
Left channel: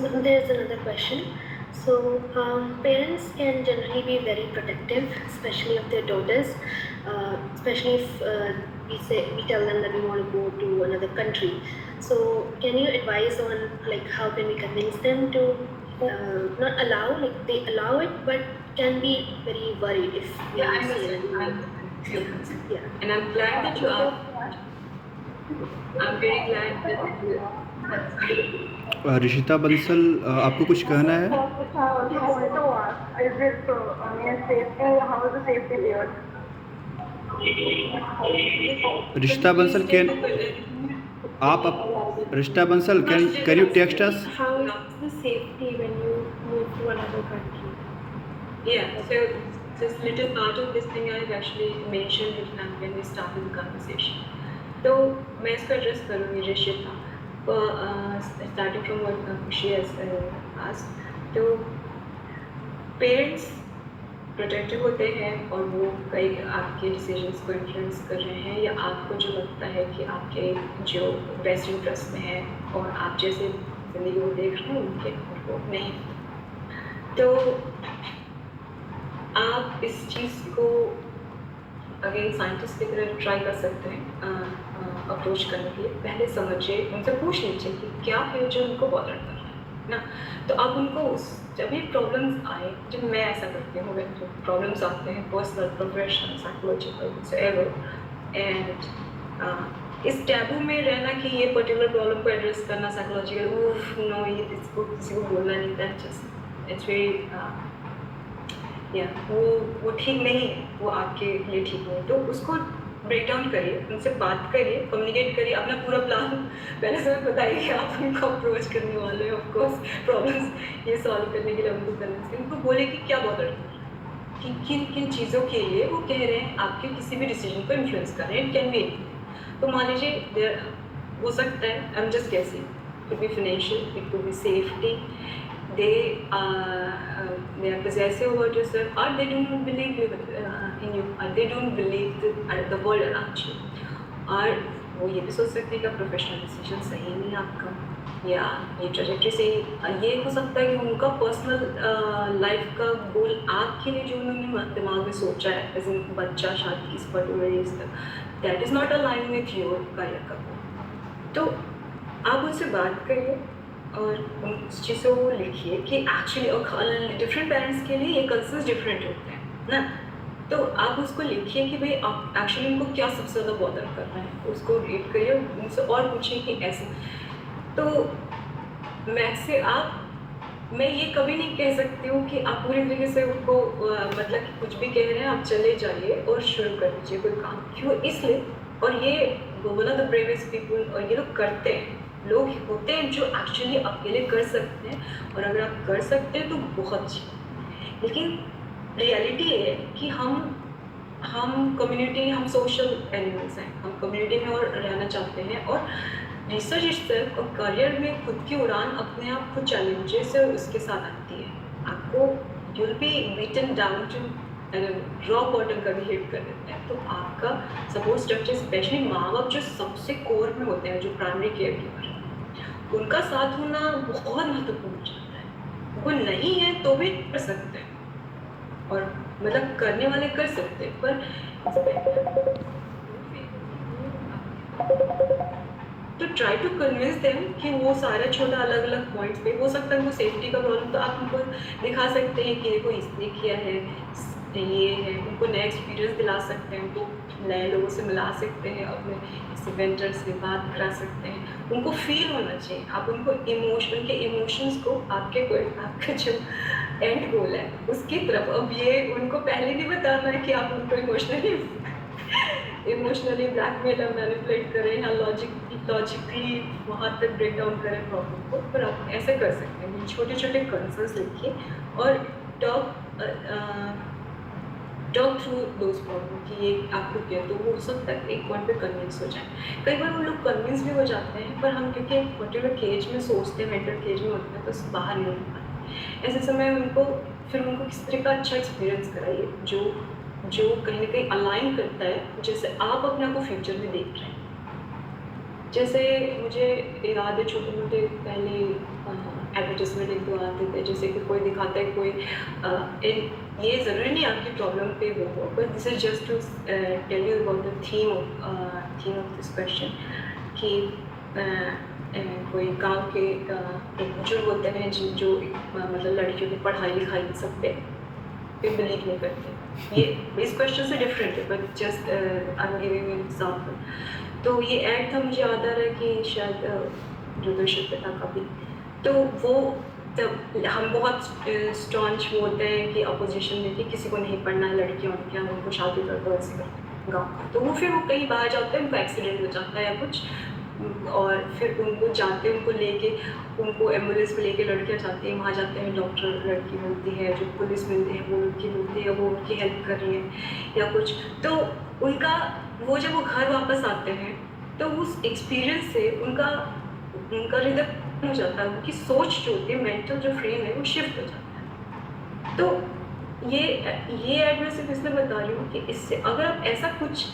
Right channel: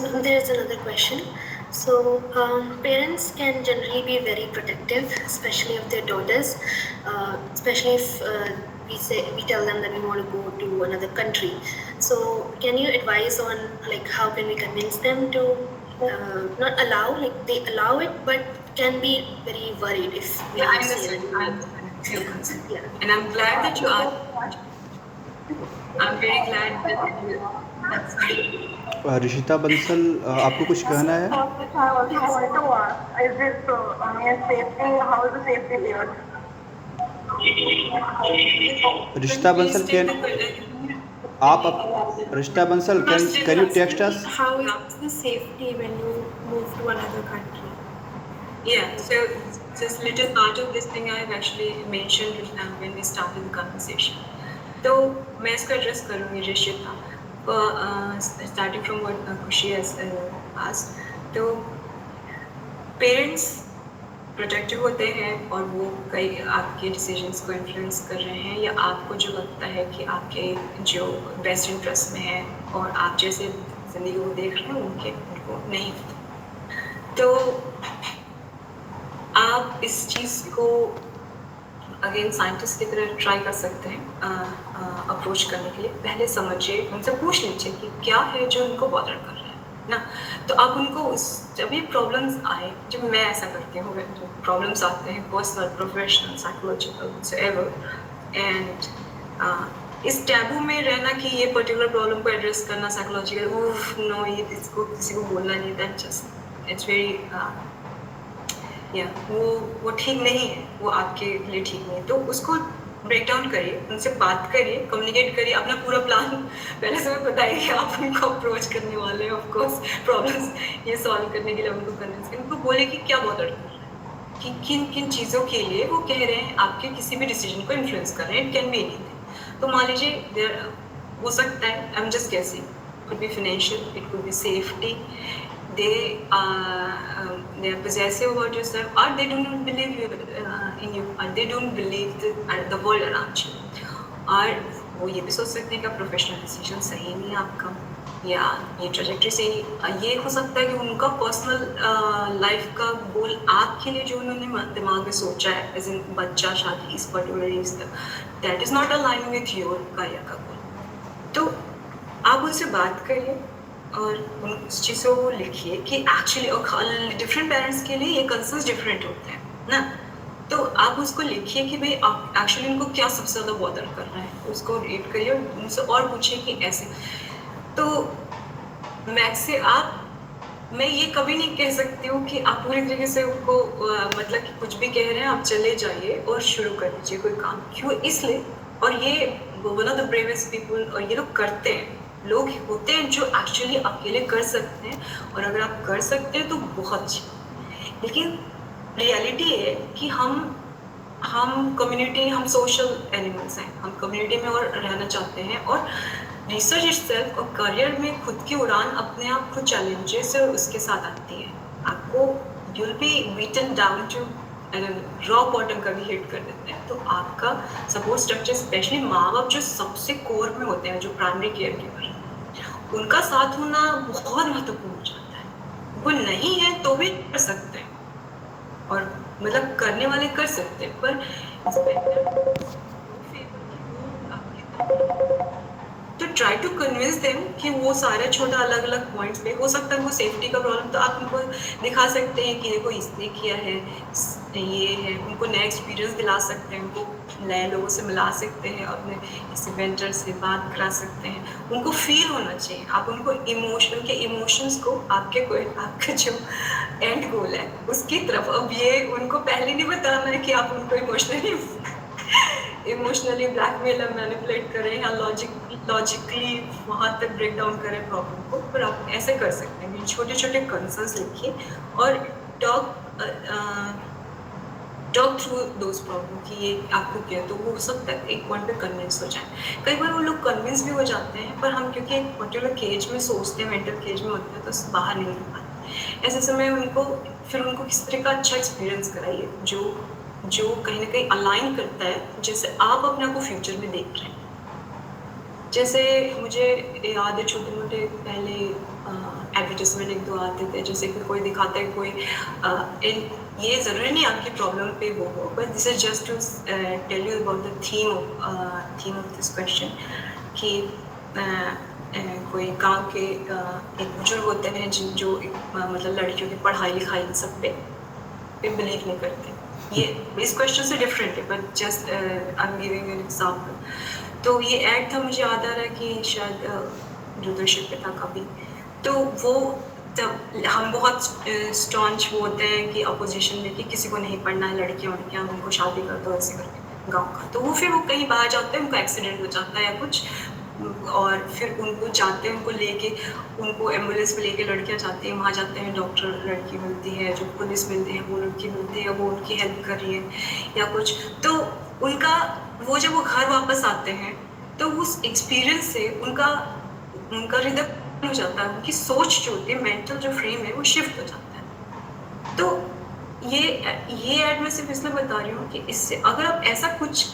So there is another question. So parents can generally be very protective, especially of their daughters, especially if we tell them that we want to go to another country. So can you advise on like how can we convince them to not allow, like they allow it, but can be very worried if we Yeah, I say that we understand. want. Your concern. Yeah. And I'm glad that you asked. I'm very glad that Rishita Bansal, आपको कुछ कहना है? Is this safety? How is the safety there? Rishita Bansal, Rishita Bansal, can you text us? How is the safety when you move to another country? Yeah, so just little part of this thing I have actually mentioned when we started the conversation. तो मैं इसको address करूँगी Rishita, starting from what Khushi has asked. तो parents protective होते हैं और वो कई आपके डिसीजंस को इन्फ्लुएंस कर रहे हैं, या आपको जो लगता है कि आपके जो बेस्ट इंटरेस्ट में है और आप जैसे ज़िंदगी को देख रहे हैं उनको नहीं। तो आप इस चीज़ को अगेन साइंटिस्ट की तरह ट्राई कर सकते हैं अप्रोच करने के लिए। पहले समझिए, उनसे पूछ लीजिए कि क्या है जो उनको बॉदर कर रहा है ना। तो आप उनको जब भी प्रॉब्लम्स आए, जब मैं ऐसा करती हूँ, जो प्रॉब्लम्स आते हैं personal, professional, psychological, whatever, and इस टैबू में रहना कि ये पर्टिकुलर प्रॉब्लम को एड्रेस करना साइकोलॉजिकल, नो ये इसको किसी को बोलना नहीं, दैट जस्ट इट्स वेरी वो ठीक नहीं है, वो आपके लिए ठीक नहीं है। तो उसको ब्रेक डाउन करिए, उनसे बात करिए, कम्युनिकेट करिए, अपना पूरा प्लान पहले से बताइए कि आप उनको अप्रोच करने वाले हैं। ऑफ कोर्स प्रॉब्लम्स ये सॉल्व करने के लिए उनको करना, उनको बोले कि क्या बॉदर कि किन किन चीज़ों के लिए वो कह रहे हैं आपके किसी भी डिसीजन को इन्फ्लुएंस कर रहे हैं। It can be anything. तो मान लीजिए देयर हो सकता है, I am just guessing, it could be financial, it could be safety, they are possessive about yourself, or they don't believe in you, or they don't believe the world around you, और वो ये भी सोच सकते हैं कि professional decision सही नहीं है आपका, या ये ट्रेजेक्ट्री से ये हो सकता है कि उनका पर्सनल लाइफ का गोल आपके लिए जो उन्होंने दिमाग में सोचा है एज इन बच्चा शादी इस पर्टिकुलर एज तक, that is not align with your career का गोल। तो आप उनसे बात करिए और उस चीज़ को लिखिए कि एक्चुअली डिफरेंट पेरेंट्स के लिए ये कंसर्न्स डिफरेंट होते हैं ना, तो आप उसको लिखिए कि भाई आप एक्चुअली उनको क्या सबसे ज़्यादा बॉदर कर रहा है, उसको रीड करिए और उनसे और पूछिए कि ऐसे। तो मैक्स से मैं ये कभी नहीं कह सकती हूँ कि आप पूरी तरीके से उनको मतलब कि कुछ भी कह रहे हैं आप चले जाइए और शुरू कर दीजिए कोई काम, क्यों इसलिए। और ये one of the bravest people, और ये लोग करते हैं, लोग होते हैं जो एक्चुअली अकेले कर सकते हैं, और अगर आप कर सकते हैं तो बहुत अच्छी। लेकिन रियलिटी है कि हम कम्युनिटी, हम सोशल एनिमल्स हैं, हम कम्युनिटी में और रहना चाहते हैं, और रिसर्च इटसेल्फ और करियर में खुद की उड़ान अपने आप खुद चैलेंजेस और उसके साथ आती है। आपको you will be beaten down to rock bottom का भी हिट कर देते हैं। तो आपका सपोर्ट स्ट्रक्चर, स्पेशली माँ बाप जो सबसे कोर में होते हैं, जो प्राइमरी केयर गिवर, उनका साथ होना बहुत महत्वपूर्ण हो जाता है। वो नहीं है तो भी कर सकते हैं, और मतलब करने वाले कर सकते हैं, पर तो ट्राई टू कन्विंस देम कि वो सारे छोटा अलग अलग पॉइंट्स पे हो सकता है। वो सेफ्टी का प्रॉब्लम तो आप उनको दिखा सकते हैं कि देखो इसने किया है, ये है, उनको नए एक्सपीरियंस दिला सकते हैं, उनको नए लोगों से मिला सकते हैं, अपने किसी वेंटर से बात करा सकते हैं। उनको फील होना चाहिए, आप उनको उनके इमोशंस को आपका जो एंड गोल है उसकी तरफ, अब ये उनको पहले नहीं बताना है कि आप उनको इमोशनली ब्लैकमेल या मैनिपुलेट करें या लॉजिकली वहाँ तक ब्रेक डाउन करें प्रॉब्लम को, पर आप ऐसे कर सकते हैं। छोटे छोटे कंसर्न्स लिखिए और टॉक थ्रू दोज प्रॉब्लम कि ये आपको क्या, तो वो हो सकता है एक पॉइंट पे कन्विंस हो जाए। कई बार वो लोग कन्विंस भी हो जाते हैं, पर हम क्योंकि एक पर्टिकुलर केज में सोचते हैं, मेंटल केज में होते हैं, तो बाहर नहीं निकल पाते। ऐसे समय उनको किस तरह का अच्छा एक्सपीरियंस कराइए जो कहीं ना कहीं अलाइन करता है जैसे आप अपने आप को फ्यूचर में देख रहे हैं। जैसे मुझे याद है छोटे मोटे पहले एडवर्टाइजमेंट एक दो आते थे, जैसे कि कोई दिखाता है कोई ये ज़रूरी नहीं आपकी प्रॉब्लम पे वो हो, but this is just to tell you about the theme of this question कि कोई गांव के एक बुजुर्ग होते हैं जो मतलब लड़कियों की पढ़ाई लिखाई इन सब पे बिलीव नहीं करते। ये इस क्वेश्चन से डिफरेंट है, but just I am giving an example. तो ये ऐड था, मुझे याद आ रहा है कि शायद दूरदर्शन पे था कभी। तो वो जब हम बहुत स्टॉन्च होते हैं कि अपोजिशन में कि किसी को नहीं पढ़ना है, लड़कियाँ उनको शादी कर दो ऐसे करके गाँव का, तो वो फिर वो कहीं बाहर जाते हैं, उनको एक्सीडेंट हो जाता है या कुछ, और फिर उनको जाते हैं, उनको लेके उनको एम्बुलेंस में लेके लड़कियाँ जाती हैं, वहाँ जाते हैं, डॉक्टर लड़की मिलती है, जो पुलिस मिलती है वो लड़की मिलती है, वो उनकी हेल्प कर रही है या कुछ। तो उनका वो जब वो घर वापस आते हैं तो उस एक्सपीरियंस से उनका हृदय हो जाता है, उनकी सोच जो होती है, मेंटल जो फ्रेम है वो शिफ्ट हो जाता है। तो ये ऐड मैं सिर्फ इसलिए बता रही हूँ कि इससे अगर आप ऐसा कुछ,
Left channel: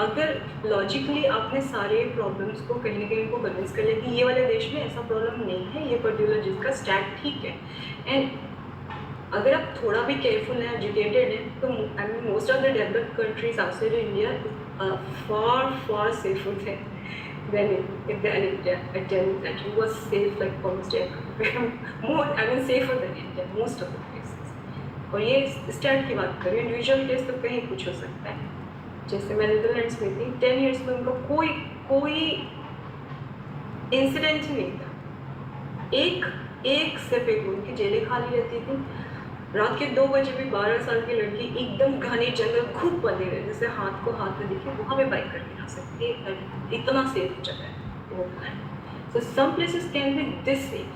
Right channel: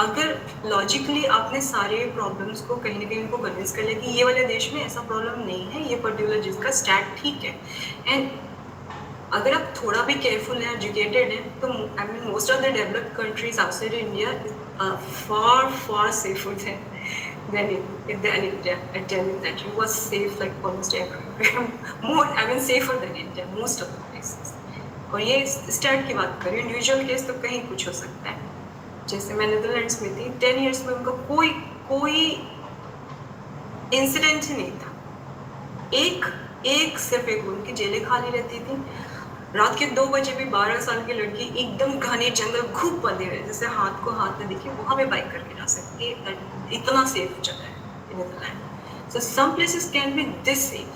अगर लॉजिकली आपने सारे प्रॉब्लम्स को कहीं ना कहीं उनको कन्विंस कर लिया कि ये वाले देश में ऐसा प्रॉब्लम नहीं है, ये पर्टिकुलर जिसका स्टैट ठीक है, एंड अगर आप थोड़ा भी केयरफुल हैं, एजुकेटेड हैं, तो I mean most of the developed countries outside India far safer than India. I tell you that it was safe like almost everywhere. More, I mean safer than India, most of the places. और ये stat की बात करें, individual case तो कहीं कुछ हो सकता है। जैसे मैं नीदरलैंड्स में थी, 10 years में उनका कोई इंसिडेंट ही नहीं था। सिर्फ एक उनकी जेलें खाली रहती थी, रात के 2 बजे भी 12 साल की लड़की एकदम घने जंगल खूब बंधे हुए, जैसे हाथ को हाथ में दिखे, वहाँ पे बाइक करके जा सकती है। इतना सेफ जगह है Netherland. So some places can be this safe.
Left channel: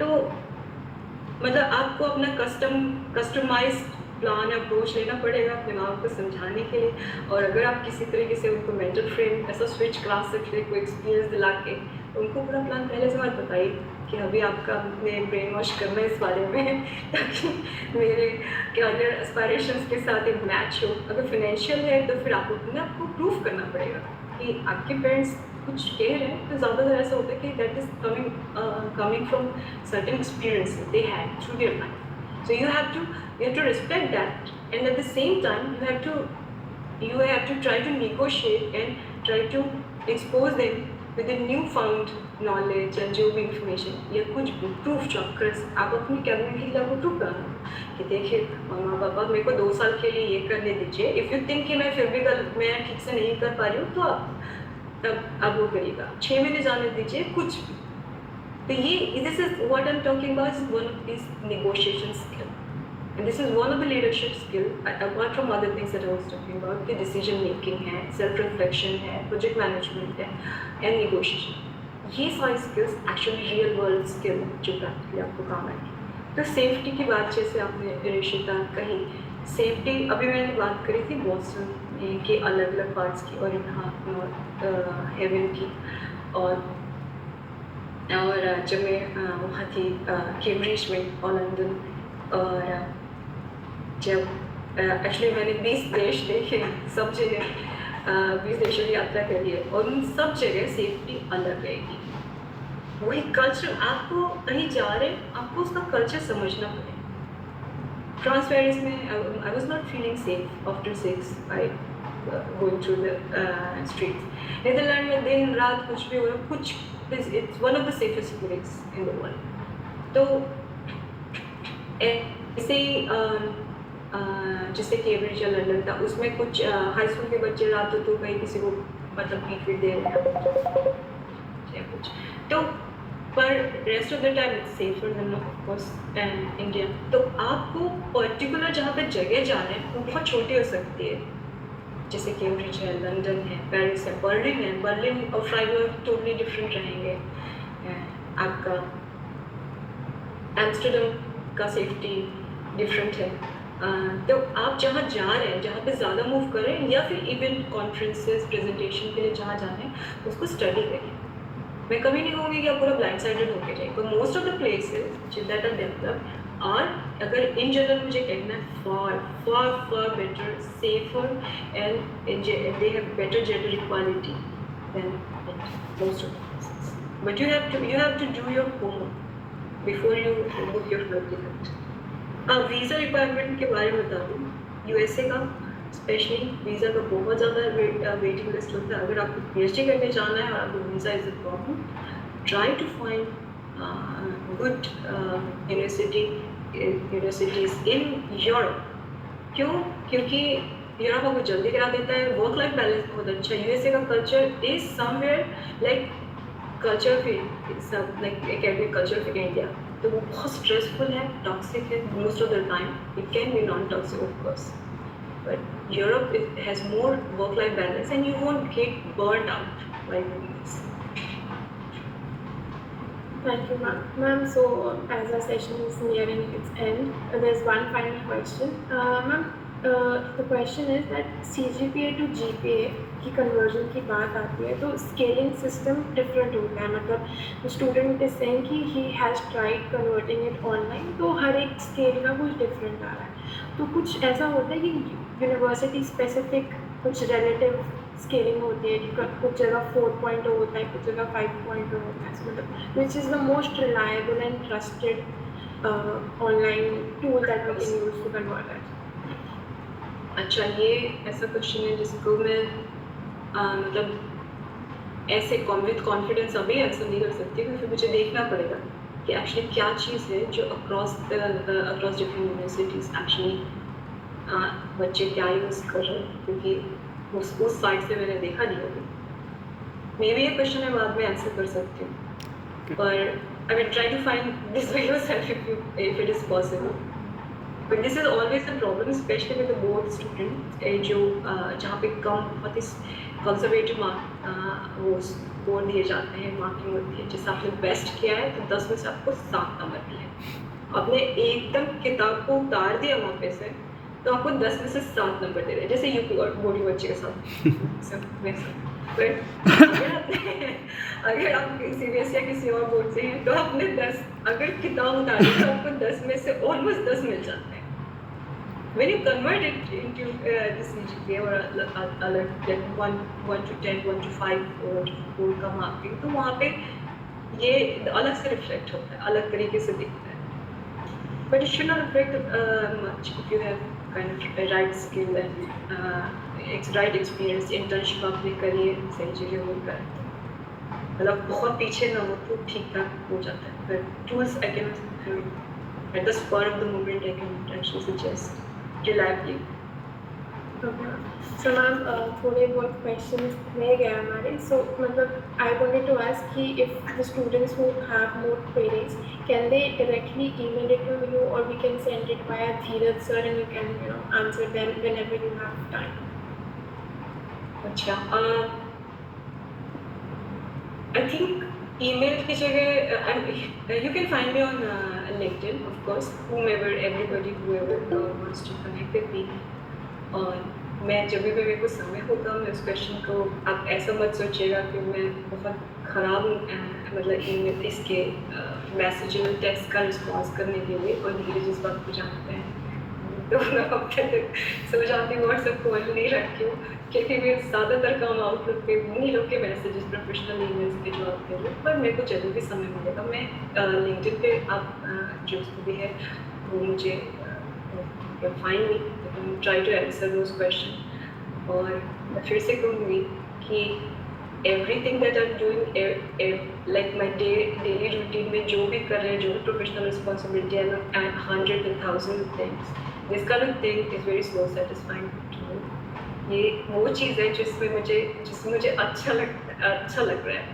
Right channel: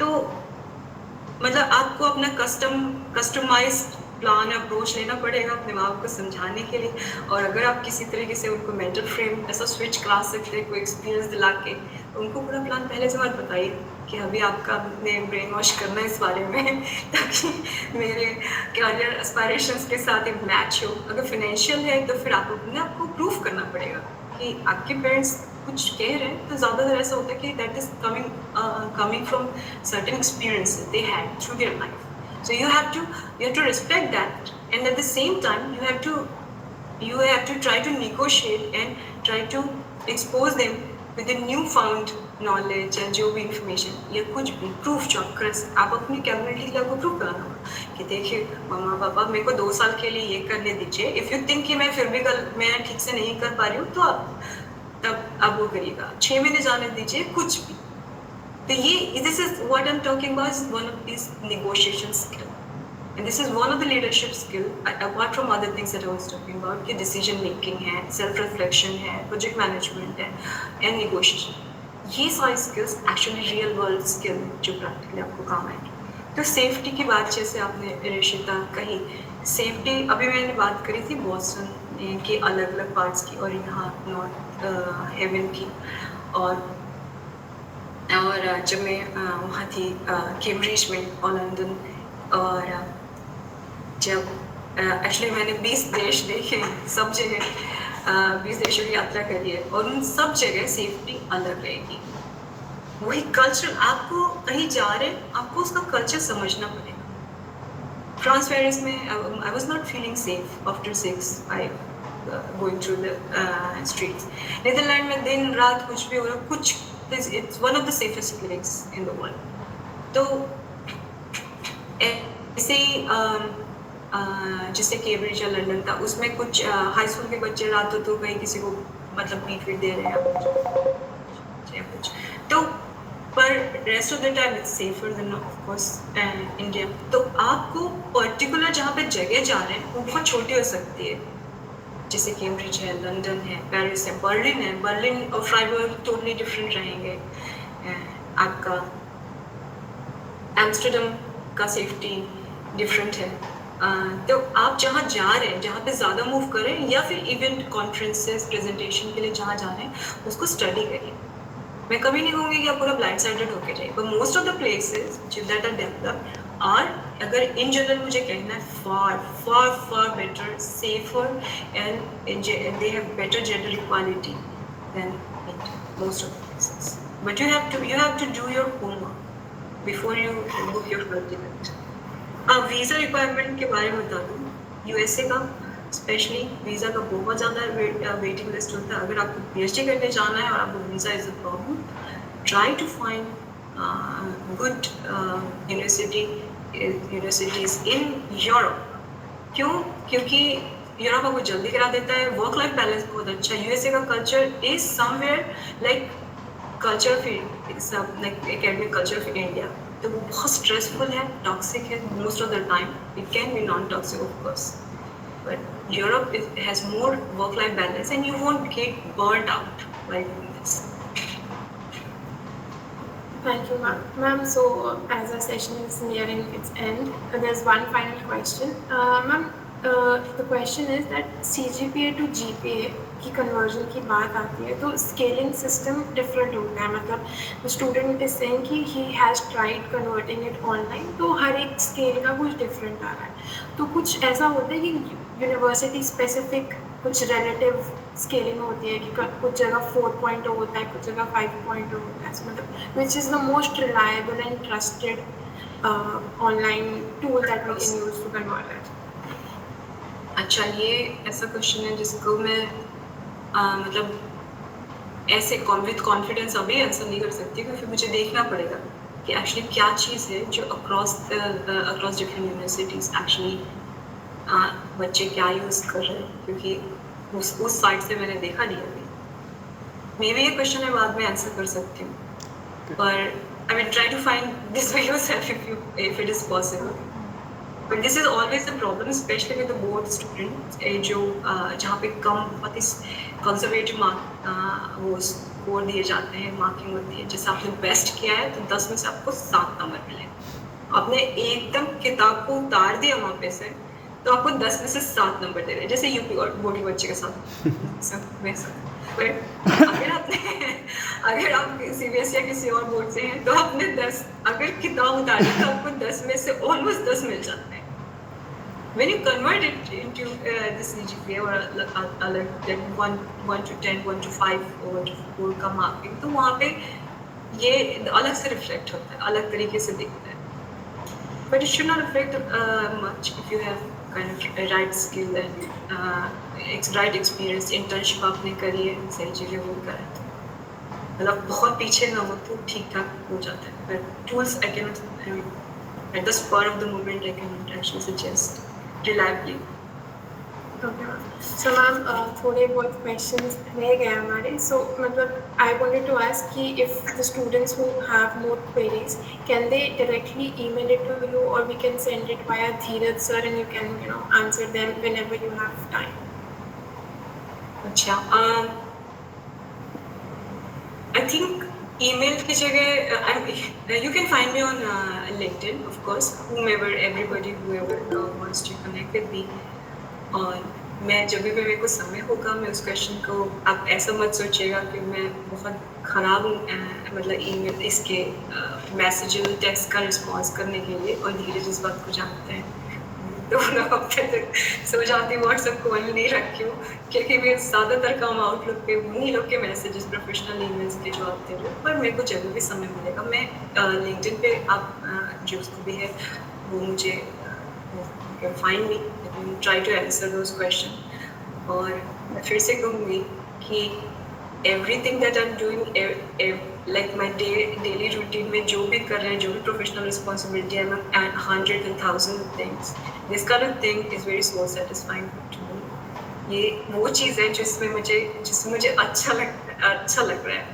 तो मतलब आपको अपना कस्टमाइज प्लान अप्रोच लेना पड़ेगा अपने माँ बाप को समझाने के लिए। और अगर आप किसी तरीके से उनको मेंटल फ्रेम ऐसा स्विच करा सकते हैं, कोई एक्सपीरियंस दिला के, उनको पूरा प्लान पहले से मत बताइए कि अभी आपका अपने ब्रेन वॉश करना है इस बारे में ताकि मेरे करियर एस्पायरेशंस के साथ एक मैच हो। अगर फाइनेंशियल है तो फिर आपको अपने आपको प्रूफ करना पड़ेगा कि आपके पेरेंट्स कुछ कह रहे हैं तो ज़्यादातर ऐसा होता है कि that is coming from certain experience they had through their life. So you have to respect that, and at the same time you have to try to negotiate and try to expose them with the new found knowledge या जो भी information या कुछ भी proof चौकस आप अपनी capability को प्रूव कराना कि देखिए मामा पापा मेरे को 2 साल के लिए ये करने दीजिए. इफ़ यू थिंक कि मैं फिर भी मैं ठीक से नहीं कर पा रही हूँ तो तब आप वो करिएगा. 6 महीने जाने दीजिए कुछ भी. तो ये this is what I am talking about. One is negotiation skill. And this is one of the leadership skill, apart from other things that I was talking about, कि decision making है, self reflection है, project management है, and negotiation. ये सारी skills actually real world skill जो practically आपको काम आएगी. तो safety की बात जैसे आपने रिशिता कही, safety अभी मैंने बात करी थी बॉस्टन के अलग अलग पार्ट्स की और यहाँ नॉर्थ हेवन की, और जब मैं वहाँ थी कैम्ब्रिज में और लंदन, और जब एक्चुअली मैंने 20 देश देखे सब जगह, 20 देशों की यात्रा करी है और उन सब जगह सेफ्टी अलग रहेगी. वही कल्चर आपको कहीं जा रहे आपको उसका कल्चर समझना पड़ेगा. फ्रांस पेरिस में I was not feeling safe after 6 going through the streets. Netherland में दिन रात कुछ भी हो रहा कुछ, it's one of the safest place in the world. तो ऐसे जैसे कैम्ब्रिज या लंदन था उसमें कुछ हाई स्कूल के बच्चे रातों तो कहीं किसी को मतलब पीट दे रहे हैं कुछ, तो पर rest of the time it's safer than of course India. तो आपको पर्टिकुलर जहाँ पे जगह जा रहे हैं वो बहुत छोटी हो सकती है, जैसे कैम्ब्रिज है, लंदन है, पेरिस है, बर्लिन और फ्राइबर्ग टोटली डिफरेंट रहेंगे. आपका एम्स्टर्डम का सेफ्टी डिफरेंट है. तो आप जहाँ जा रहे हैं, जहाँ पे ज़्यादा मूव करें या फिर इवेंट कॉन्फ्रेंसेस प्रेजेंटेशन के लिए जहाँ जा रहे हैं उसको स्टडी करें. मैं कभी नहीं कहूँगी कि आप पूरा ब्लाइंड साइडेड होके जाए, but most of the places that are developed are, अगर इन जनरल मुझे कहना है, far far far better, safer and they have better gender equality than most of the places. But you have to do your homework before you book your flight ticket. Visa requirement के बारे में बता दूँ, USA का specially visa का बहुत ज़्यादा waiting list होता है. अगर आपको पीएचडी करने जाना है और आपको visa is a problem, try to find good universities in Europe. क्यों? क्योंकि यूरोप आपको जल्दी करा देता है. वर्क लाइफ बैलेंस बहुत अच्छा. यूएसए का culture is somewhere like culture like academic culture of India. तो वो बहुत स्ट्रेसफुल है, टॉक्सिक है most of the time. It can be non toxic of course, but Europe has more work life balance and you won't get burnt out like this. Thank you, ma'am. Ma'am, so as our session is nearing its end, there's one final question. Ma'am, the question is that CGPA to GPA की conversion की बात आती है तो scaling system different होता है. मतलब student is saying कि he has tried converting it online, तो हर एक स्केल का कुछ डिफरेंट आ रहा है. तो कुछ ऐसा होता है कि यूनिवर्सिटी स्पेसिफिक कुछ रिलेटिव स्केलिंग होती है कि कुछ जगह 4.0 होता है, कुछ जगह 5.0 होता है. मतलब which is the most reliable and trusted online tool that we can use to convert it. अच्छा, ये ऐसा क्वेश्चन है जिसको मैं मतलब ऐसे विद कॉन्फिडेंस अभी आंसर नहीं कर सकती, क्योंकि मुझे देखना पड़ेगा कि एक्चुअली क्या चीज़ है जो अक्रॉस डिफरेंट यूनिवर्सिटीज़ एक्चुअली बच्चे क्या यूज़ कर रहे हैं, क्योंकि उस साइड से मैंने देखा नहीं अभी. मे बी ये क्वेश्चन मैं बाद में आंसर कर सकती हूँ, पर I will try to find this by yourself if it is possible. But this is always the problem, specially with the board student जो जहाँ पे कम कंजर्वेटिव मार्क वो स्कोर दिए जाते हैं, मार्किंग होती है. जैसे आपने बेस्ट किया है तो 10 में से आपको 7 नंबर मिले. आपने एकदम किताब को उतार दिया वहाँ पे से तो आपको 10 में से 7 नंबर दे रहे, जैसे यूपी और बोर्ड बच्चे के साथ. अगर आप CBSE या किसी और बोर्ड से हैं तो आपने 10 अगर किताब उतारी तो आपको 10 में से ऑलमोस्ट 10 मिल जाते हैं. when you convert it into this GPA or like 1 to 10, 1 to 5 or 1 to 4 का marking, तो वहाँ पे ये अलग से reflect होता है, अलग तरीके से दिखता है. But it should not affect much if you have kind of a right skill and right experience. Internship आपने करी है, सही चीज़ें वो करा, मतलब बहुत पीछे ना हो तो ठीक ठाक हो जाता है. But tools I cannot, at the spur of the moment, I can actually suggest reliably. Okay. So ma'am, थोड़े बहुत questions रह गए हमारे. So मतलब I wanted to ask कि if the students who have more queries, can they directly email it to you, or we can send it via Dheeraj sir and you can answer them whenever you have time. अच्छा, I think email की जगह you can find me on LinkedIn, of course, everybody whoever wants to connect with me. और मैं जब भी मेरे को समय होगा मैं उस क्वेश्चन को, आप ऐसा मत सोचिएगा कि मैं बहुत ख़राब हूँ मतलब ईमेल इसके मैसेज और टेक्स्ट का रिस्पॉन्स करने के लिए, और धीरज इस बात को जानते हैं. 2 हफ्ते तक सो जाती हूँ, व्हाट्सएप खोल नहीं रखी हूँ, क्योंकि मैं ज़्यादातर काम आउटलुक पे उन्हीं लोग के मैसेजेस प्रोफेशनल ईमेल्स के जो आते हैं. पर मेरे को जब भी समय मिलेगा मैं लिंक्डइन पे आप जो उसको भी है वो मुझे find me, try to answer those question. और मैं फिर से कहूँगी कि everything that I'm doing, like my daily routine में जो भी कर रहे हैं, जो भी professional responsibility, I'm at 100 and 1000 things. This kind of thing is very soul satisfying to me. ये वो चीज़ है जिसमें मुझे अच्छा लग रहा है.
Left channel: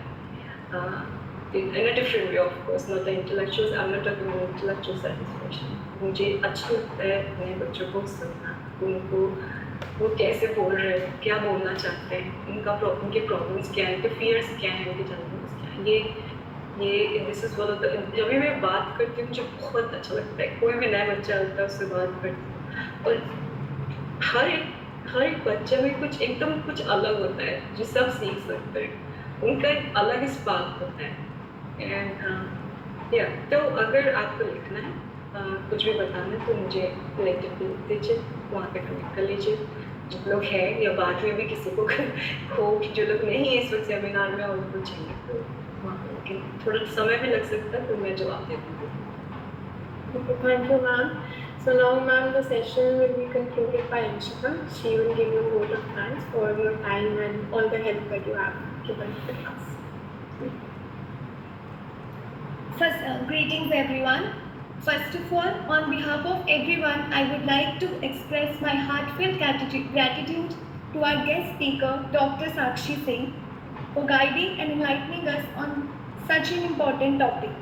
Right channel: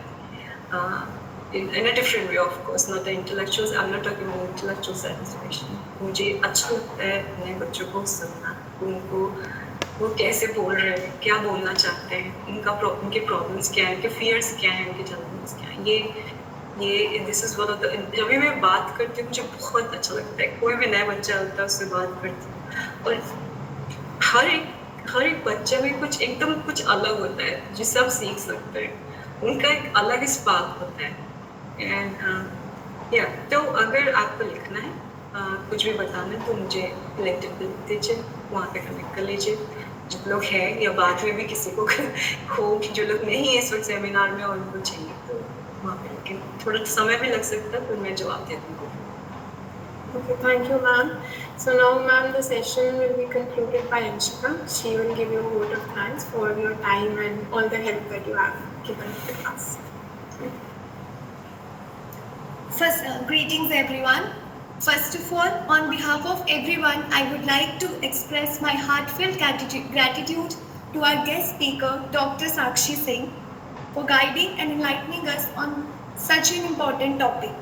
In a different way, of course, not the intellectuals. I'm not talking about intellectual satisfaction. मुझे अच्छा लगता है नए बच्चों को सुनना, उनको वो कैसे बोल रहे हैं, क्या बोलना चाहते हैं, उनके प्रॉब्लम्स क्या हैं, उनके फियर्स क्या हैं, उनके चैलेंजेस क्या हैं. ये this is one of the, जब भी मैं बात करती हूँ मुझे बहुत अच्छा लगता है. कोई भी नया बच्चा होता है उससे बात करती हूँ, और हर एक बच्चे में कुछ अलग होता है जिससे आप सीख सकते हैं. उनका एक अलग स्पार्क होता है. एंड तो अगर आपको लिखना है, कुछ भी बताना है, तो मुझे लिंक्डइन पे लिख दीजिए, वहाँ पे कनेक्ट कर लीजिए. जो लोग हैं या बाद में भी किसी को हो, जो लोग नहीं है इस वक्त सेमिनार में और उनको चाहिए, तो वहाँ पे लेकिन थोड़ा समय भी लग सकता है, तो मैं जवाब दे दूँगी. Okay, thank you, ma'am. So now, ma'am, the session will be concluded by Anshika. She will give you a vote of thanks for your time and all the help that you have given to us. First, greetings everyone. First of all, on behalf of everyone, I would like to express my heartfelt gratitude to our guest speaker, Dr. Sakshi Singh, for guiding and enlightening us on such an important topic.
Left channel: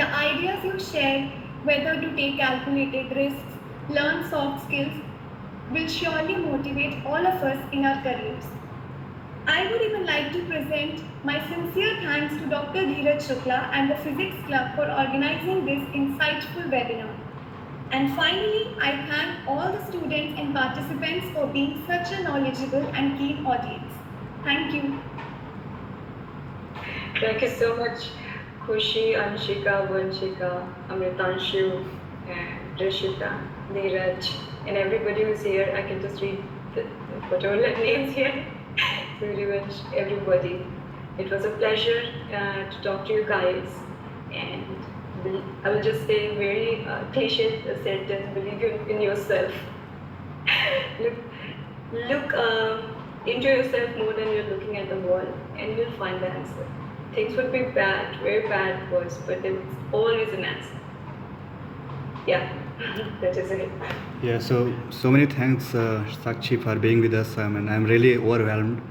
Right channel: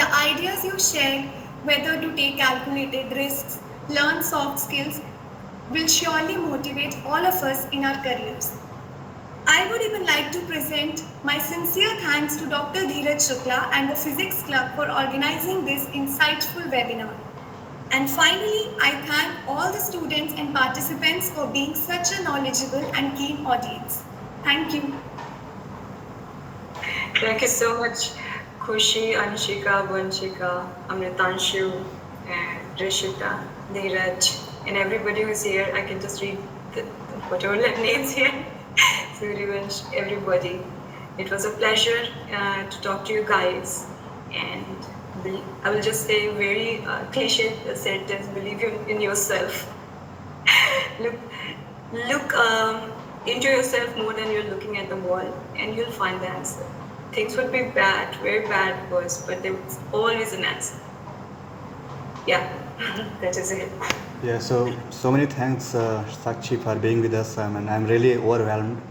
The ideas you shared, whether to take calculated risks, learn soft skills, will surely motivate all of us in our careers. I would even like to present my sincere thanks to Dr. Dheeraj Shukla and the Physics Club for organizing this insightful webinar. And finally, I thank all the students and participants for being such a knowledgeable and keen audience. Thank you. Thank you so much, Khushi, Anshika, Vanshika, Amritanshu, and Rishita, Dheeraj, and everybody who's here. I can just read whatever names here. Everybody. It was a pleasure to talk to you guys, and I will just say very cliche sentence: believe in yourself. Look into yourself more than you're looking at the wall, and you'll find the answer. Things would be bad, very bad at first, but there was always an answer. Yeah, that is it. Yeah, so many thanks, Sakshi, for being with us. I'm really overwhelmed.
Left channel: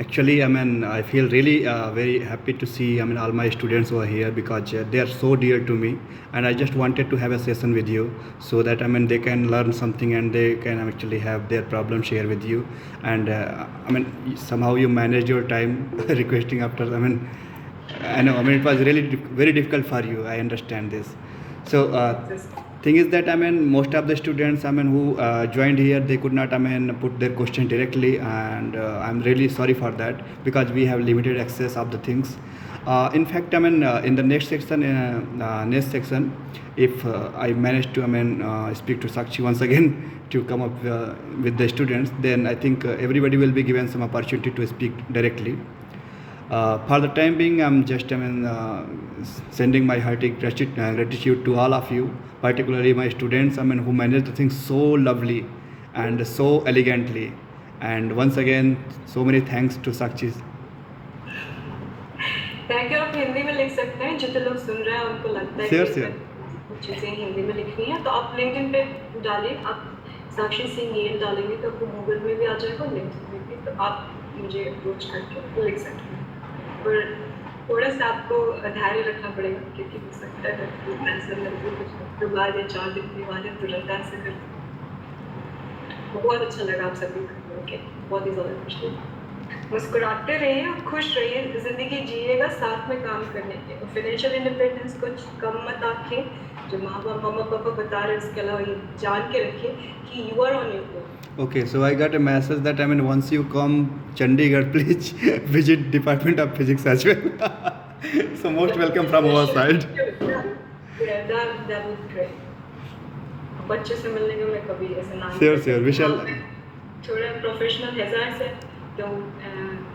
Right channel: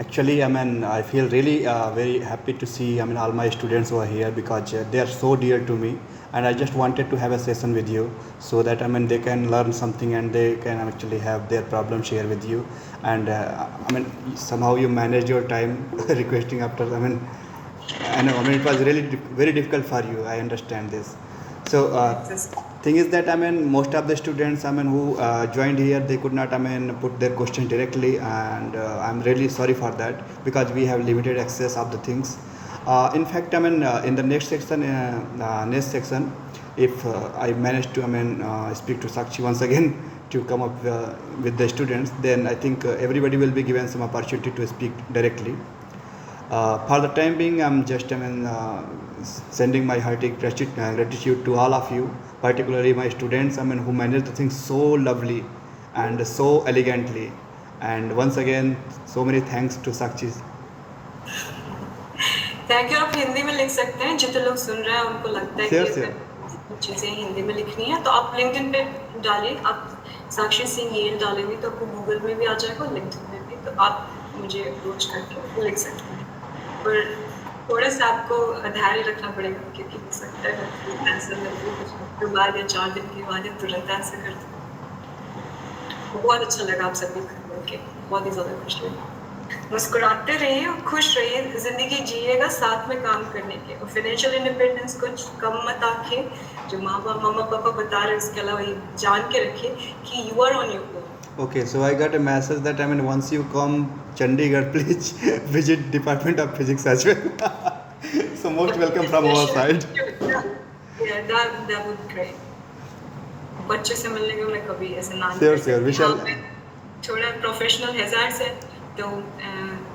Actually, I feel really very happy to see all my students who are here, because they are so dear to me, and I just wanted to have a session with you so that they can learn something and they can actually have their problem share with you. And somehow you manage your time requesting after. I know. It was really very difficult for you. I understand this. So. Thing is that most of the students who joined here, they could not put their question directly, and I'm really sorry for that, because we have limited access of the things. In fact, in the next section, if I manage to, speak to Sakshi once again to come up with the students, then I think everybody will be given some opportunity to speak directly. For the time being, I'm just, sending my hearty gratitude to all of you, particularly my students, who managed the things so lovely and so elegantly. And once again, so many thanks to Sakshi. Thank you. आप हिंदी में लिख सकते हैं, जितने लोग सुन रहे हैं उनको लगता है Sure, कि sure. चीज़ें हिंदी में लिखनी है तो आप लिंक्डइन पे डालिए, आप साक्षी सिंह येल डालेंगे तो आपको गूगल में भी आ जाएगा, लिंक्डइन में भी, तो आप मुझे अप्रोच करके लिख सकते हैं। पर थोड़ा सा आपको धैर्य रखना पड़ेगा, क्योंकि हो सकता है आंसर कुछ बाद या 4 दिन के बाद या तुरंत आंसर कर दो। बहुत अच्छा लगा आप सभी को मिलके, बहुत ही ज़्यादा खुश लगा। मुस्कुराते रहिए और खुश रहिए, जिंदगी जिएगा साथ में काम करने के, और फाइनेंशियल इंडिपेंडेंस को कम मत आंखें, जो मामा पापा बता रहे हैं उसके अलावा ये जान के रखिए कि you are on your own. Okay, so I got a message that once you come Chandigarh, please visit Department of Physics as well. So most welcome from our side. Yeah, that would be great. बच्चों से मिलने को मैं कभी ऐसे ना Sure, we shall. थोड़ा professional hazard से तो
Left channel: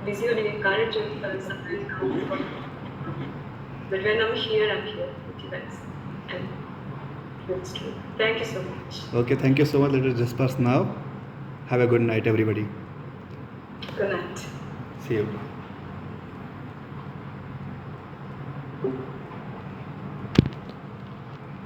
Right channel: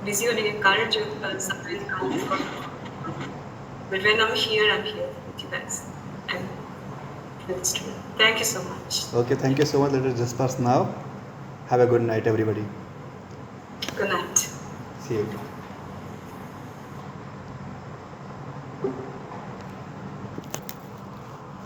बिजी होने के कारण जो सरप्राइज काम, but when I'm here with you guys, and it's true. Thank you so much. Okay, thank you so much. Let us disperse now. Have a good night, everybody. Good night. See you.